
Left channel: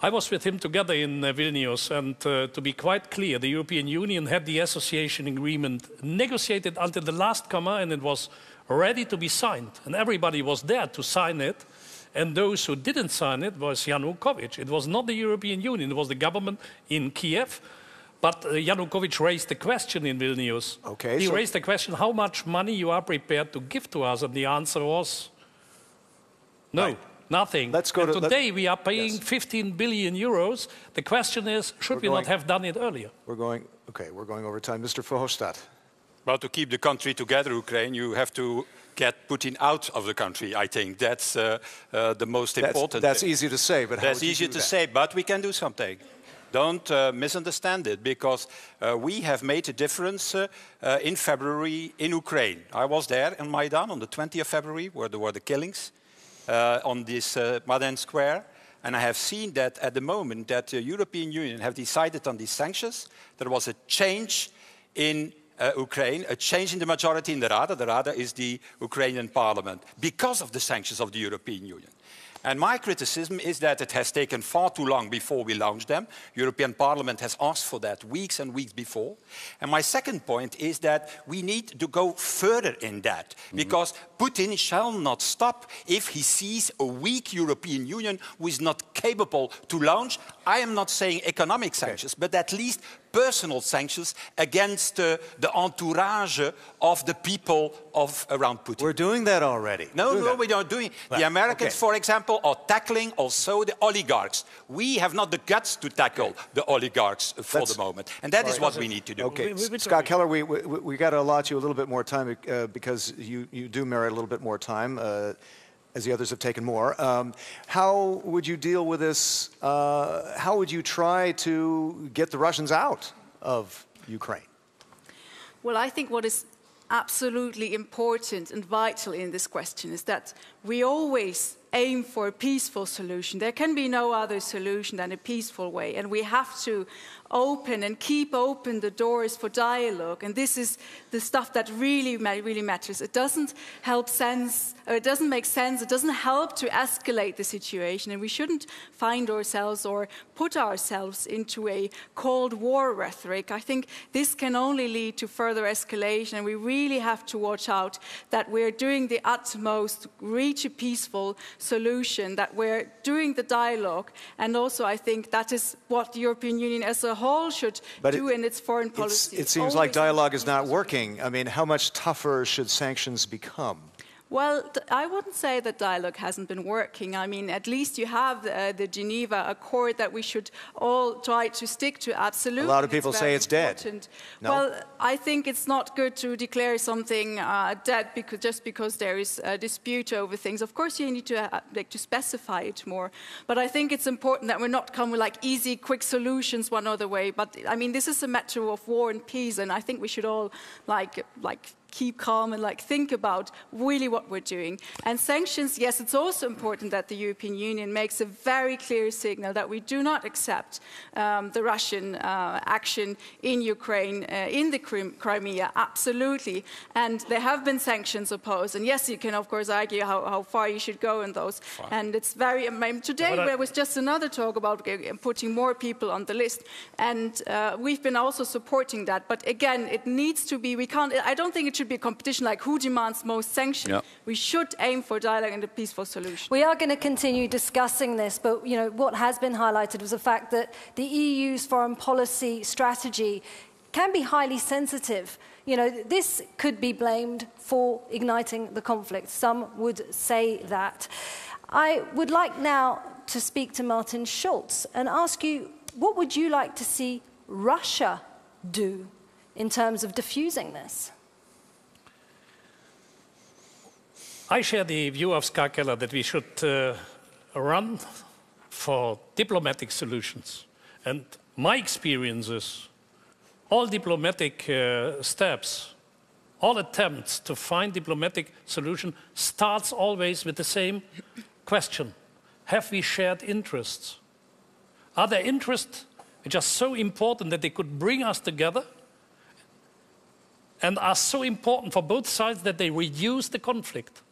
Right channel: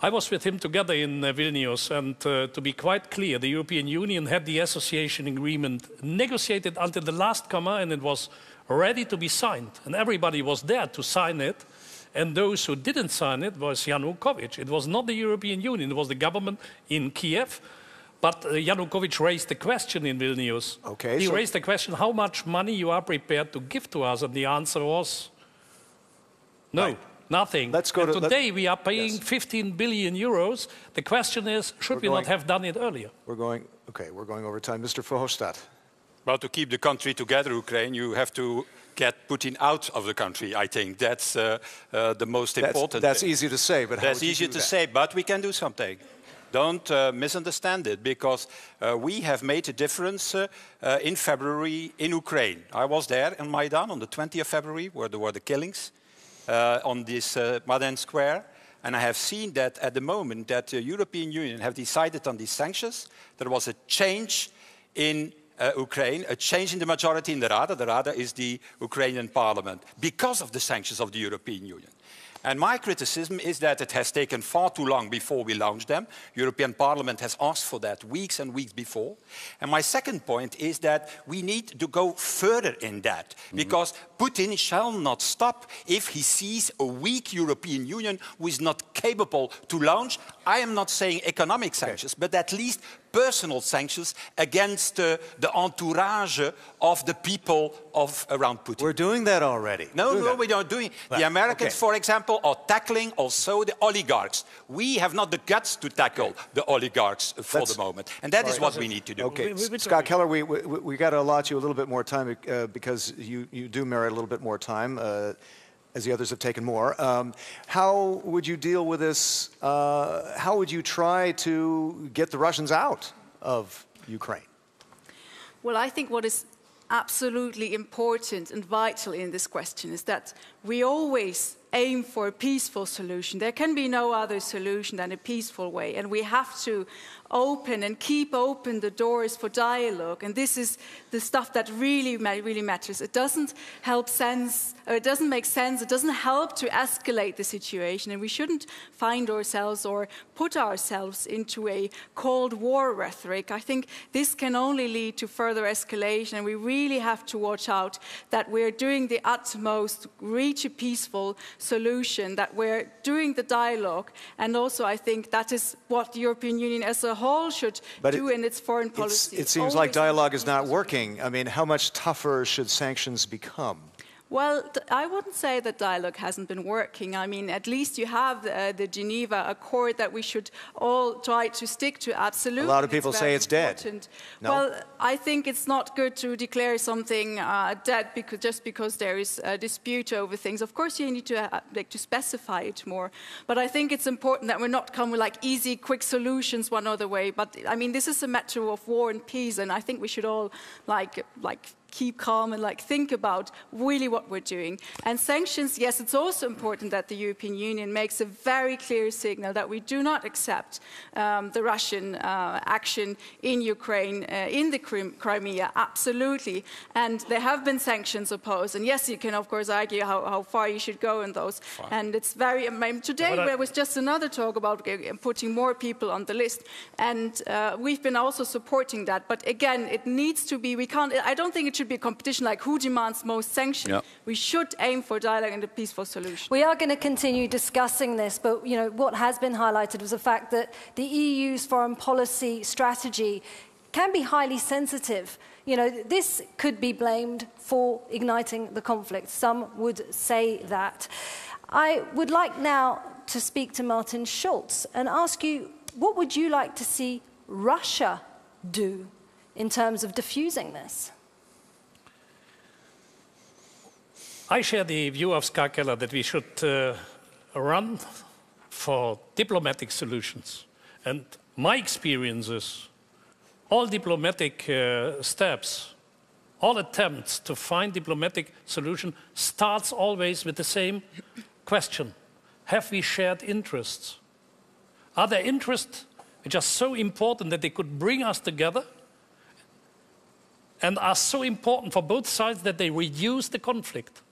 I was with him together in Vilnius, and to be quite clear, the European Union had the association agreement negotiated until the last comma, and it was ready to be signed. And everybody was there to sign it, and those who didn't sign it was Yanukovych. It was not the European Union, it was the government in Kiev. But Yanukovych raised the question in Vilnius. Okay, he raised the question, how much money you are prepared to give to us? And the answer was, no, right. Nothing. Let's go to, today we are paying 15 billion euros. The question is, should we not have done it earlier? We're going over time. Mr. Verhofstadt. Well, to keep the country together, Ukraine, you have to get Putin out of the country. I think that's the most important. That's easy to say, but that's easy to say, but we can do something. Don't misunderstand it, because we have made a difference in February in Ukraine. I was there in Maidan on the 20th of February, where there were the killings on this Maidan Square. And I have seen that at the moment that the European Union have decided on these sanctions, there was a change in Ukraine, a change in the majority in the Rada. The Rada is the Ukrainian parliament, because of the sanctions of the European Union. And my criticism is that it has taken far too long before we launched them. European Parliament has asked for that weeks and weeks before. And my second point is that we need to go further in that, because Putin shall not stop if he sees a weak European Union who is not capable to launch, I am not saying economic sanctions, but at least personal sanctions against the entourage of the people around Putin. We're doing that already. No, we're not doing. The Americans, for example, are tackling also the oligarchs. We have not the guts to tackle the oligarchs for the moment, and that is what we need to do. Okay, Scott Keller, we got to allot you a little bit more time because you do merit a little bit more time. As the others have taken more. How would you deal with this? How would you try to get the Russians out of Ukraine? Well, I think what is absolutely important and vital in this question is that we always aim for a peaceful solution. There can be no other solution than a peaceful way, and we have to open and keep open the doors for dialogue, and this is the stuff that really matters. It doesn't make sense, it doesn't help to escalate the situation, and we shouldn't find ourselves or put ourselves into a Cold War rhetoric. I think this can only lead to further escalation, and we really have to watch out that we're doing the utmost, reach a peaceful solution, that we're doing the dialogue, and also I think that is what the European Union as a whole should do in its foreign policy. It seems like dialogue is not working. I mean, how much tougher should sanctions become? Well, I wouldn't say that dialogue hasn't been working. I mean, at least you have the Geneva Accord that we should all try to stick to. Absolutely. A lot of people say it's dead. No? Well, I think it's not good to declare something dead just because there is a dispute over things. Of course, you need to specify it more. But I think it's important that we're not come with like easy, quick solutions one other way. But I mean, this is a matter of war and peace, and I think we should all keep calm and think about really what we're doing. And sanctions, yes, it's also important that the European Union makes a very clear signal that we do not accept the Russian action in Ukraine, in the Crimea, absolutely. And there have been sanctions opposed. And yes, you can of course argue how far you should go in those. Fine. And it's very, today there was just another talk about putting more people on the list. And we've been also supporting that. But again, it needs to be, I don't think it should be a competition like who demands most sanctions. Yep. We should aim for dialogue and a peaceful solution. We are going to continue discussing this, but what has been highlighted was the fact that the EU's foreign policy strategy can be highly sensitive. This could be blamed for igniting the conflict. Some would say that. I would like now to speak to Martin Schulz and ask you, what would you like to see Russia do in terms of diffusing this? I share the view of Ska Keller that we should run for diplomatic solutions. And my experience is all diplomatic steps, all attempts to find diplomatic solution starts always with the same question. Have we shared interests? Are there interests which are so important that they could bring us together and are so important for both sides that they reduce the conflict?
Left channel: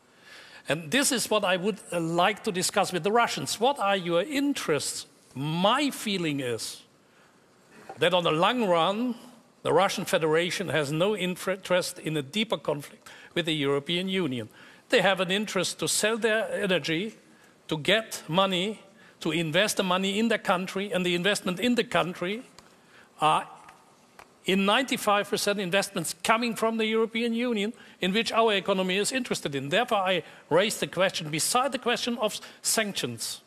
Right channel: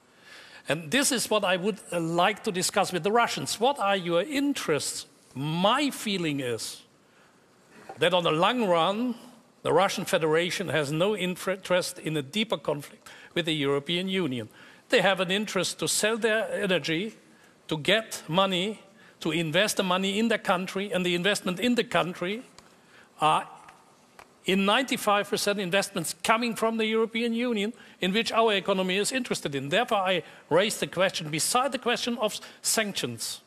And this is what I would like to discuss with the Russians. What are your interests? My feeling is that on the long run, the Russian Federation has no interest in a deeper conflict with the European Union. They have an interest to sell their energy, to get money, to invest the money in the country, and the investment in the country are in 95% investments coming from the European Union, in which our economy is interested in. Therefore, I raise the question, beside the question of sanctions,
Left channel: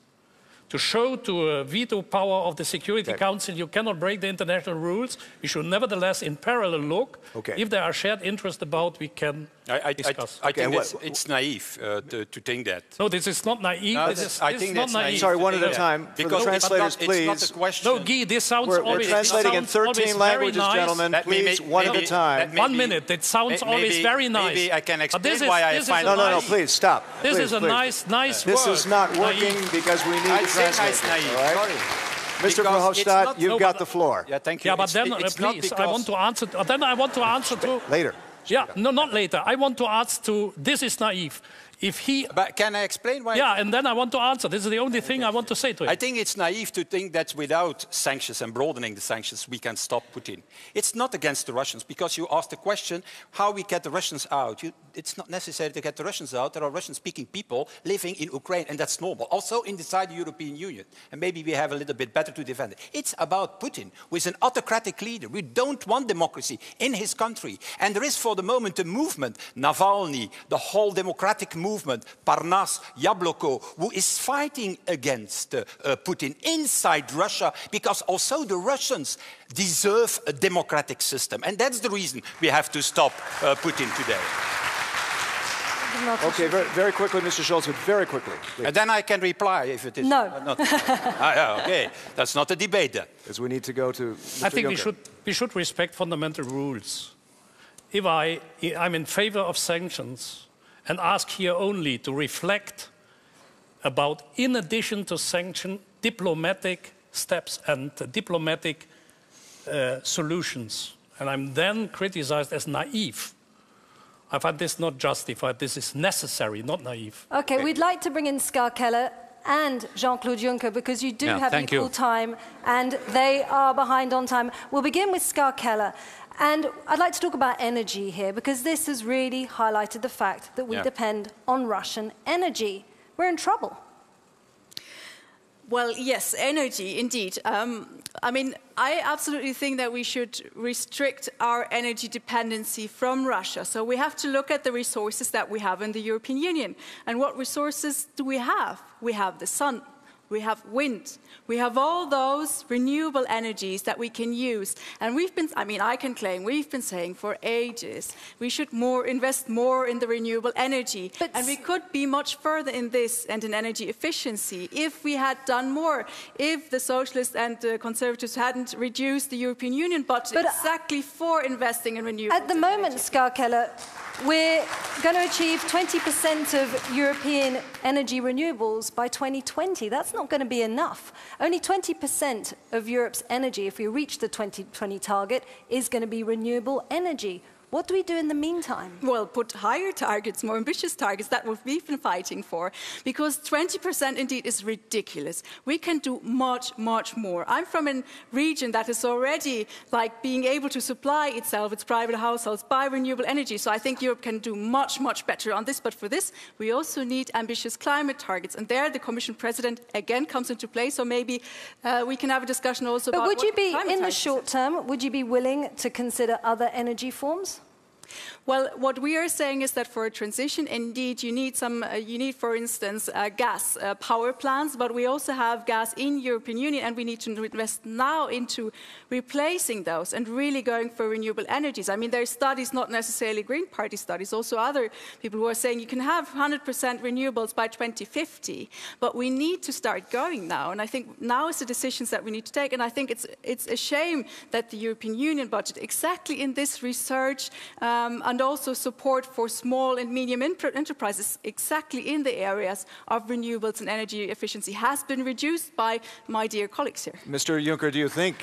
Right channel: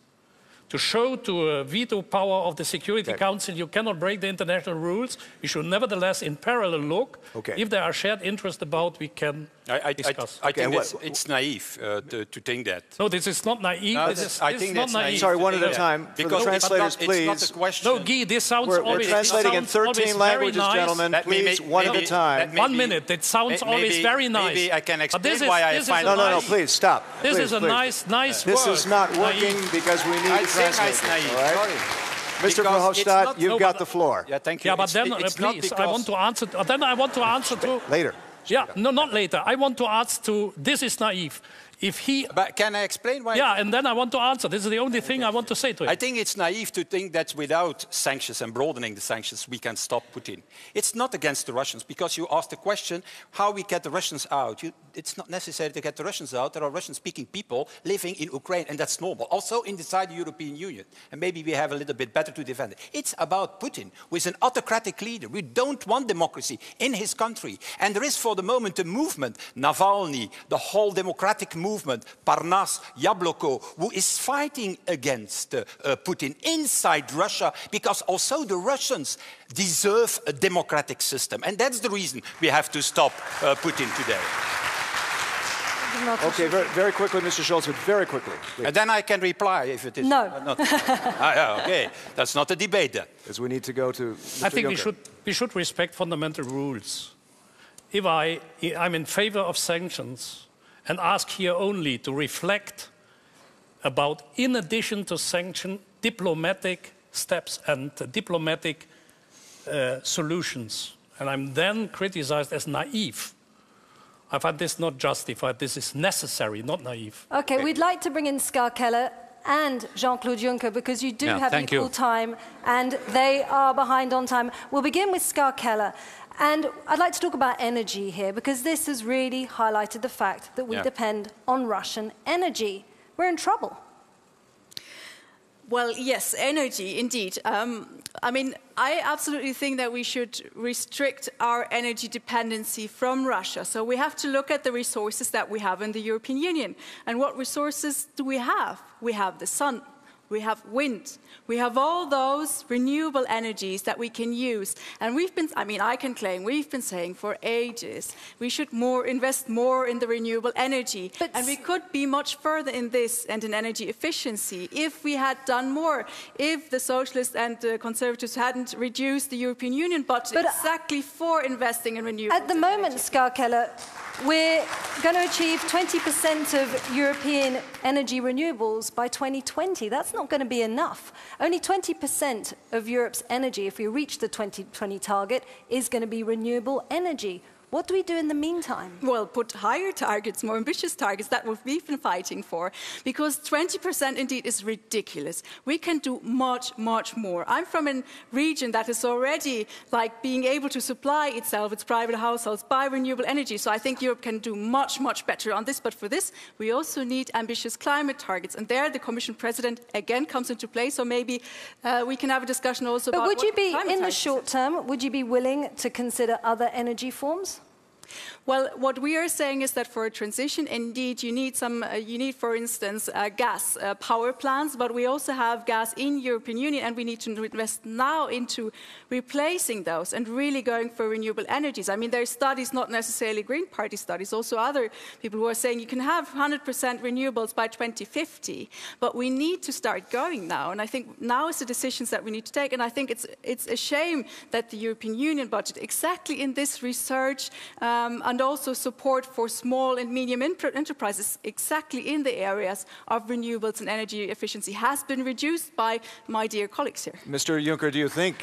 to show to a veto power of the Security Council you cannot break the international rules. We should nevertheless in parallel look. If there are shared interests about, we can discuss. I think it's naive to think that. No, this is not naive. No, this I think not that's naive. Sorry, one at a time. For the translators, please. No, Guy, this sounds we're always... We're translating in 13 languages, nice. gentlemen. Please, one at a time. 1 minute. It sounds always very nice. Maybe I can explain why I find it No, please, stop. This is a nice word. This is not working because we need to translate. Right? Mr. VERHOFSTADT, you've got the floor. Yeah, thank you. Yeah, but then please, I want to answer. Then I want to answer to later. Yeah, no, not later. I want to ask to. This is naive. If he. But can I explain why? Yeah, and then I want to answer. This is the only thing I want to say to him. I think it's naive to think that without sanctions and broadening the sanctions, we can stop Putin. It's not against the Russians, because you asked the question how we get the Russians out. It's not necessary to get the Russians out. There are Russian-speaking people living in Ukraine, and that's normal. Also inside the European Union, and maybe we have a little bit better to defend it. It's about Putin, who is an autocratic leader. We don't want democracy in his country, and there is for the moment a movement, Navalny, the whole democratic movement, Parnas, Yabloko, who is fighting against Putin inside Russia, because also the Russians deserve a democratic system. And that's the reason we have to stop Putin today. Okay, very quickly, Mr. Schulz, but very quickly. Please. And then I can reply if it is not. Okay, that's not a debate then. Because we need to go to Mr. I think Juncker. we should respect fundamental rules. If I'm in favor of sanctions, and ask here only to reflect about, in addition to sanction, diplomatic steps and diplomatic solutions. And I'm then criticized as naive. I find this not justified. This is necessary, not naive. Okay, we'd like to bring in Ska Keller and Jean-Claude Juncker, because you do have equal time and they are behind on time. We'll begin with Ska Keller. And I'd like to talk about energy here, because this has really highlighted the fact that we depend on Russian energy. We're in trouble. Well, yes, energy, indeed. I mean, I absolutely think that we should restrict our energy dependency from Russia. So we have to look at the resources that we have in the European Union. And what resources do we have? We have the sun. We have wind. We have all those renewable energies that we can use. And I can claim, we've been saying for ages, we should invest more in the renewable energy. And we could be much further in this and in energy efficiency if we had done more, if the Socialists and the Conservatives hadn't reduced the European Union budget exactly for investing in renewable energy. At the moment, Ska Keller, we're going to achieve 20% of European energy renewables by 2020. That's not going to be enough. Only 20% of Europe's energy, if we reach the 2020 target, is going to be renewable energy. What do we do in the meantime? Well, put higher targets, more ambitious targets. That's what we've been fighting for. Because 20% indeed is ridiculous. We can do much, much more. I'm from a region that is already being able to supply itself, its private households, by renewable energy. So I think Europe can do much, much better on this. But for this, we also need ambitious climate targets. And there the Commission President again comes into play. So maybe we can have a discussion also about But would you be, climate in the targets. short term, would you be willing to consider other energy forms? Well, what we are saying is that for a transition, indeed, you need for instance, gas power plants, but we also have gas in European Union, and we need to invest now into replacing those and really going for renewable energies. I mean, there are studies, not necessarily Green Party studies, also other people who are saying you can have 100% renewables by 2050, but we need to start going now, and I think now is the decisions that we need to take, and I think it's a shame that the European Union budget, exactly in this research, and also support for small and medium enterprises exactly in the areas of renewables and energy efficiency has been reduced by my dear colleagues here. Mr. Juncker, do you think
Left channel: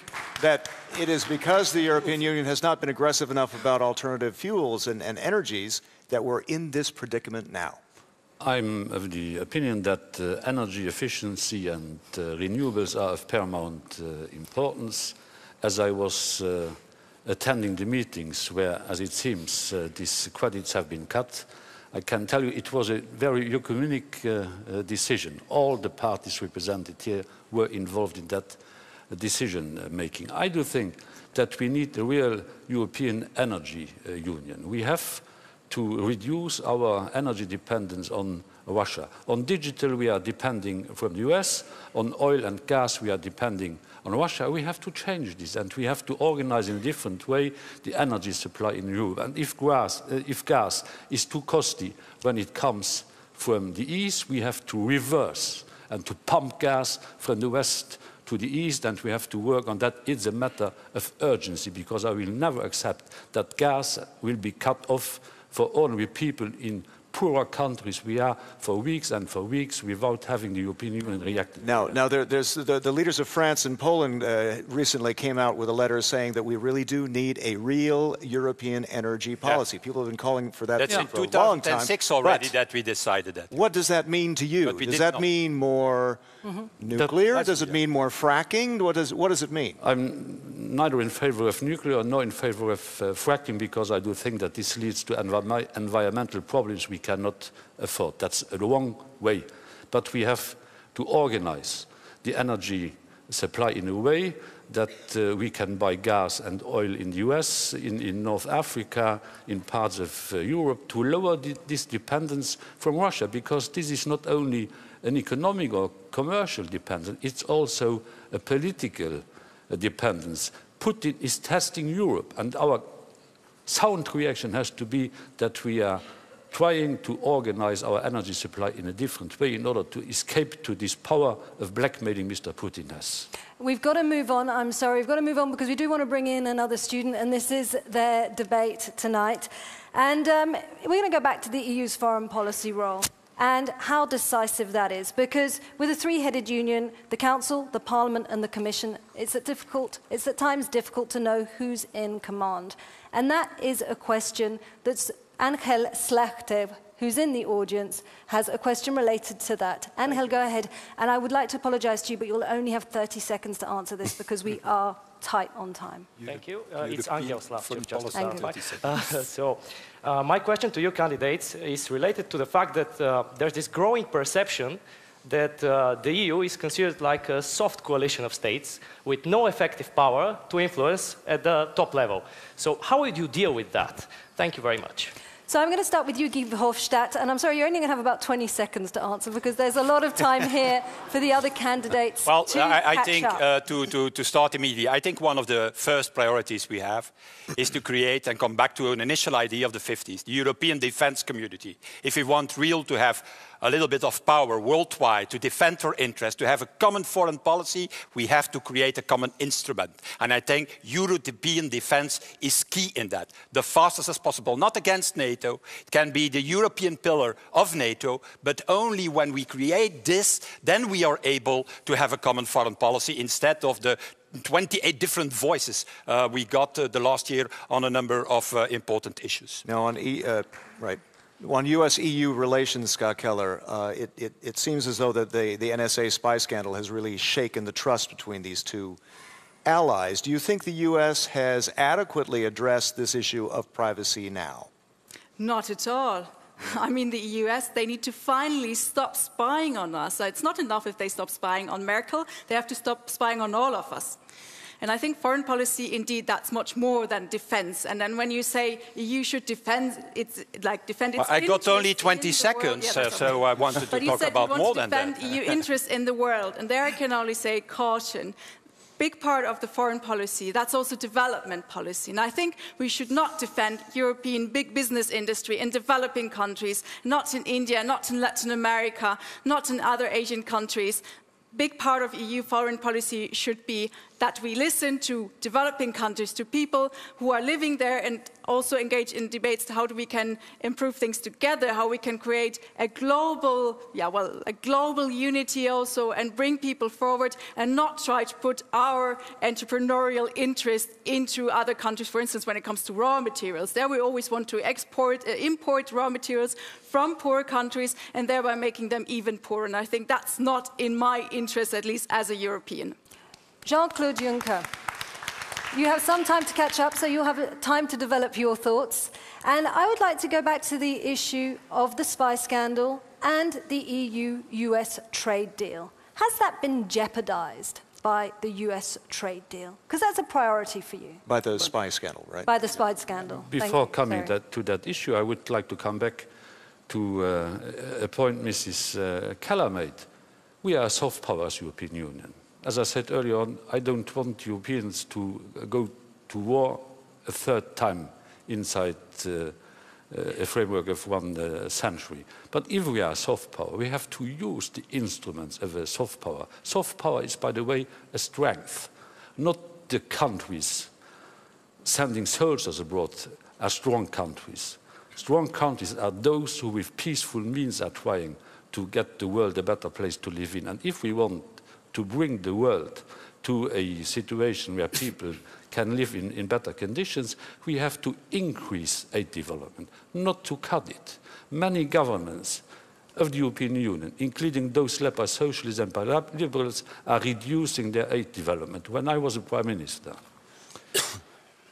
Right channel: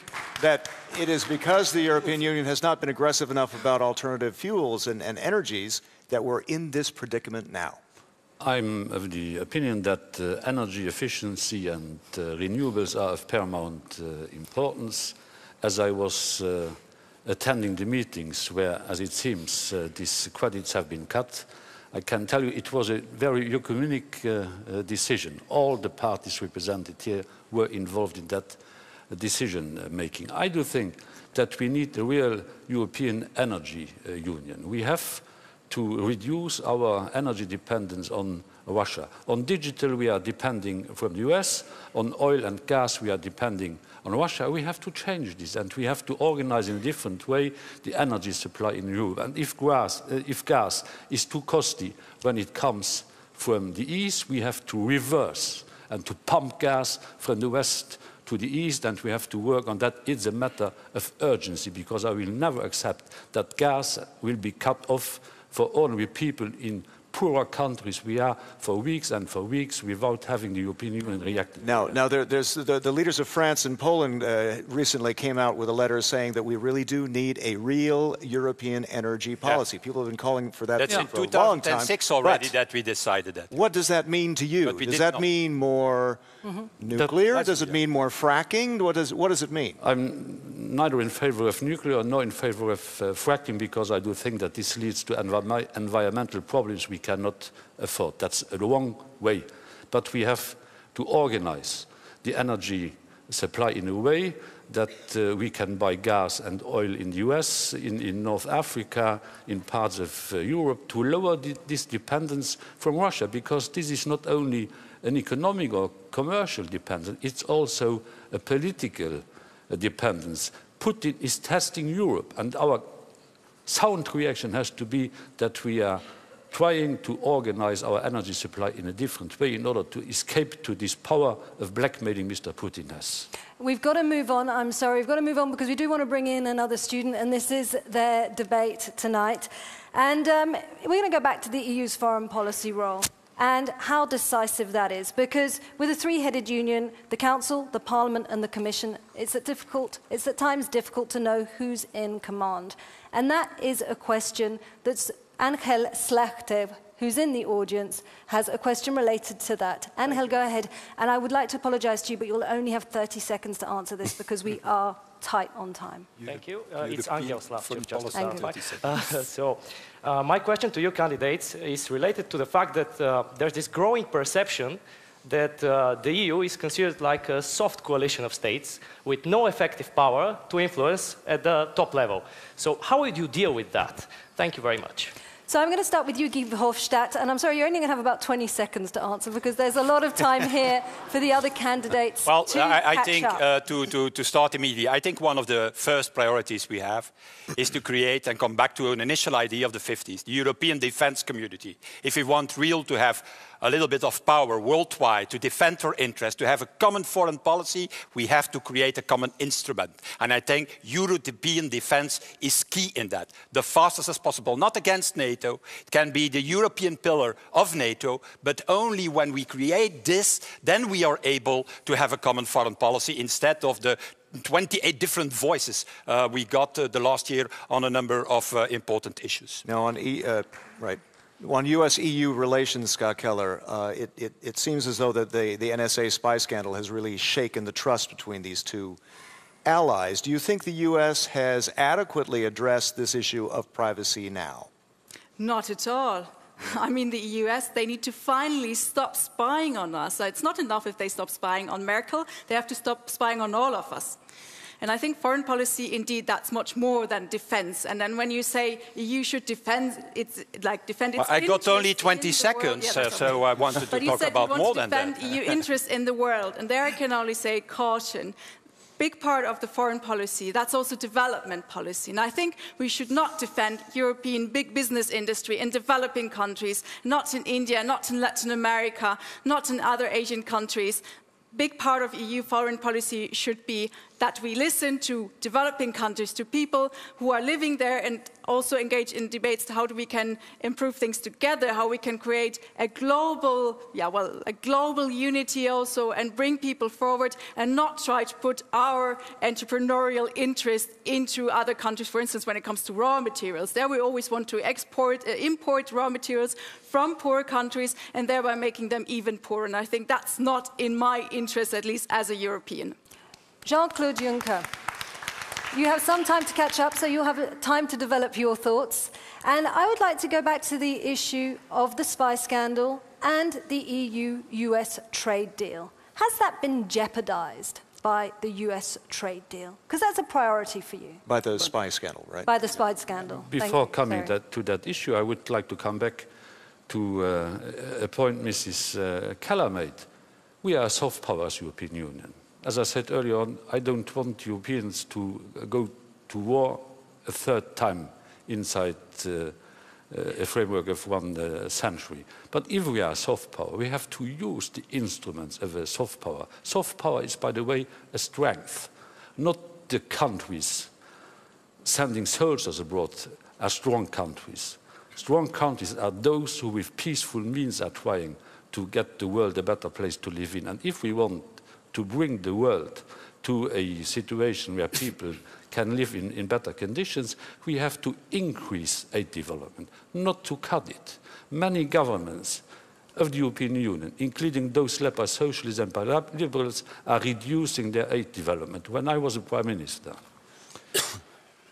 that it is because the European Union has not been aggressive enough about alternative fuels and energies that we're in this predicament now? I'm of the opinion that energy efficiency and renewables are of paramount importance. As I was attending the meetings where, as it seems, these credits have been cut, I can tell you it was a very ecumenic decision. All the parties represented here were involved in that decision-making. I do think that we need a real European energy union. We have to reduce our energy dependence on Russia. On digital, we are depending from the US. On oil and gas, we are depending on Russia. We have to change this, and we have to organize in a different way the energy supply in Europe. And if gas is too costly when it comes from the east, we have to reverse and to pump gas from the west to the east, and we have to work on that. It's a matter of urgency, because I will never accept that gas will be cut off for ordinary people in poorer countries. We are for weeks and for weeks without having the European Union react. Now there's the leaders of France and Poland recently came out with a letter saying that we really do need a real European energy policy. Yeah. People have been calling for that for a long time. That's in 2006 already that we decided that. What does that mean to you? Does that mean more nuclear? Does it mean more fracking? What does it mean? I'm neither in favor of nuclear nor in favor of fracking, because I do think that this leads to environmental problems we cannot afford. That's a wrong way. But we have to organize the energy supply in a way that we can buy gas and oil in the US, in North Africa, in parts of Europe, to lower this dependence from Russia, because this is not only an economic or commercial dependence, it's also a political dependence. Putin is testing Europe, and our sound reaction has to be that we are trying to organize our energy supply in a different way in order to escape to this power of blackmailing Mr. Putin has. We've got to move on. I'm sorry, we've got to move on because we do want to bring in another student, and this is their debate tonight. And we're going to go back to the EU's foreign policy role and how decisive that is, because with a three-headed union, the Council, the Parliament and the Commission, it's at times difficult to know who's in command. And that is a question that's Angel Slachter, who's in the audience, has a question related to that. Angel, go ahead. And I would like to apologise to you, but you'll only have 30 seconds to answer this because we are tight on time. Thank you. It's Angel Slachter. My question to you candidates is related to the fact that there's this growing perception that the EU is considered like a soft coalition of states with no effective power to influence at the top level. So how would you deal with that? Thank you very much. So I'm going to start with you, VERHOFSTAT, and I'm sorry, you're only going to have about 20 seconds to answer because there's a lot of time here for the other candidates. Well, I think to start immediately, I think one of the first priorities we have is to create and come back to an initial idea of the 50s, the European defense community. If we want to have a little bit of power worldwide to defend our interests, to have a common foreign policy, we have to create a common instrument. And I think European defense is key in that. The fastest as possible, not against NATO. It can be the European pillar of NATO, but only when we create this, then we are able to have a common foreign policy instead of the 28 different voices we got the last year on a number of important issues. Now on U.S.-EU relations, Scott Keller, it seems as though that the NSA spy scandal has really shaken the trust between these two allies. Do you think the U.S. has adequately addressed this issue of privacy now? Not at all. I mean, the US, they need to finally stop spying on us. It's not enough if they stop spying on Merkel. They have to stop spying on all of us. And I think foreign policy, indeed, that's much more than defense. And then when you say EU should defend, it's like defend its I got only 20 seconds, so I wanted to talk about more than that. But you said you want to defend EU interests in the world. And there I can only say caution. Big part of the foreign policy, that's also development policy. And I think we should not defend European big business industry in developing countries, not in India, not in Latin America, not in other Asian countries. Big part of EU foreign policy should be that we listen to developing countries, to people who are living there, and also engage in debates to how we can improve things together, how we can create a global, a global unity also, and bring people forward and not try to put our entrepreneurial interest into other countries. For instance, when it comes to raw materials, there we always want to import raw materials from poor countries and thereby making them even poorer. And I think that's not in my interest, at least as a European. Jean-Claude Juncker, you have some time to catch up, so you'll have time to develop your thoughts. And I would like to go back to the issue of the spy scandal and the EU-US trade deal. Has that been jeopardized by the US trade deal? Because that's a priority for you. By the spy scandal, right? By the spy scandal. Before coming to that issue, I would like to come back to a point Mrs. Keller made. We are a soft power as European Union. As I said earlier on, I don't want Europeans to go to war a third time inside a framework of one century. But if we are a soft power, we have to use the instruments of a soft power. Soft power is, by the way, a strength, not the countries sending soldiers abroad are strong countries. Strong countries are those who with peaceful means are trying to get the world a better place to live in. And if we want to bring the world to a situation where people can live in better conditions, we have to increase aid development, not to cut it. Many governments of the European Union, including those led by socialists and by liberals, are reducing their aid development. When I was a prime minister,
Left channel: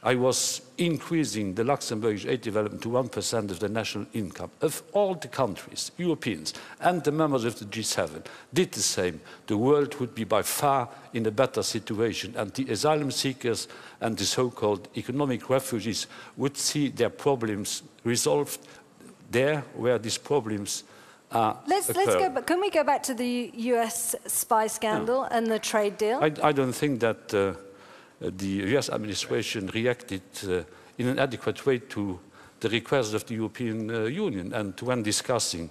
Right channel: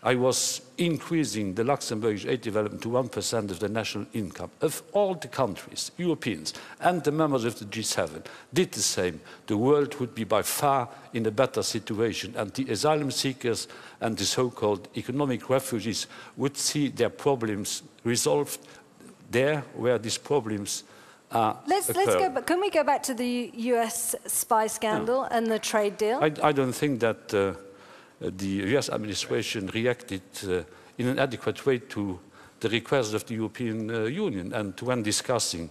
I was increasing the Luxembourgish aid development to 1% of the national income. Of all the countries, Europeans and the members of the G7 did the same, the world would be by far in a better situation, and the asylum seekers and the so-called economic refugees would see their problems resolved there where these problems are occurring. Can we go back to the US spy scandal and the trade deal? I don't think that the US administration reacted in an adequate way to the request of the European Union, and when discussing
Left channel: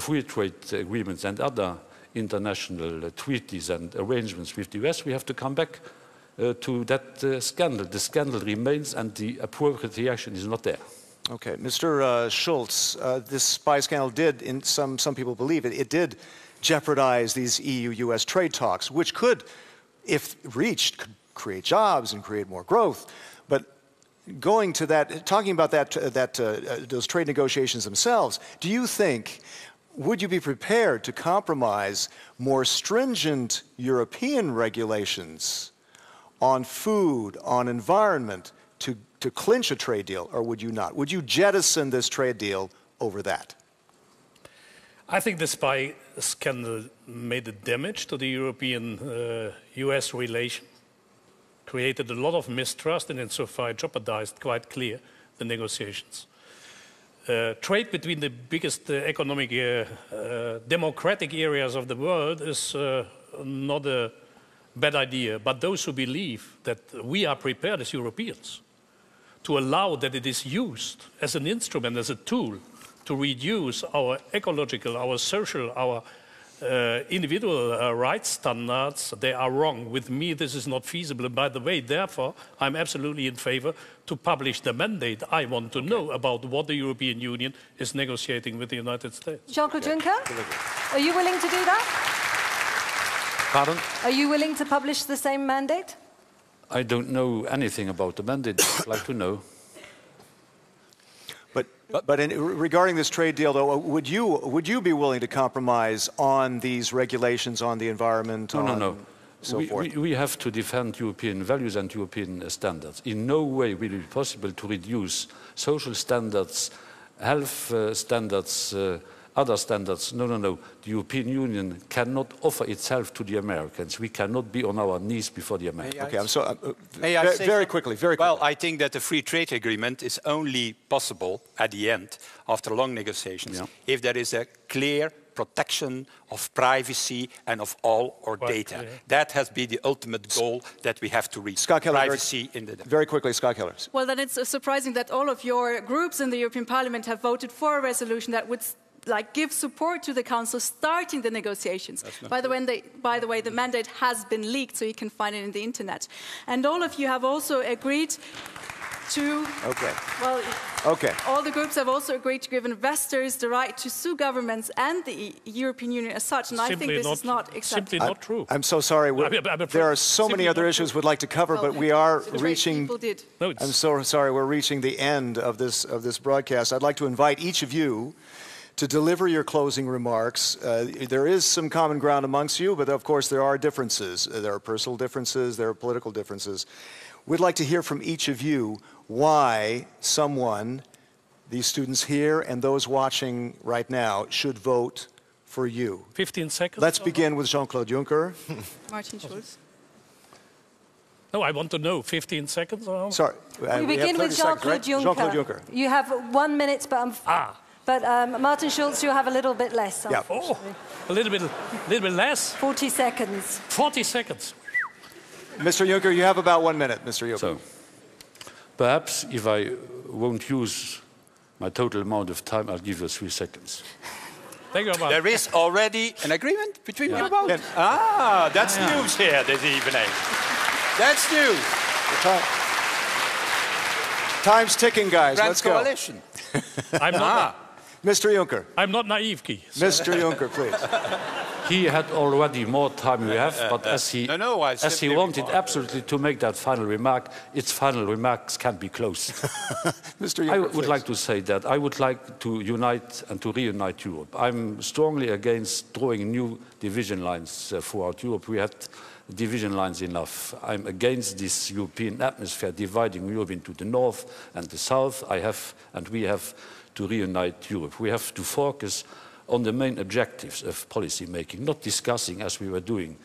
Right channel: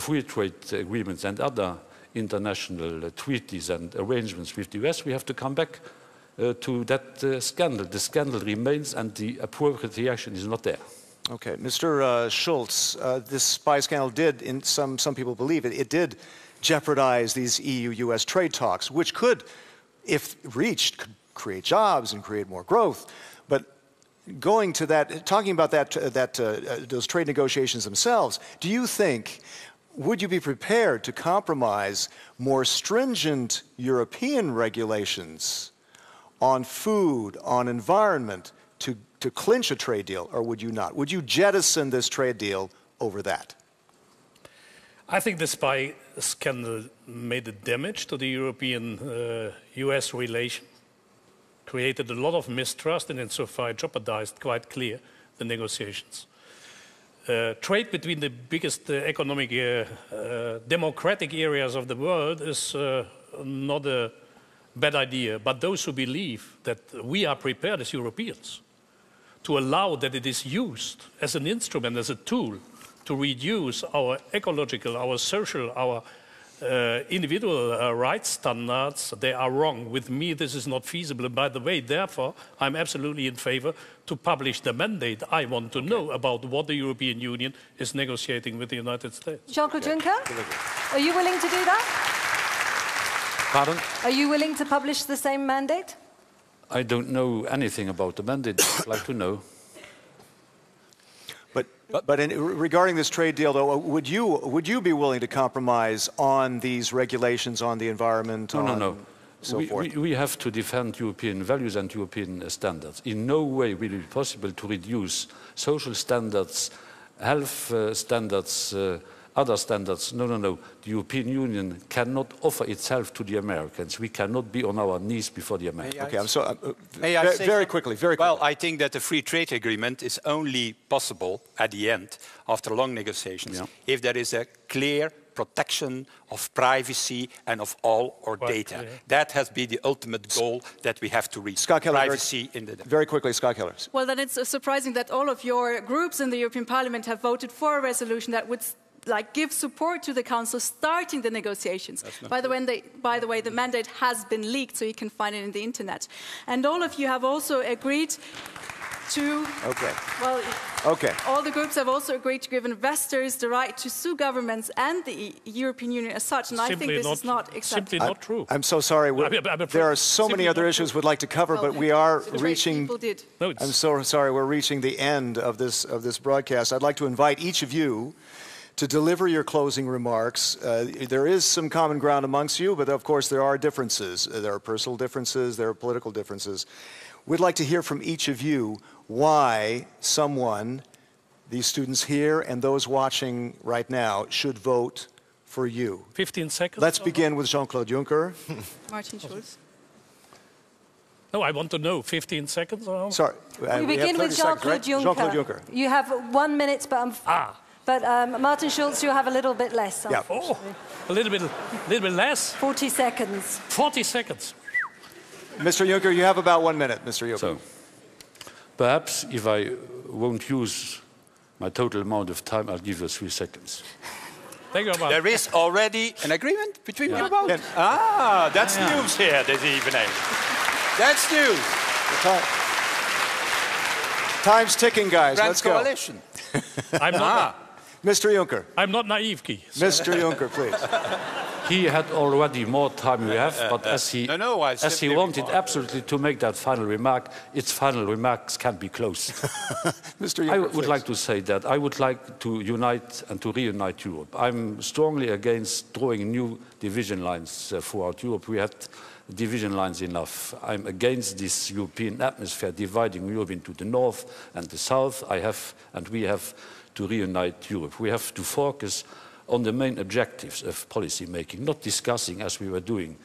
free trade agreements and other international treaties and arrangements with the US, we have to come back to that scandal. The scandal remains and the appropriate reaction is not there. Okay, Mr. Schulz, this spy scandal did, in some people believe it did jeopardize these EU-US trade talks, which could, if reached, could create jobs and create more growth. But going to that, talking about those trade negotiations themselves, do you think, would you be prepared to compromise more stringent European regulations on food, on environment, to clinch a trade deal, or would you not? Would you jettison this trade deal over that? I think the spy scandal made a damage to the European-US relation, created a lot of mistrust, and insofar jeopardized quite clear the negotiations. Trade between the biggest economic democratic areas of the world is not a bad idea, but those who believe that we are prepared as Europeans to allow that it is used as an instrument, as a tool to reduce our ecological, our social, our individual rights standards, they are wrong. With me, this is not feasible. And by the way, therefore, I'm absolutely in favor to publish the mandate. I want to know about what the European Union is negotiating with the United States. Jean-Claude Juncker, are you willing to do that? Pardon? Are you willing to publish the same mandate? I don't know anything about the mandate. I'd like to know. But regarding this trade deal, though, would you be willing to compromise on these regulations on the environment? No. So forth? We have to defend European values and European standards. In no way will it be possible to reduce social standards, health standards, other standards. No, no, no. The European Union cannot offer itself to the Americans. We cannot be on our knees before the Americans. Okay, I'm sorry. Very quickly. Well, I think that the free trade agreement is only possible at the end, after long negotiations, if there is a clear protection of privacy and of all our data. That has been the ultimate goal that we have to reach. Scott Keller, privacy in the very quickly, Scott Keller. Well, then it's surprising that all of your groups in the European Parliament have voted for a resolution that would give support to the Council starting the negotiations. By the way, the mandate has been leaked, so you can find it in the internet. And all of you have also agreed to, all the groups have also agreed to give investors the right to sue governments and the European Union as such, and I think this is not acceptable. Simply not true. I'm so sorry. There are so many other issues we'd like to cover, but we are reaching. I'm so sorry. We're reaching the end of this broadcast. I'd like to invite each of you to deliver your closing remarks. There is some common ground amongst you, but of course there are differences. There are personal differences. There are political differences. We'd like to hear from each of you why someone, these students here and those watching right now, should vote for you. 15 seconds. Let's begin with Jean-Claude Juncker. Martin Schulz. No, I want to know. 15 seconds? Sorry. We begin with Jean-Claude Juncker. Jean-Claude Juncker. You have 1 minute, but Martin Schulz, you have a little bit less. Yeah. Oh, a little bit less? 40 seconds. 40 seconds. Mr. Juncker, you have about 1 minute, Mr. Juncker. So, perhaps if I won't use my total amount of time, I'll give you 3 seconds. Thank you very much. There is already an agreement between you both. That's news here this evening. That's news. Time's ticking, guys. Let's go. I'm not. Mr. Juncker. I'm not naive, Guy. Mr. Juncker, please. He had already more time we have, but as he wanted absolutely to make that final remark, its final remarks can't be closed. Mr. Juncker, I would like to say that I would like to unite and to reunite Europe. I'm strongly against drawing new division lines throughout Europe. We had division lines enough. I'm against this European atmosphere dividing Europe into the north and the south. We have to reunite Europe. We have to focus on the main objectives of policy making, not discussing, as we were doing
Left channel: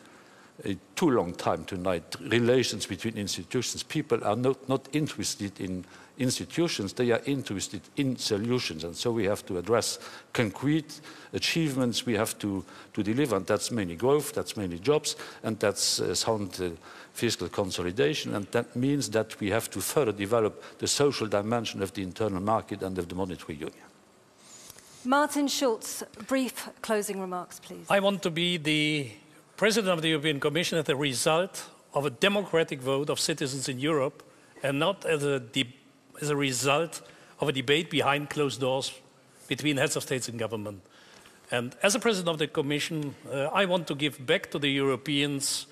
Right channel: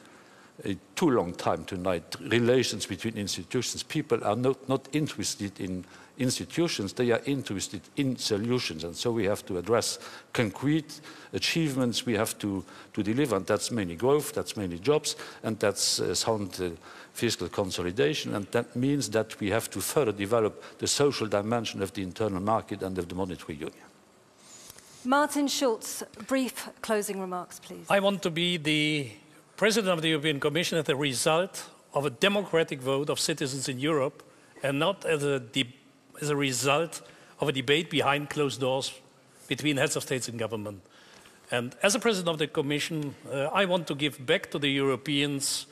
a too long time tonight, relations between institutions. People are not interested in institutions, they are interested in solutions, and so we have to address concrete achievements we have to deliver, and that's mainly growth, that's mainly jobs, and that's sound fiscal consolidation, and that means that we have to further develop the social dimension of the internal market and of the monetary union. Martin Schulz, brief closing remarks, please. I want to be the President of the European Commission as a result of a democratic vote of citizens in Europe and not as a result of a debate behind closed doors between heads of states and government. And as a President of the Commission, I want to give back to the Europeans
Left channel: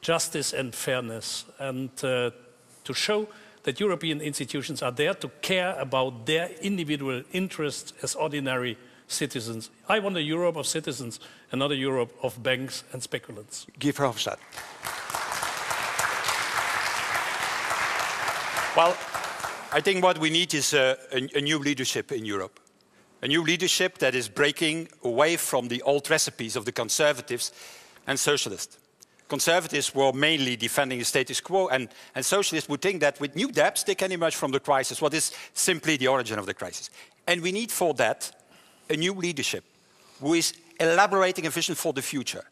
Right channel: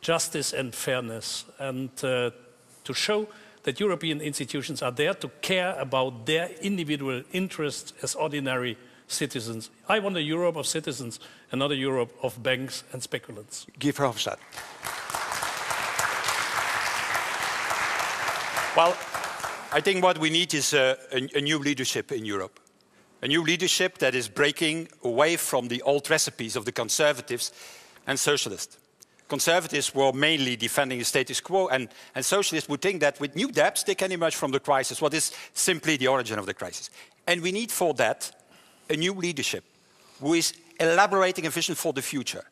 justice and fairness, and to show that European institutions are there to care about their individual interests as ordinary citizens. I want a Europe of citizens and not a Europe of banks and speculants. Guy Verhofstadt. Well, I think what we need is a new leadership in Europe. A new leadership that is breaking away from the old recipes of the conservatives and socialists. Conservatives were mainly defending the status quo, and socialists would think that with new debts they can emerge from the crisis, what is simply the origin of the crisis. And we need for that a new leadership who is elaborating a vision for the future.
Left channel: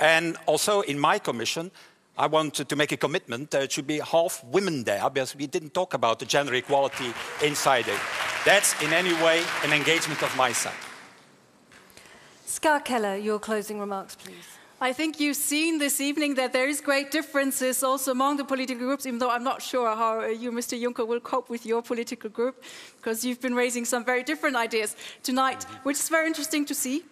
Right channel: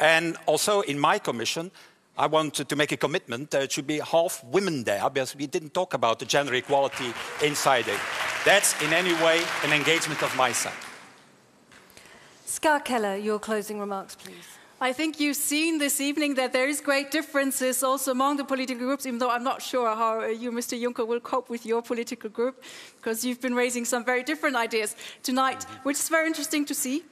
And also in my commission, I want to make a commitment that it should be half women there, because we didn't talk about the gender equality inside it. That's in any way an engagement of my side. Scott Keller, your closing remarks, please. I think you've seen this evening that there is great differences also among the political groups, even though I'm not sure how you, Mr. Juncker, will cope with your political group, because you've been raising some very different ideas tonight, which is very interesting to see.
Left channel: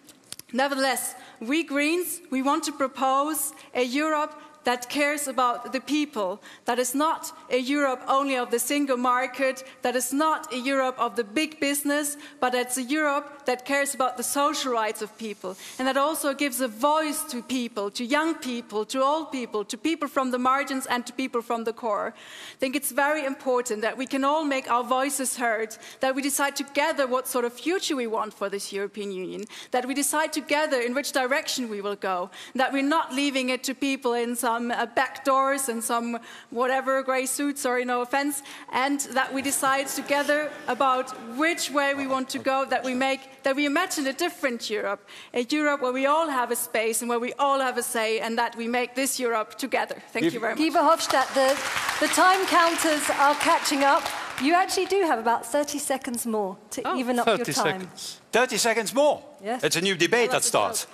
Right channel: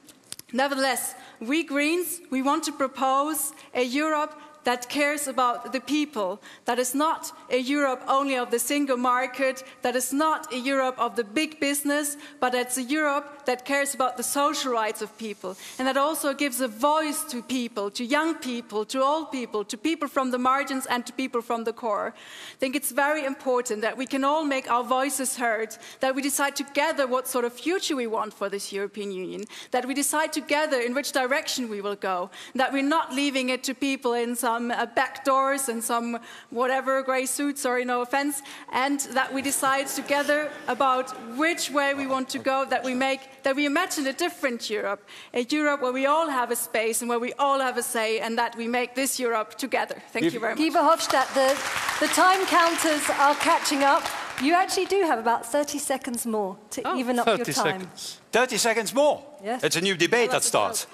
Nevertheless, we Greens, we want to propose a Europe that cares about the people, that is not a Europe only of the single market, that is not a Europe of the big business, but it's a Europe that cares about the social rights of people, and that also gives a voice to people, to young people, to old people, to people from the margins and to people from the core. I think it's very important that we can all make our voices heard, that we decide together what sort of future we want for this European Union, that we decide together in which direction we will go, that we're not leaving it to people in some back doors and some whatever grey suits, sorry, no offense, and that we decide together about which way we want to go, that we imagine a different Europe, a Europe where we all have a space and where we all have a say, and that we make this Europe together. Thank you very much. Guy Verhofstadt, the time counters are catching up. You actually do have about 30 seconds more to even up your time. 30 seconds. 30 seconds more? Yes. It's a new debate that starts.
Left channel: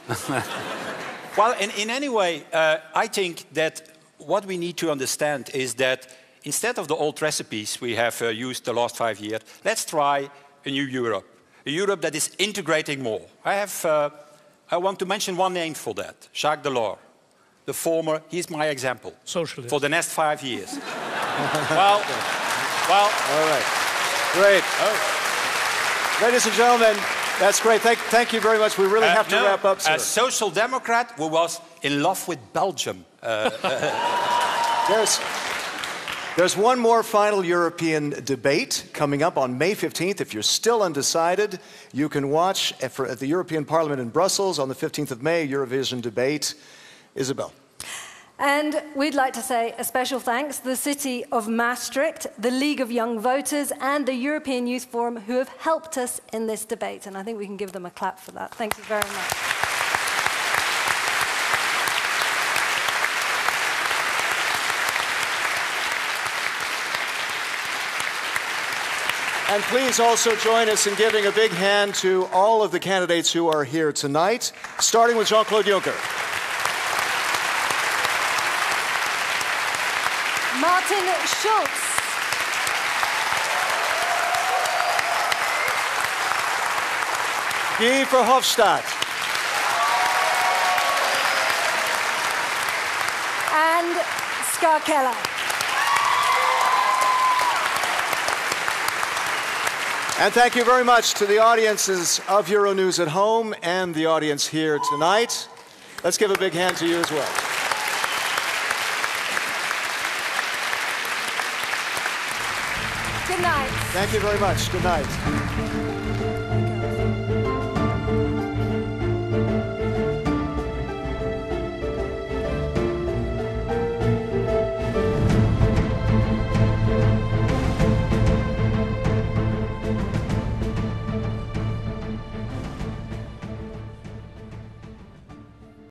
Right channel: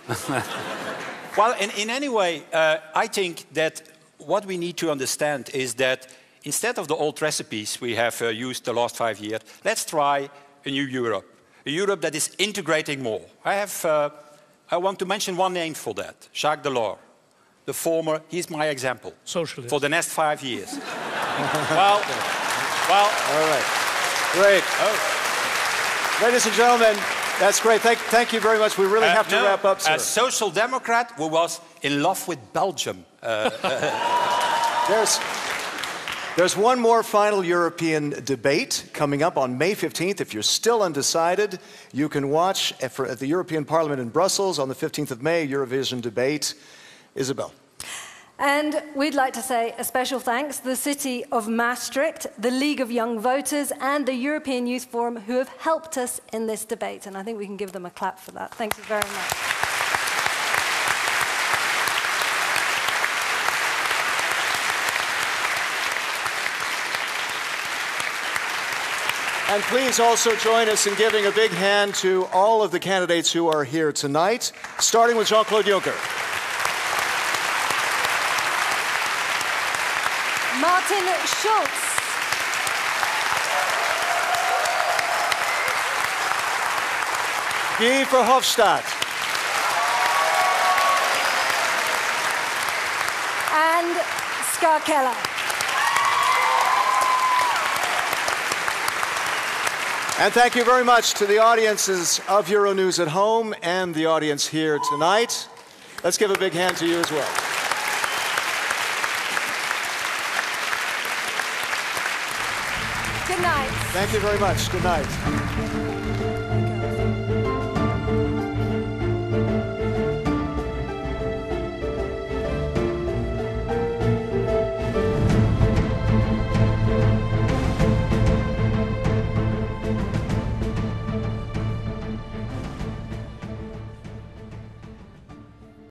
Well, in any way, I think that what we need to understand is that instead of the old recipes we have used the last 5 years, let's try a new Europe. A Europe that is integrating more. I want to mention one name for that, Jacques Delors. The former, he's my example. Socialist. For the next 5 years. well, all right. Great. Oh. Ladies and gentlemen, that's great. Thank you very much. We really have to wrap up, sir. A social democrat who was in love with Belgium. There's one more final European debate coming up on May 15th. If you're still undecided, you can watch at the European Parliament in Brussels on the 15th of May, Eurovision debate. Isabel. And we'd like to say a special thanks to the City of Maastricht, the League of Young Voters, and the European Youth Forum, who have helped us in this debate. And I think we can give them a clap for that. Thank you very much. And please also join us in giving a big hand to all of the candidates who are here tonight, starting with Jean-Claude Juncker. Martin Schulz. Guy Verhofstadt. And Ska Keller. And thank you very much to the audiences of Euronews at home and the audience here tonight. Let's give a big hand to you as well. Good night. Thank you very much. Good night.